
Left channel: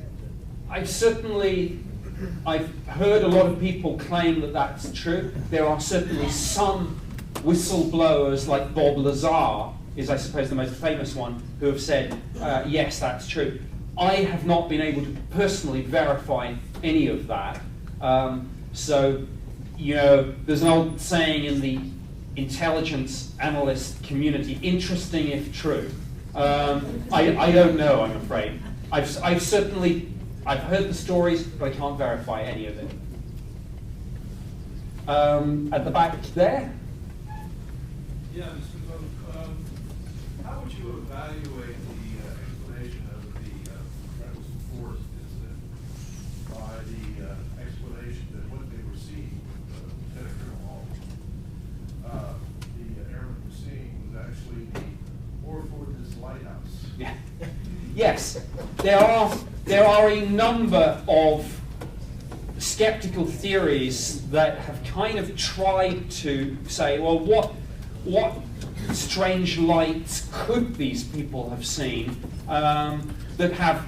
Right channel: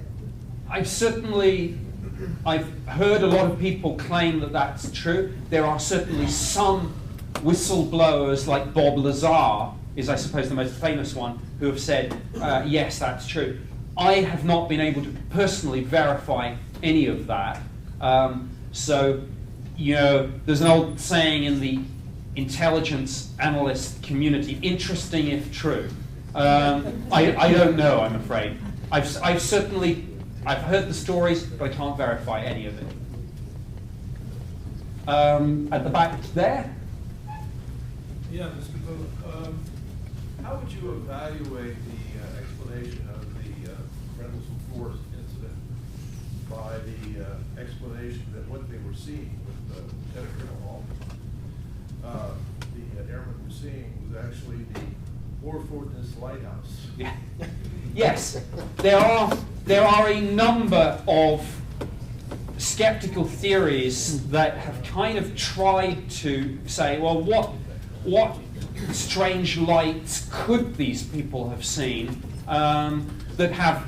I've heard a lot of people claim that that's true. There are certainly some whistleblowers, like Bob Lazar is, I suppose, the most famous one, who have said, yes, that's true. I have not been able to personally verify any of that. So, there's an old saying in the intelligence analyst community, interesting if true. I don't know, I'm afraid. I've heard the stories, but I can't verify any of it. At the back there? Yeah, Mr. Cook, how would you evaluate the explanation of the Reynolds Force incident by the explanation that what they were seeing with Lieutenant Colonel Hall, the airman was seeing was actually the Warfortness Lighthouse? Yeah. Yes, there are a number of skeptical theories that have kind of tried to say, well, what strange lights could these people have seen that have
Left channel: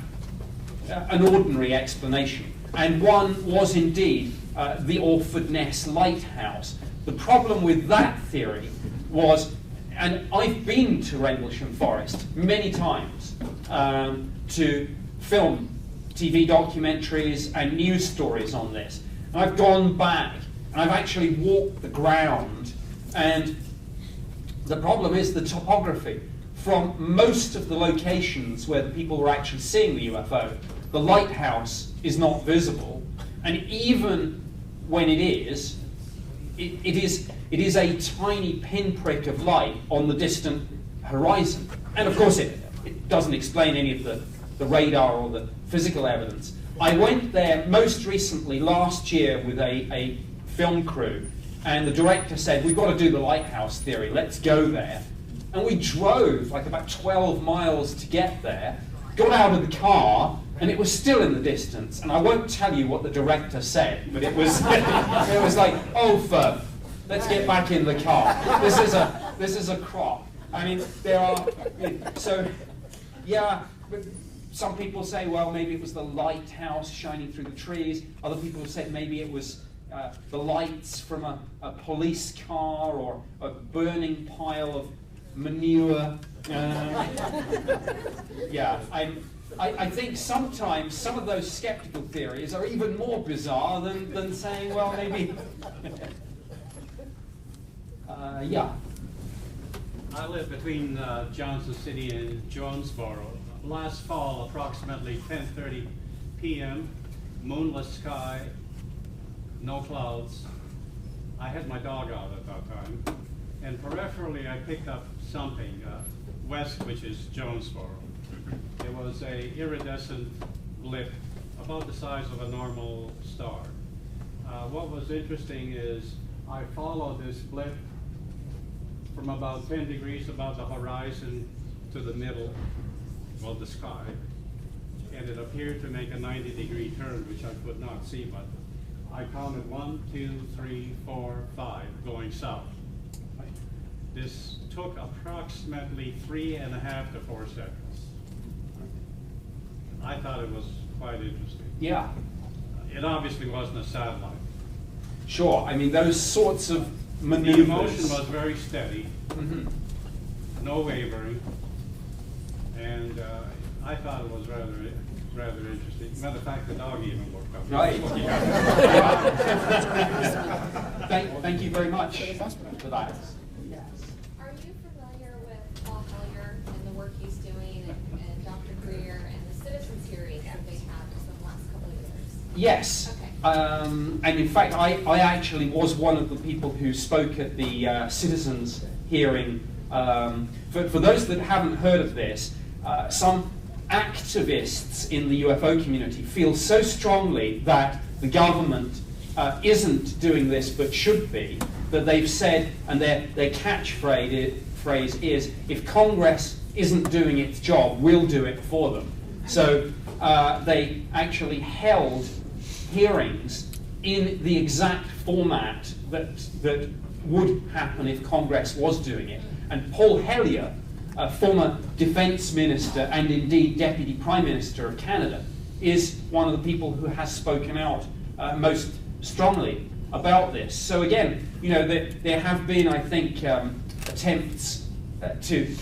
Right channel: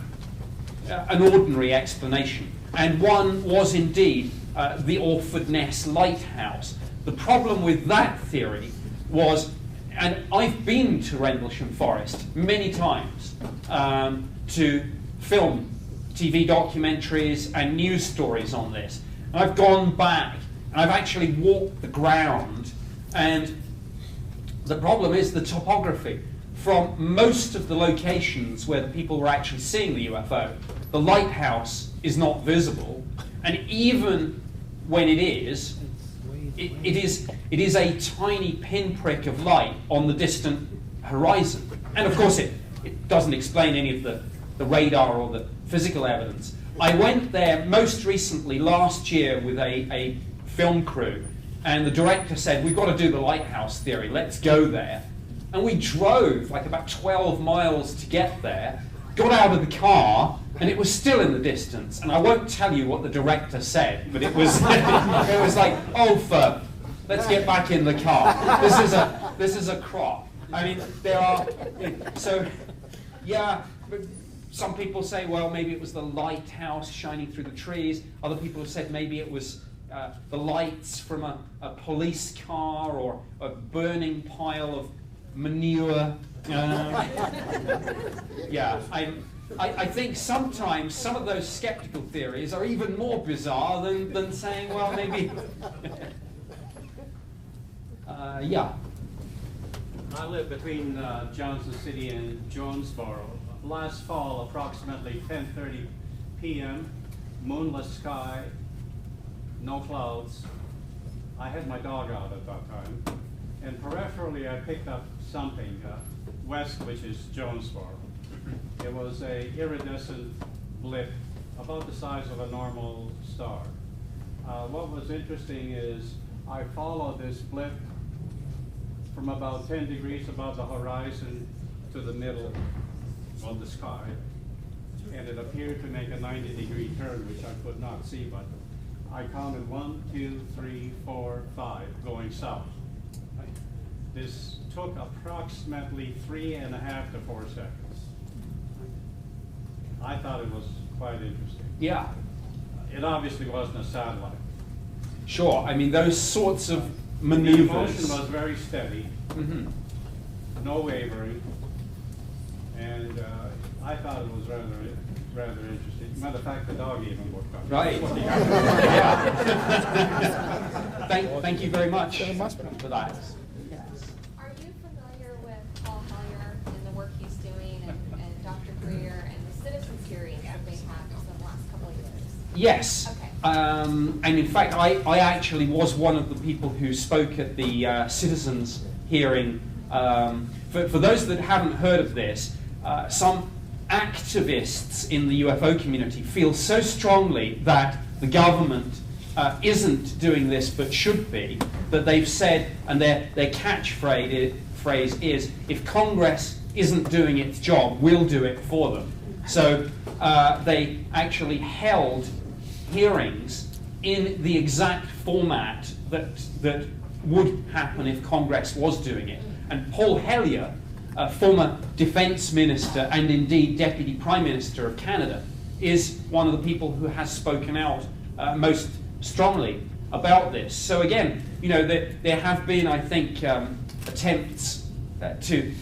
an ordinary explanation? And one was indeed the Orford Ness Lighthouse. The problem with that theory was, and I've been to Rendlesham Forest many times to film TV documentaries and news stories on this. And I've gone back and I've actually walked the ground, and the problem is the topography. From most of the locations where the people were actually seeing the UFO, the lighthouse is not visible, and even when it is, it is a tiny pinprick of light on the distant horizon. And of course it doesn't explain any of the radar or the physical evidence. I went there most recently last year with a film crew, and the director said, we've got to do the lighthouse theory, let's go there. And we drove like about 12 miles to get there, got out of the car, and it was still in the distance. And I won't tell you what the director said, but it was it was like, oh, let's get back in the car. This is a crop. I mean, there are, so, yeah, but some people say, well, maybe it was the lighthouse shining through the trees. Other people have said maybe it was the lights from a police car or a burning pile of manure. Yeah, I think sometimes some of those skeptical theories are even more bizarre than saying, well, maybe. Yeah. I live between Johnson City and Jonesboro. Last fall, approximately 10:30 p.m., moonless sky, no clouds. I had my dog out at that time, and peripherally I picked up something west, which is Jonesboro. It was a iridescent blip about the size of a normal star. What was interesting is I followed this blip from about 10 degrees above the horizon to the middle of the sky, and it appeared to make a 90-degree turn, which I could not see, but I counted 1, 2, 3, 4, 5 going south. This took approximately 3.5 to 4 seconds. I thought it was quite interesting. Yeah. It obviously wasn't a satellite. Sure. I mean, those sorts of The maneuvers. motion was very steady, Mhm. no wavering, and I thought it was rather interesting. Matter of fact, the dog even looked up. Right. Thank you very much for that. Are you familiar with Paul Hellyer and the work he's doing, and Dr. Greer and the citizens hearings that they had in the last couple of years? Yes. Okay. And in fact, I actually was one of the people who spoke at the citizens hearing. For those that haven't heard of this, some activists in the UFO community feel so strongly that the government isn't doing this but should be, that they've said, and their catchphrase is, if Congress isn't doing its job, we'll do it for them. So they actually held hearings in the exact format that would happen if Congress was doing it. And Paul Hellyer, a former defense minister and indeed deputy prime minister of Canada, is one of the people who has spoken out most strongly about this. So again, you know, there have been, I think, attempts to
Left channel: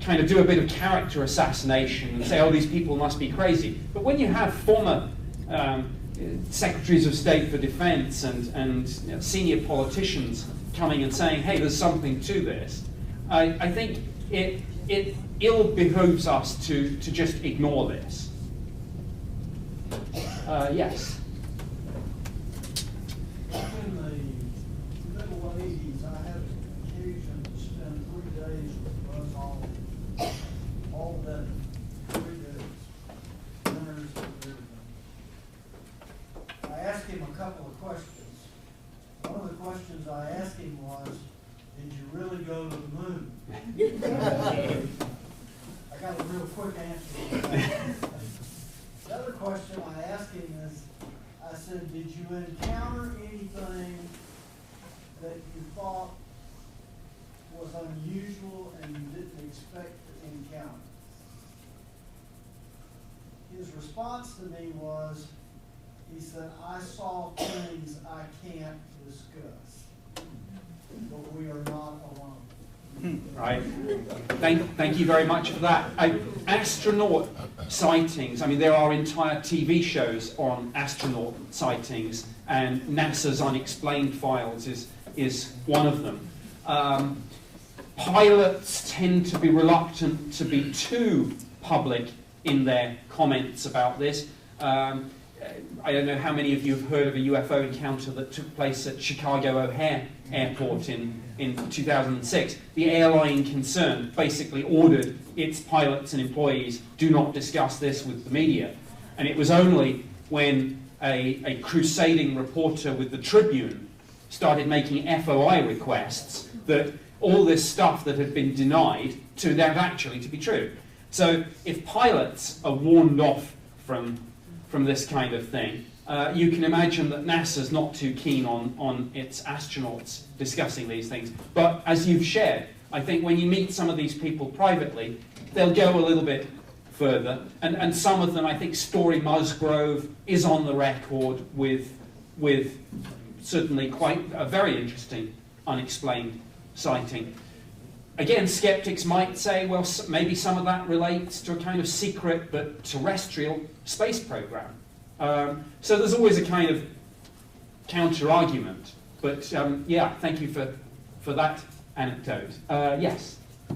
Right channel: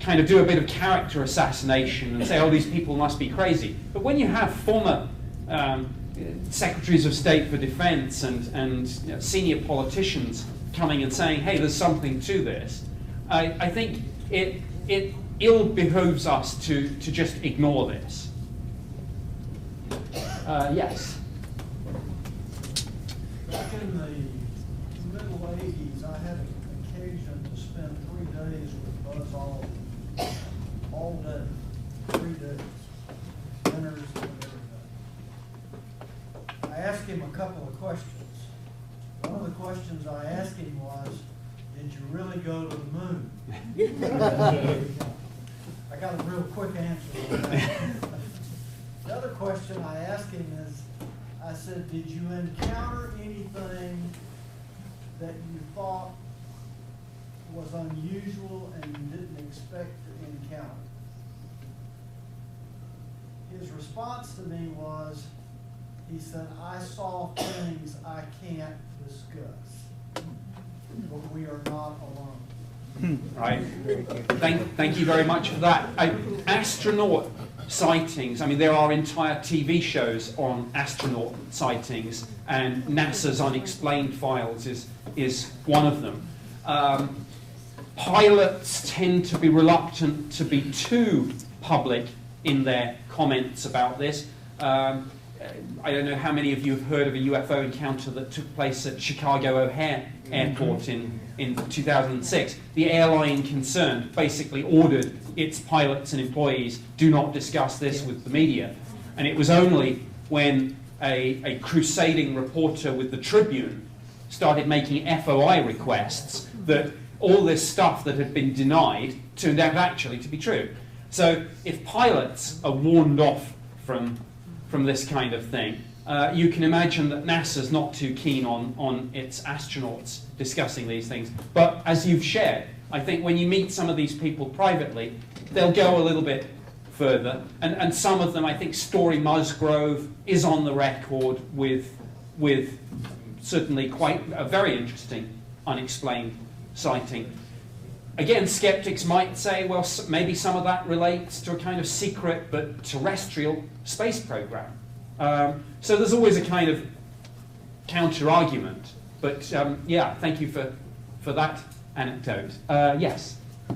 kind of do a bit of character assassination and say, oh, these people must be crazy. But when you have former secretaries of state for defense and you know, senior politicians coming and saying, hey, there's something to this, I think it ill behooves us to just ignore this. Yes. In the middle 80s, I had an occasion to spend 3 days with Buzz Aldrin, all day, 3 days, dinners and everything. I asked him a couple of questions. One of the questions I asked him was, did you really go to the moon? I got a real quick answer. The other question I asked him is, I said, did you encounter anything that you thought was unusual and you didn't expect to encounter? His response to me was, he said, I saw things I can't discuss, but we are not alone. Right. Thank you very much for that. Astronaut sightings, I mean, there are entire TV shows on astronaut sightings, and NASA's Unexplained Files is one of them. Pilots tend to be reluctant to be too public in their comments about this. I don't know how many of you have heard of a UFO encounter that took place at Chicago O'Hare Airport in 2006. The airline concerned basically ordered its pilots and employees, do not discuss this with the media. And it was only when a crusading reporter with the Tribune started making FOI requests that all this stuff that had been denied turned out actually to be true. So if pilots are warned off from this kind of thing, you can imagine that NASA's not too keen on its astronauts discussing these things. But as you've shared, I think when you meet some of these people privately, they'll go a little bit further. And some of them, I think Story Musgrove is on the record with certainly quite a very interesting unexplained sighting. again, skeptics might say, well, maybe some of that relates to a kind of secret but terrestrial space program. So there's always a kind of counter-argument. But yeah, thank you for that anecdote. Yes? I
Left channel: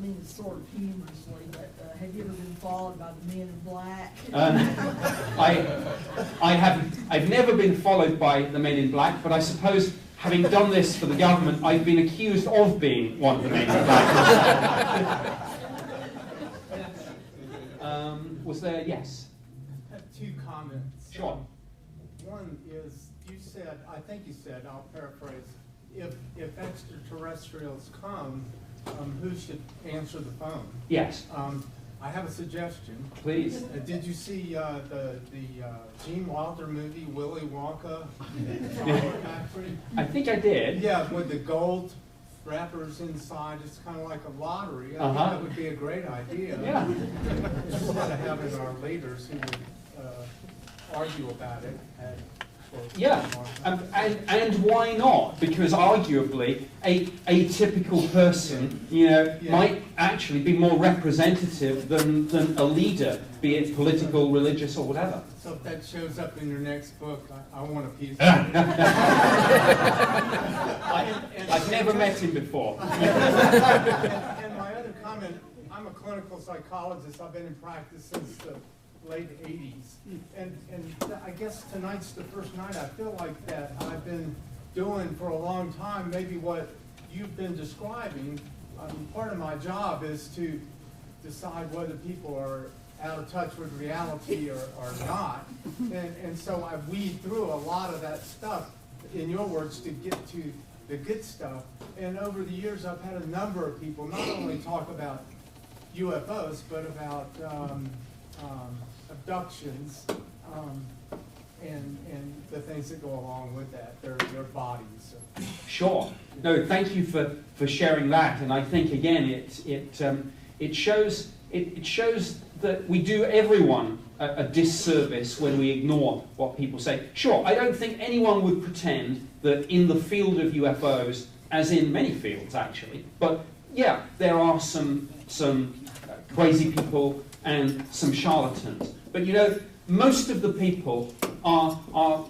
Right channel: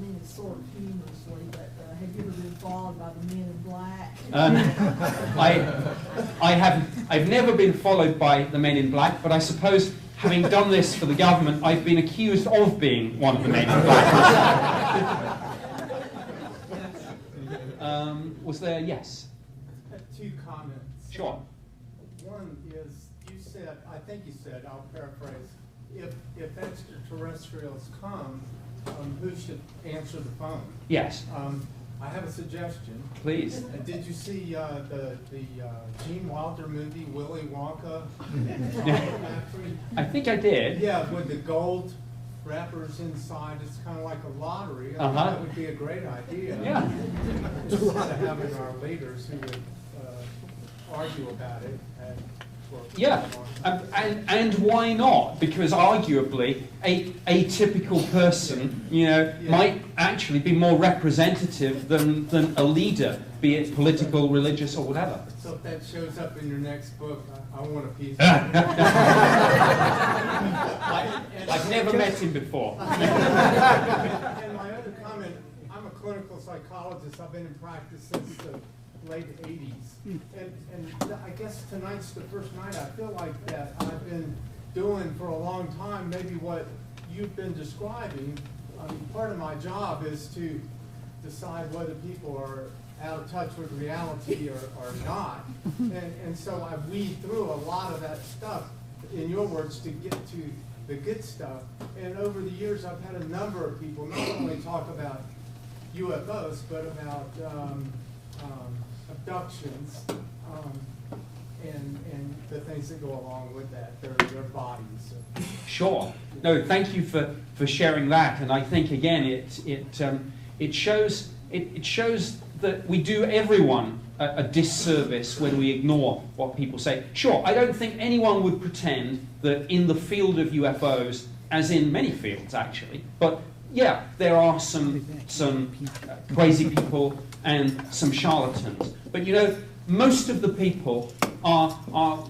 mean it sort of humorously, but have you ever been followed by the Men in Black? I've never been followed by the Men in Black, but I suppose having done this for the government, I've been accused of being one of the Men in Black. Was there? Yes. I have 2 comments. Sure. One is, you said, I think you said, I'll paraphrase, if extraterrestrials come, who should answer the phone? Yes. I have a suggestion. Please. Did you see the Gene Wilder movie, Willy Wonka? I think I did. Yeah, with the gold wrappers inside. It's kind of like a lottery. I think that would be a great idea. Yeah. Instead of having our leaders who would argue about it. Yeah, and why not? Because arguably, a typical person, might actually be more representative than a leader, be it political, religious, or whatever. So if that shows up in your next book, I want a piece of it. I've never met him before. And my other comment, I'm a clinical psychologist. I've been in practice since the late 80s. And I guess tonight's the first night I feel like that I've been doing for a long time, maybe what you've been describing. Part of my job is to decide whether people are out of touch with reality or not. And so I weed through a lot of that stuff, in your words, to get to the good stuff. And over the years, I've had a number of people not only talk about UFOs, but about abductions, and the things that go along with that, their bodies. Sure. No, thank you for sharing that. And I think again, it shows that we do everyone a disservice when we ignore what people say. Sure, I don't think anyone would pretend that in the field of UFOs, as in many fields actually, but yeah, there are some crazy people and some charlatans. But most of the people are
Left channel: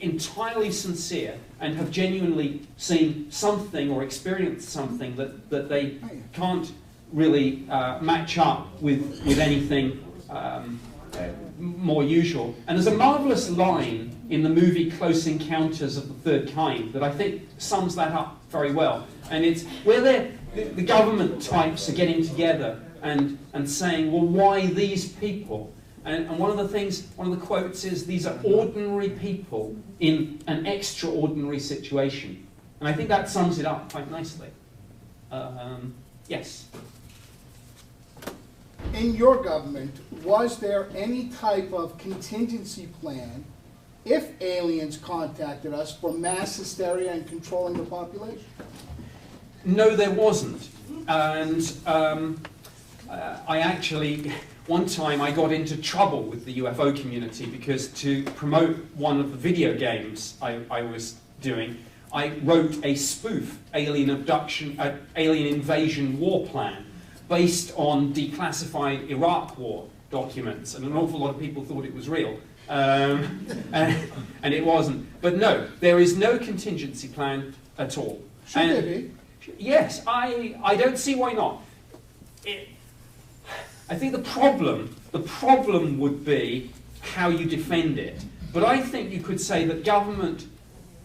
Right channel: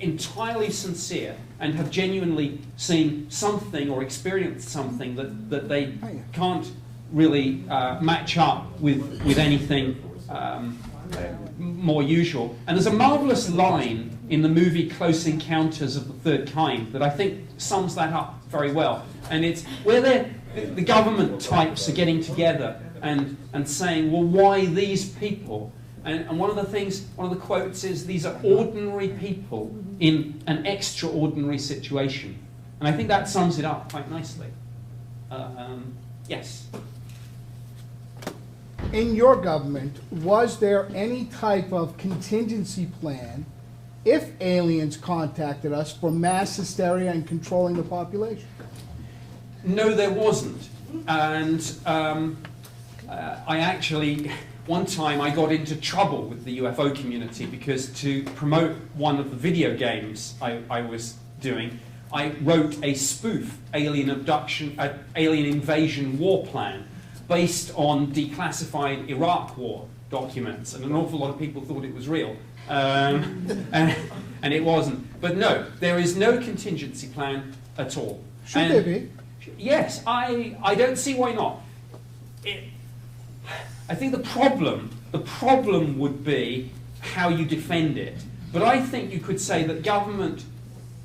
entirely sincere and have genuinely seen something or experienced something that they can't really match up with anything more usual. And there's a marvelous line in the movie Close Encounters of the Third Kind that I think sums that up very well. And it's where the government types are getting together and saying, well, why these people? And one of the quotes is, these are ordinary people in an extraordinary situation. And I think that sums it up quite nicely. Yes? In your government, was there any type of contingency plan if aliens contacted us for mass hysteria and controlling the population? No, there wasn't. And I actually, one time I got into trouble with the UFO community because to promote one of the video games I was doing, I wrote a spoof alien invasion war plan based on declassified Iraq war documents, and an awful lot of people thought it was real. And it wasn't. But no, there is no contingency plan at all. Should there be? Yes, I don't see why not. I think the problem would be how you defend it. But I think you could say that government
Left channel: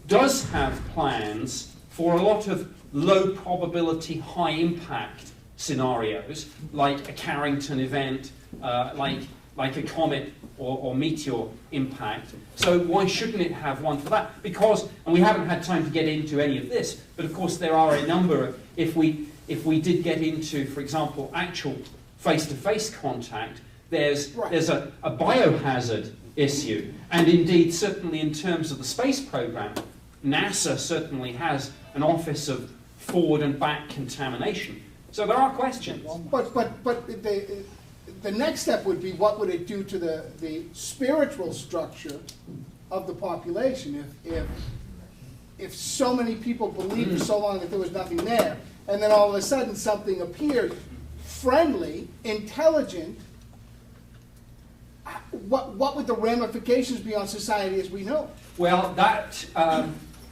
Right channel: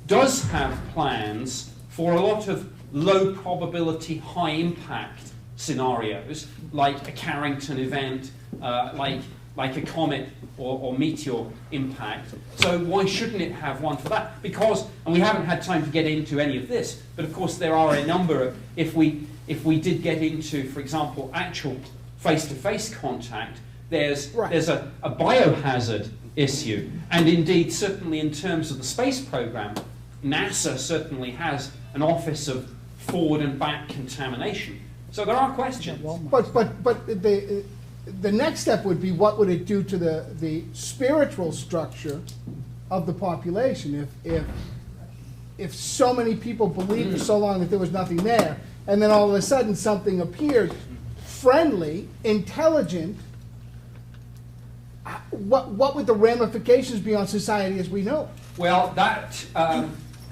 does have plans for a lot of low probability, high impact scenarios, like a Carrington event, like a comet or meteor impact. So why shouldn't it have one for that? Because, and we haven't had time to get into any of this, but of course there are a number of, if we did get into, for example, actual face-to-face contact, there's a biohazard issue. And indeed, certainly in terms of the space program, NASA certainly has an office of forward and back contamination. So there are questions. But the next step would be, what would it do to the spiritual structure of the population if if so many people believed for so long that there was nothing there, and then all of a sudden something appeared, friendly, intelligent, what would the ramifications be on society as we know it? Well,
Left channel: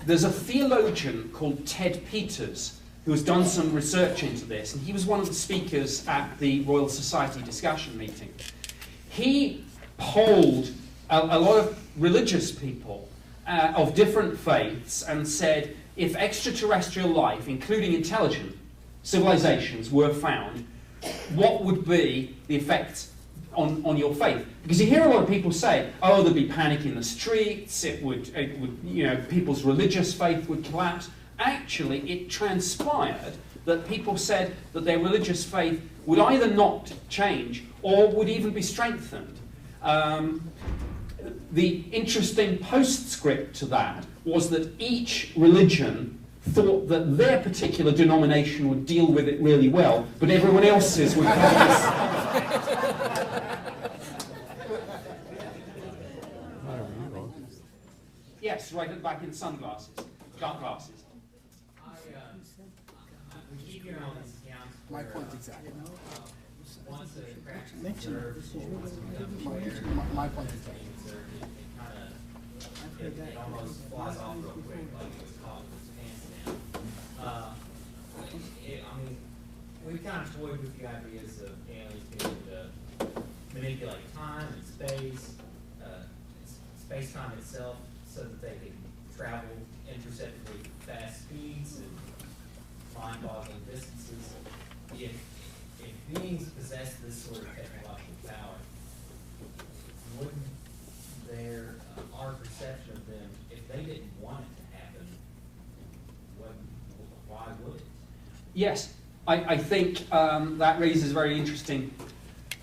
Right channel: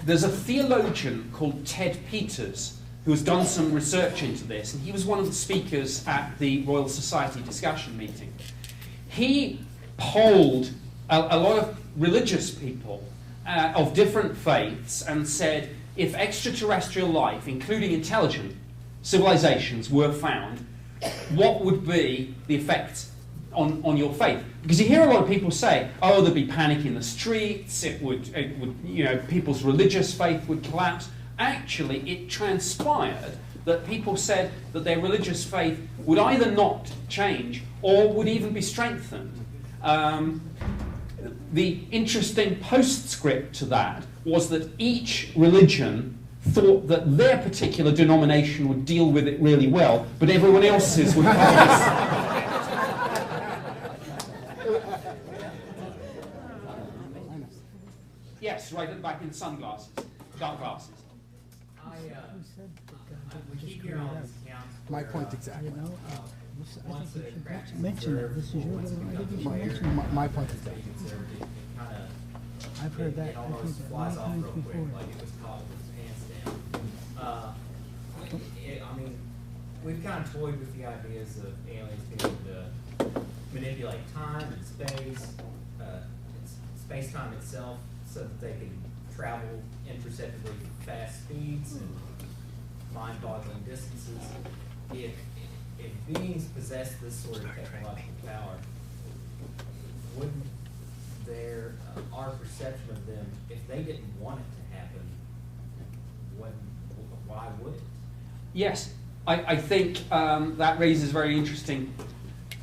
there's a theologian called Ted Peters who has done some research into this, and he was one of the speakers at the Royal Society discussion meeting. He polled a lot of religious people of different faiths and said, if extraterrestrial life, including intelligent civilizations, were found, what would be the effect on your faith? Because you hear a lot of people say, oh, there'd be panic in the streets, it would, you know, people's religious faith would collapse. Actually, it transpired that people said that their religious faith would either not change or would even be strengthened. The interesting postscript to that was that each religion thought that their particular denomination would deal with it really well, but everyone else's would Yes, right at the back in sunglasses, dark glasses. We keep hearing all these accounts. My point exactly. Once the cracks Mention it. This is your my point exactly. I've heard that. It almost flies off real quick, like it was caught with its pants down. I mean, we've kind of toyed with the ideas of aliens being able to manipulate time and space, space-time itself, so that they can travel imperceptibly fast speeds and mind-boggling distances. If beings possess this sort of technological power, wouldn't our perception of them, if they didn't want it to happen, why would it? Yes, I think that raises a very interesting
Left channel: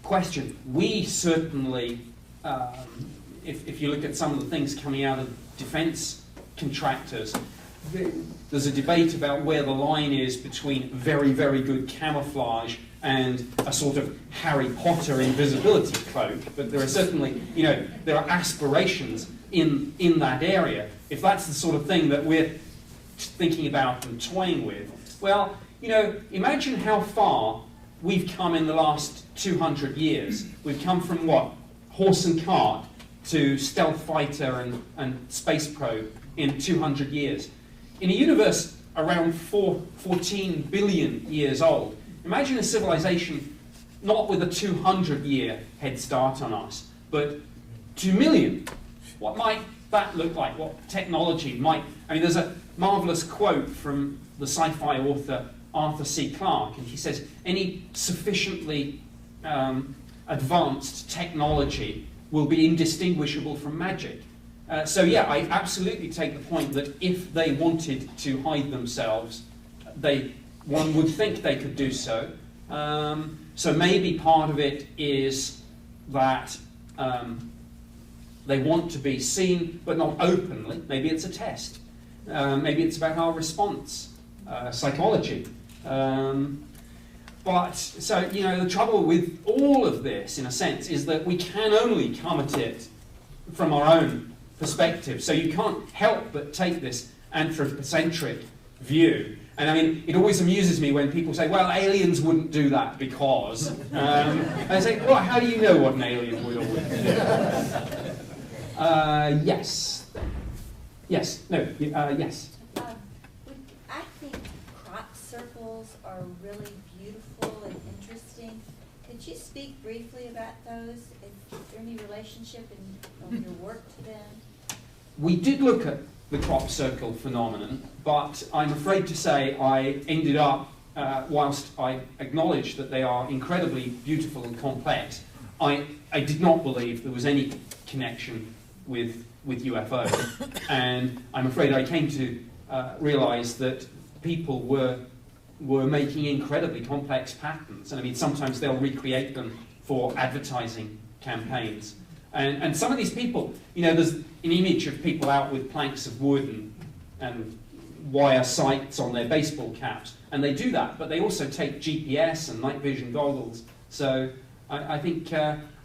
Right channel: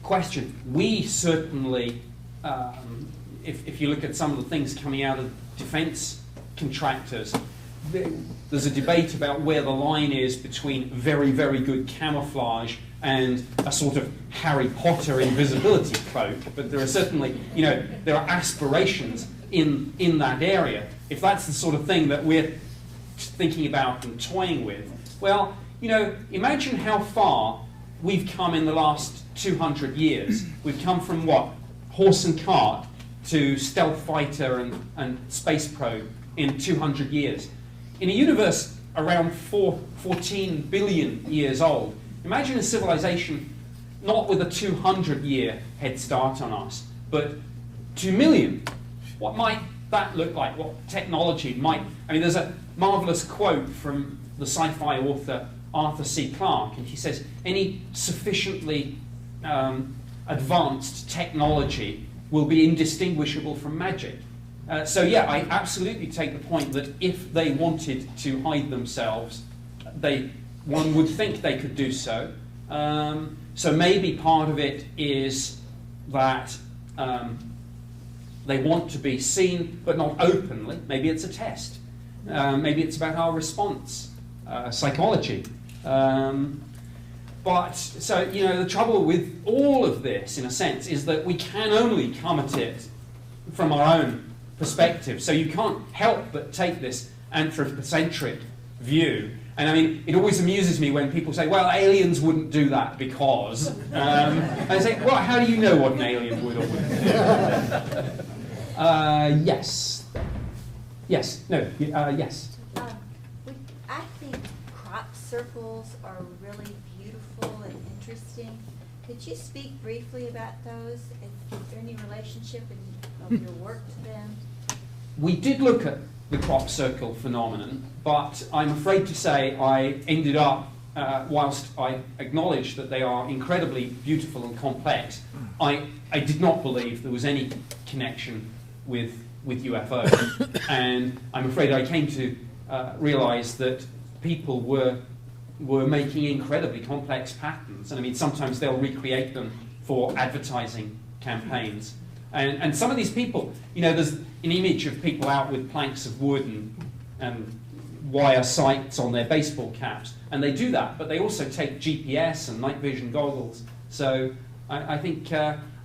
question. We certainly, if you look at some of the things coming out of defense contractors, there's a debate about where the line is between very, very good camouflage and a sort of Harry Potter invisibility cloak. But there are certainly, you know, there are aspirations in that area. If that's the sort of thing that we're thinking about and toying with, well, you know, imagine how far we've come in the last 200 years. We've come from what? Horse and cart to stealth fighter and space probe in 200 years. In a universe around 14 billion years old, imagine a civilization not with a 200-year head start on us, but 2 million. What might that look like? What technology might... I mean, there's a marvelous quote from the sci-fi author Arthur C. Clarke, and he says, any sufficiently advanced technology will be indistinguishable from magic. So yeah, I absolutely take the point that if they wanted to hide themselves, one would think they could do so. So maybe part of it is that they want to be seen, but not openly. Maybe it's a test. Maybe it's about our response, psychology. But, so, you know, the trouble with all of this, in a sense, is that we can only come at it from our own perspective. So you can't help but take this anthropocentric view. And I mean, it always amuses me when people say, well, aliens wouldn't do that because... and I say, well, how do you know what an alien would or wouldn't do? Yes. Yes. No. Yes. I think crop circles are really beautiful and interesting. Could you speak briefly about those? Is there any relationship of your work to them? We did look at the crop circle phenomenon, but I'm afraid to say I ended up, whilst I acknowledge that they are incredibly beautiful and complex, I did not believe there was any connection with UFOs. And I'm afraid I came to realize that people were making incredibly complex patterns. And I mean, sometimes they'll recreate them for advertising campaigns. And some of these people, you know, there's an image of people out with planks of wood and wire sights on their baseball caps. And they do that, but they also take GPS and night vision goggles. So I think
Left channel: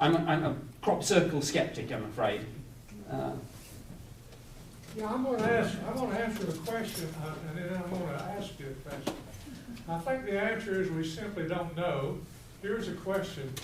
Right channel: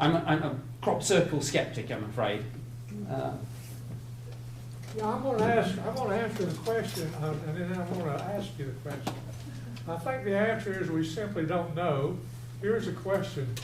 I'm a crop circle skeptic, I'm afraid. Yeah, I'm gonna answer the question, and then I'm gonna ask you the question. I think the answer is we simply don't know. Here's a question.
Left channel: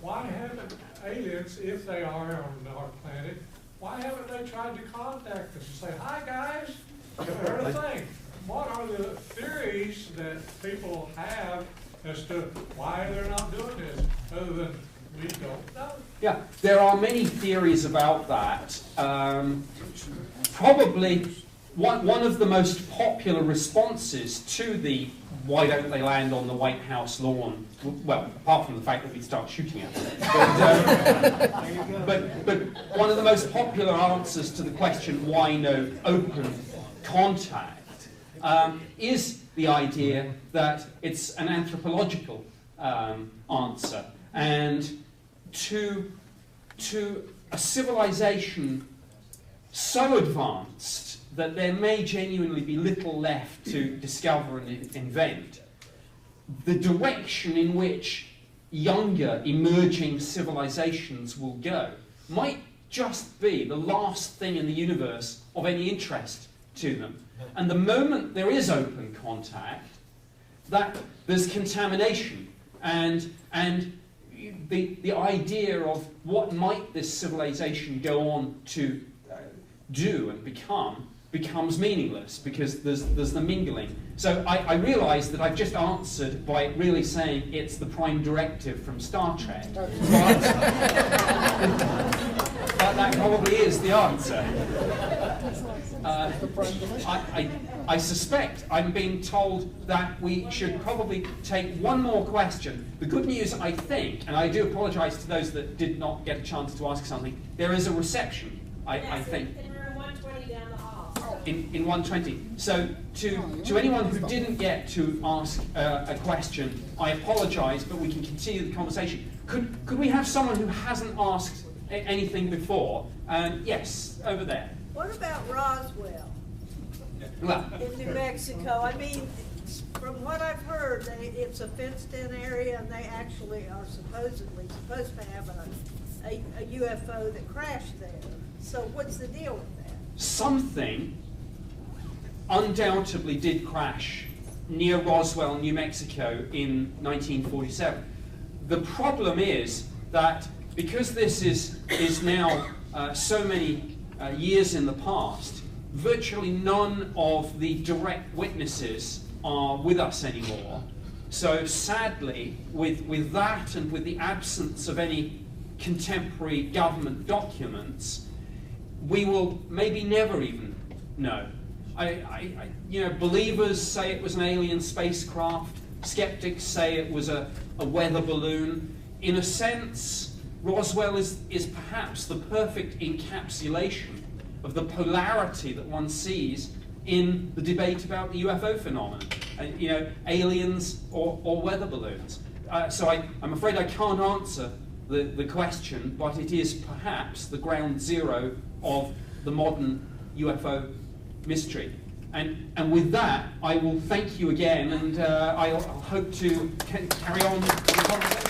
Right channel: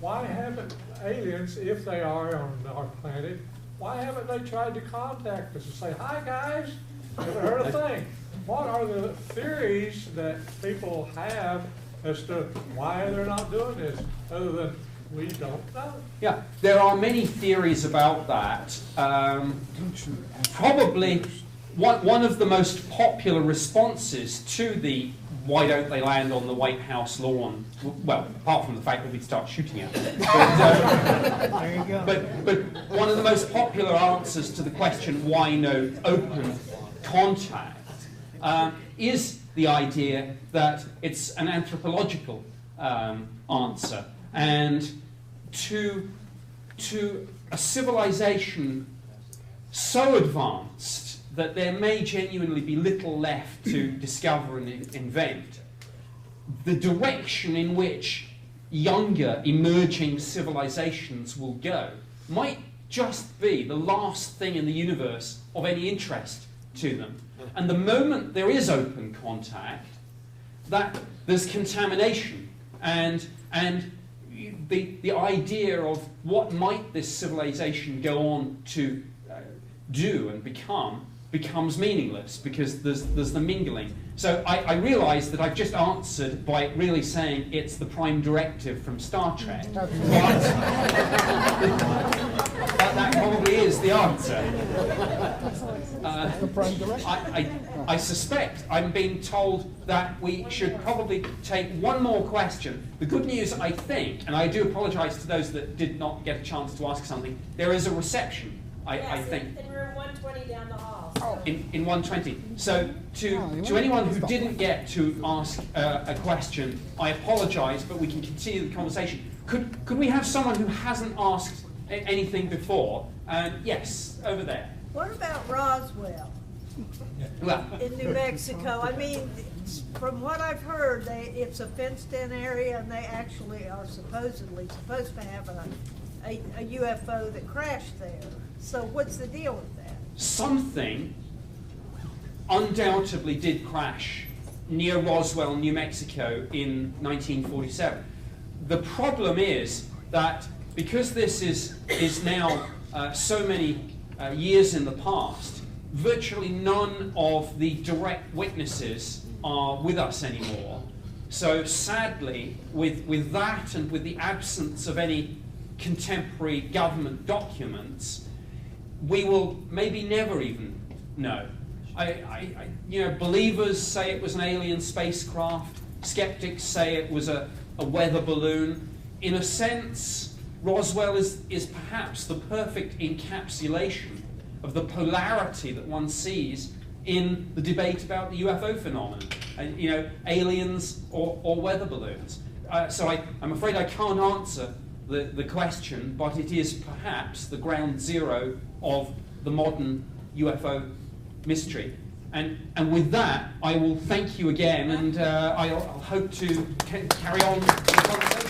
Why haven't aliens, if they are on our planet, why haven't they tried to contact us and say, hi guys, never heard a thing? What are the theories that people have as to why they're not doing this, other than we don't know? Yeah, there are many theories about that. Probably one of the most popular responses to the why don't they land on the White House lawn, well, apart from the fact that we'd start shooting at them, but one of the most popular answers to the question why no open contact is the idea that it's an anthropological answer, and to a civilization so advanced that there may genuinely be little left to discover and invent, the direction in which younger emerging civilizations will go might just be the last thing in the universe of any interest to them. And the moment there is open contact, that there's contamination, and the idea of what might this civilization go on to do and becomes meaningless, because there's the mingling. So I realise that I've just answered by really saying it's the prime directive from Star Trek. But that probably is the answer. I suspect I'm being told that we should probably take one more question. The good news, I think, and I do apologise to those that did not get a chance to ask something, there is a reception, I think. In room 120 down the hall. In 120. So to anyone who didn't get to ask a question, I apologise, but we can continue the conversation. Could we have someone who hasn't asked anything before? Yes, over there. What about Roswell Well, in New Mexico? I mean, from what I've heard, it's a fenced-in area, and they actually are supposedly supposed to have a UFO that crashed there. So what's the deal with that? something undoubtedly did crash near Roswell, New Mexico in 1947. The problem is that because this is now so many years in the past, virtually none of the direct witnesses are with us anymore. So sadly, with that and with the absence of any contemporary government documents, we will maybe never even know. Believers say it was an alien spacecraft. Skeptics say it was a weather balloon. In a sense, Roswell is perhaps the perfect encapsulation of the polarity that one sees in the debate about the UFO phenomenon. Aliens or weather balloons. So I'm afraid I can't answer the question, but it is perhaps the ground zero of the modern UFO mystery. And with that, I will thank you again, and I'll hope to carry on the conversation.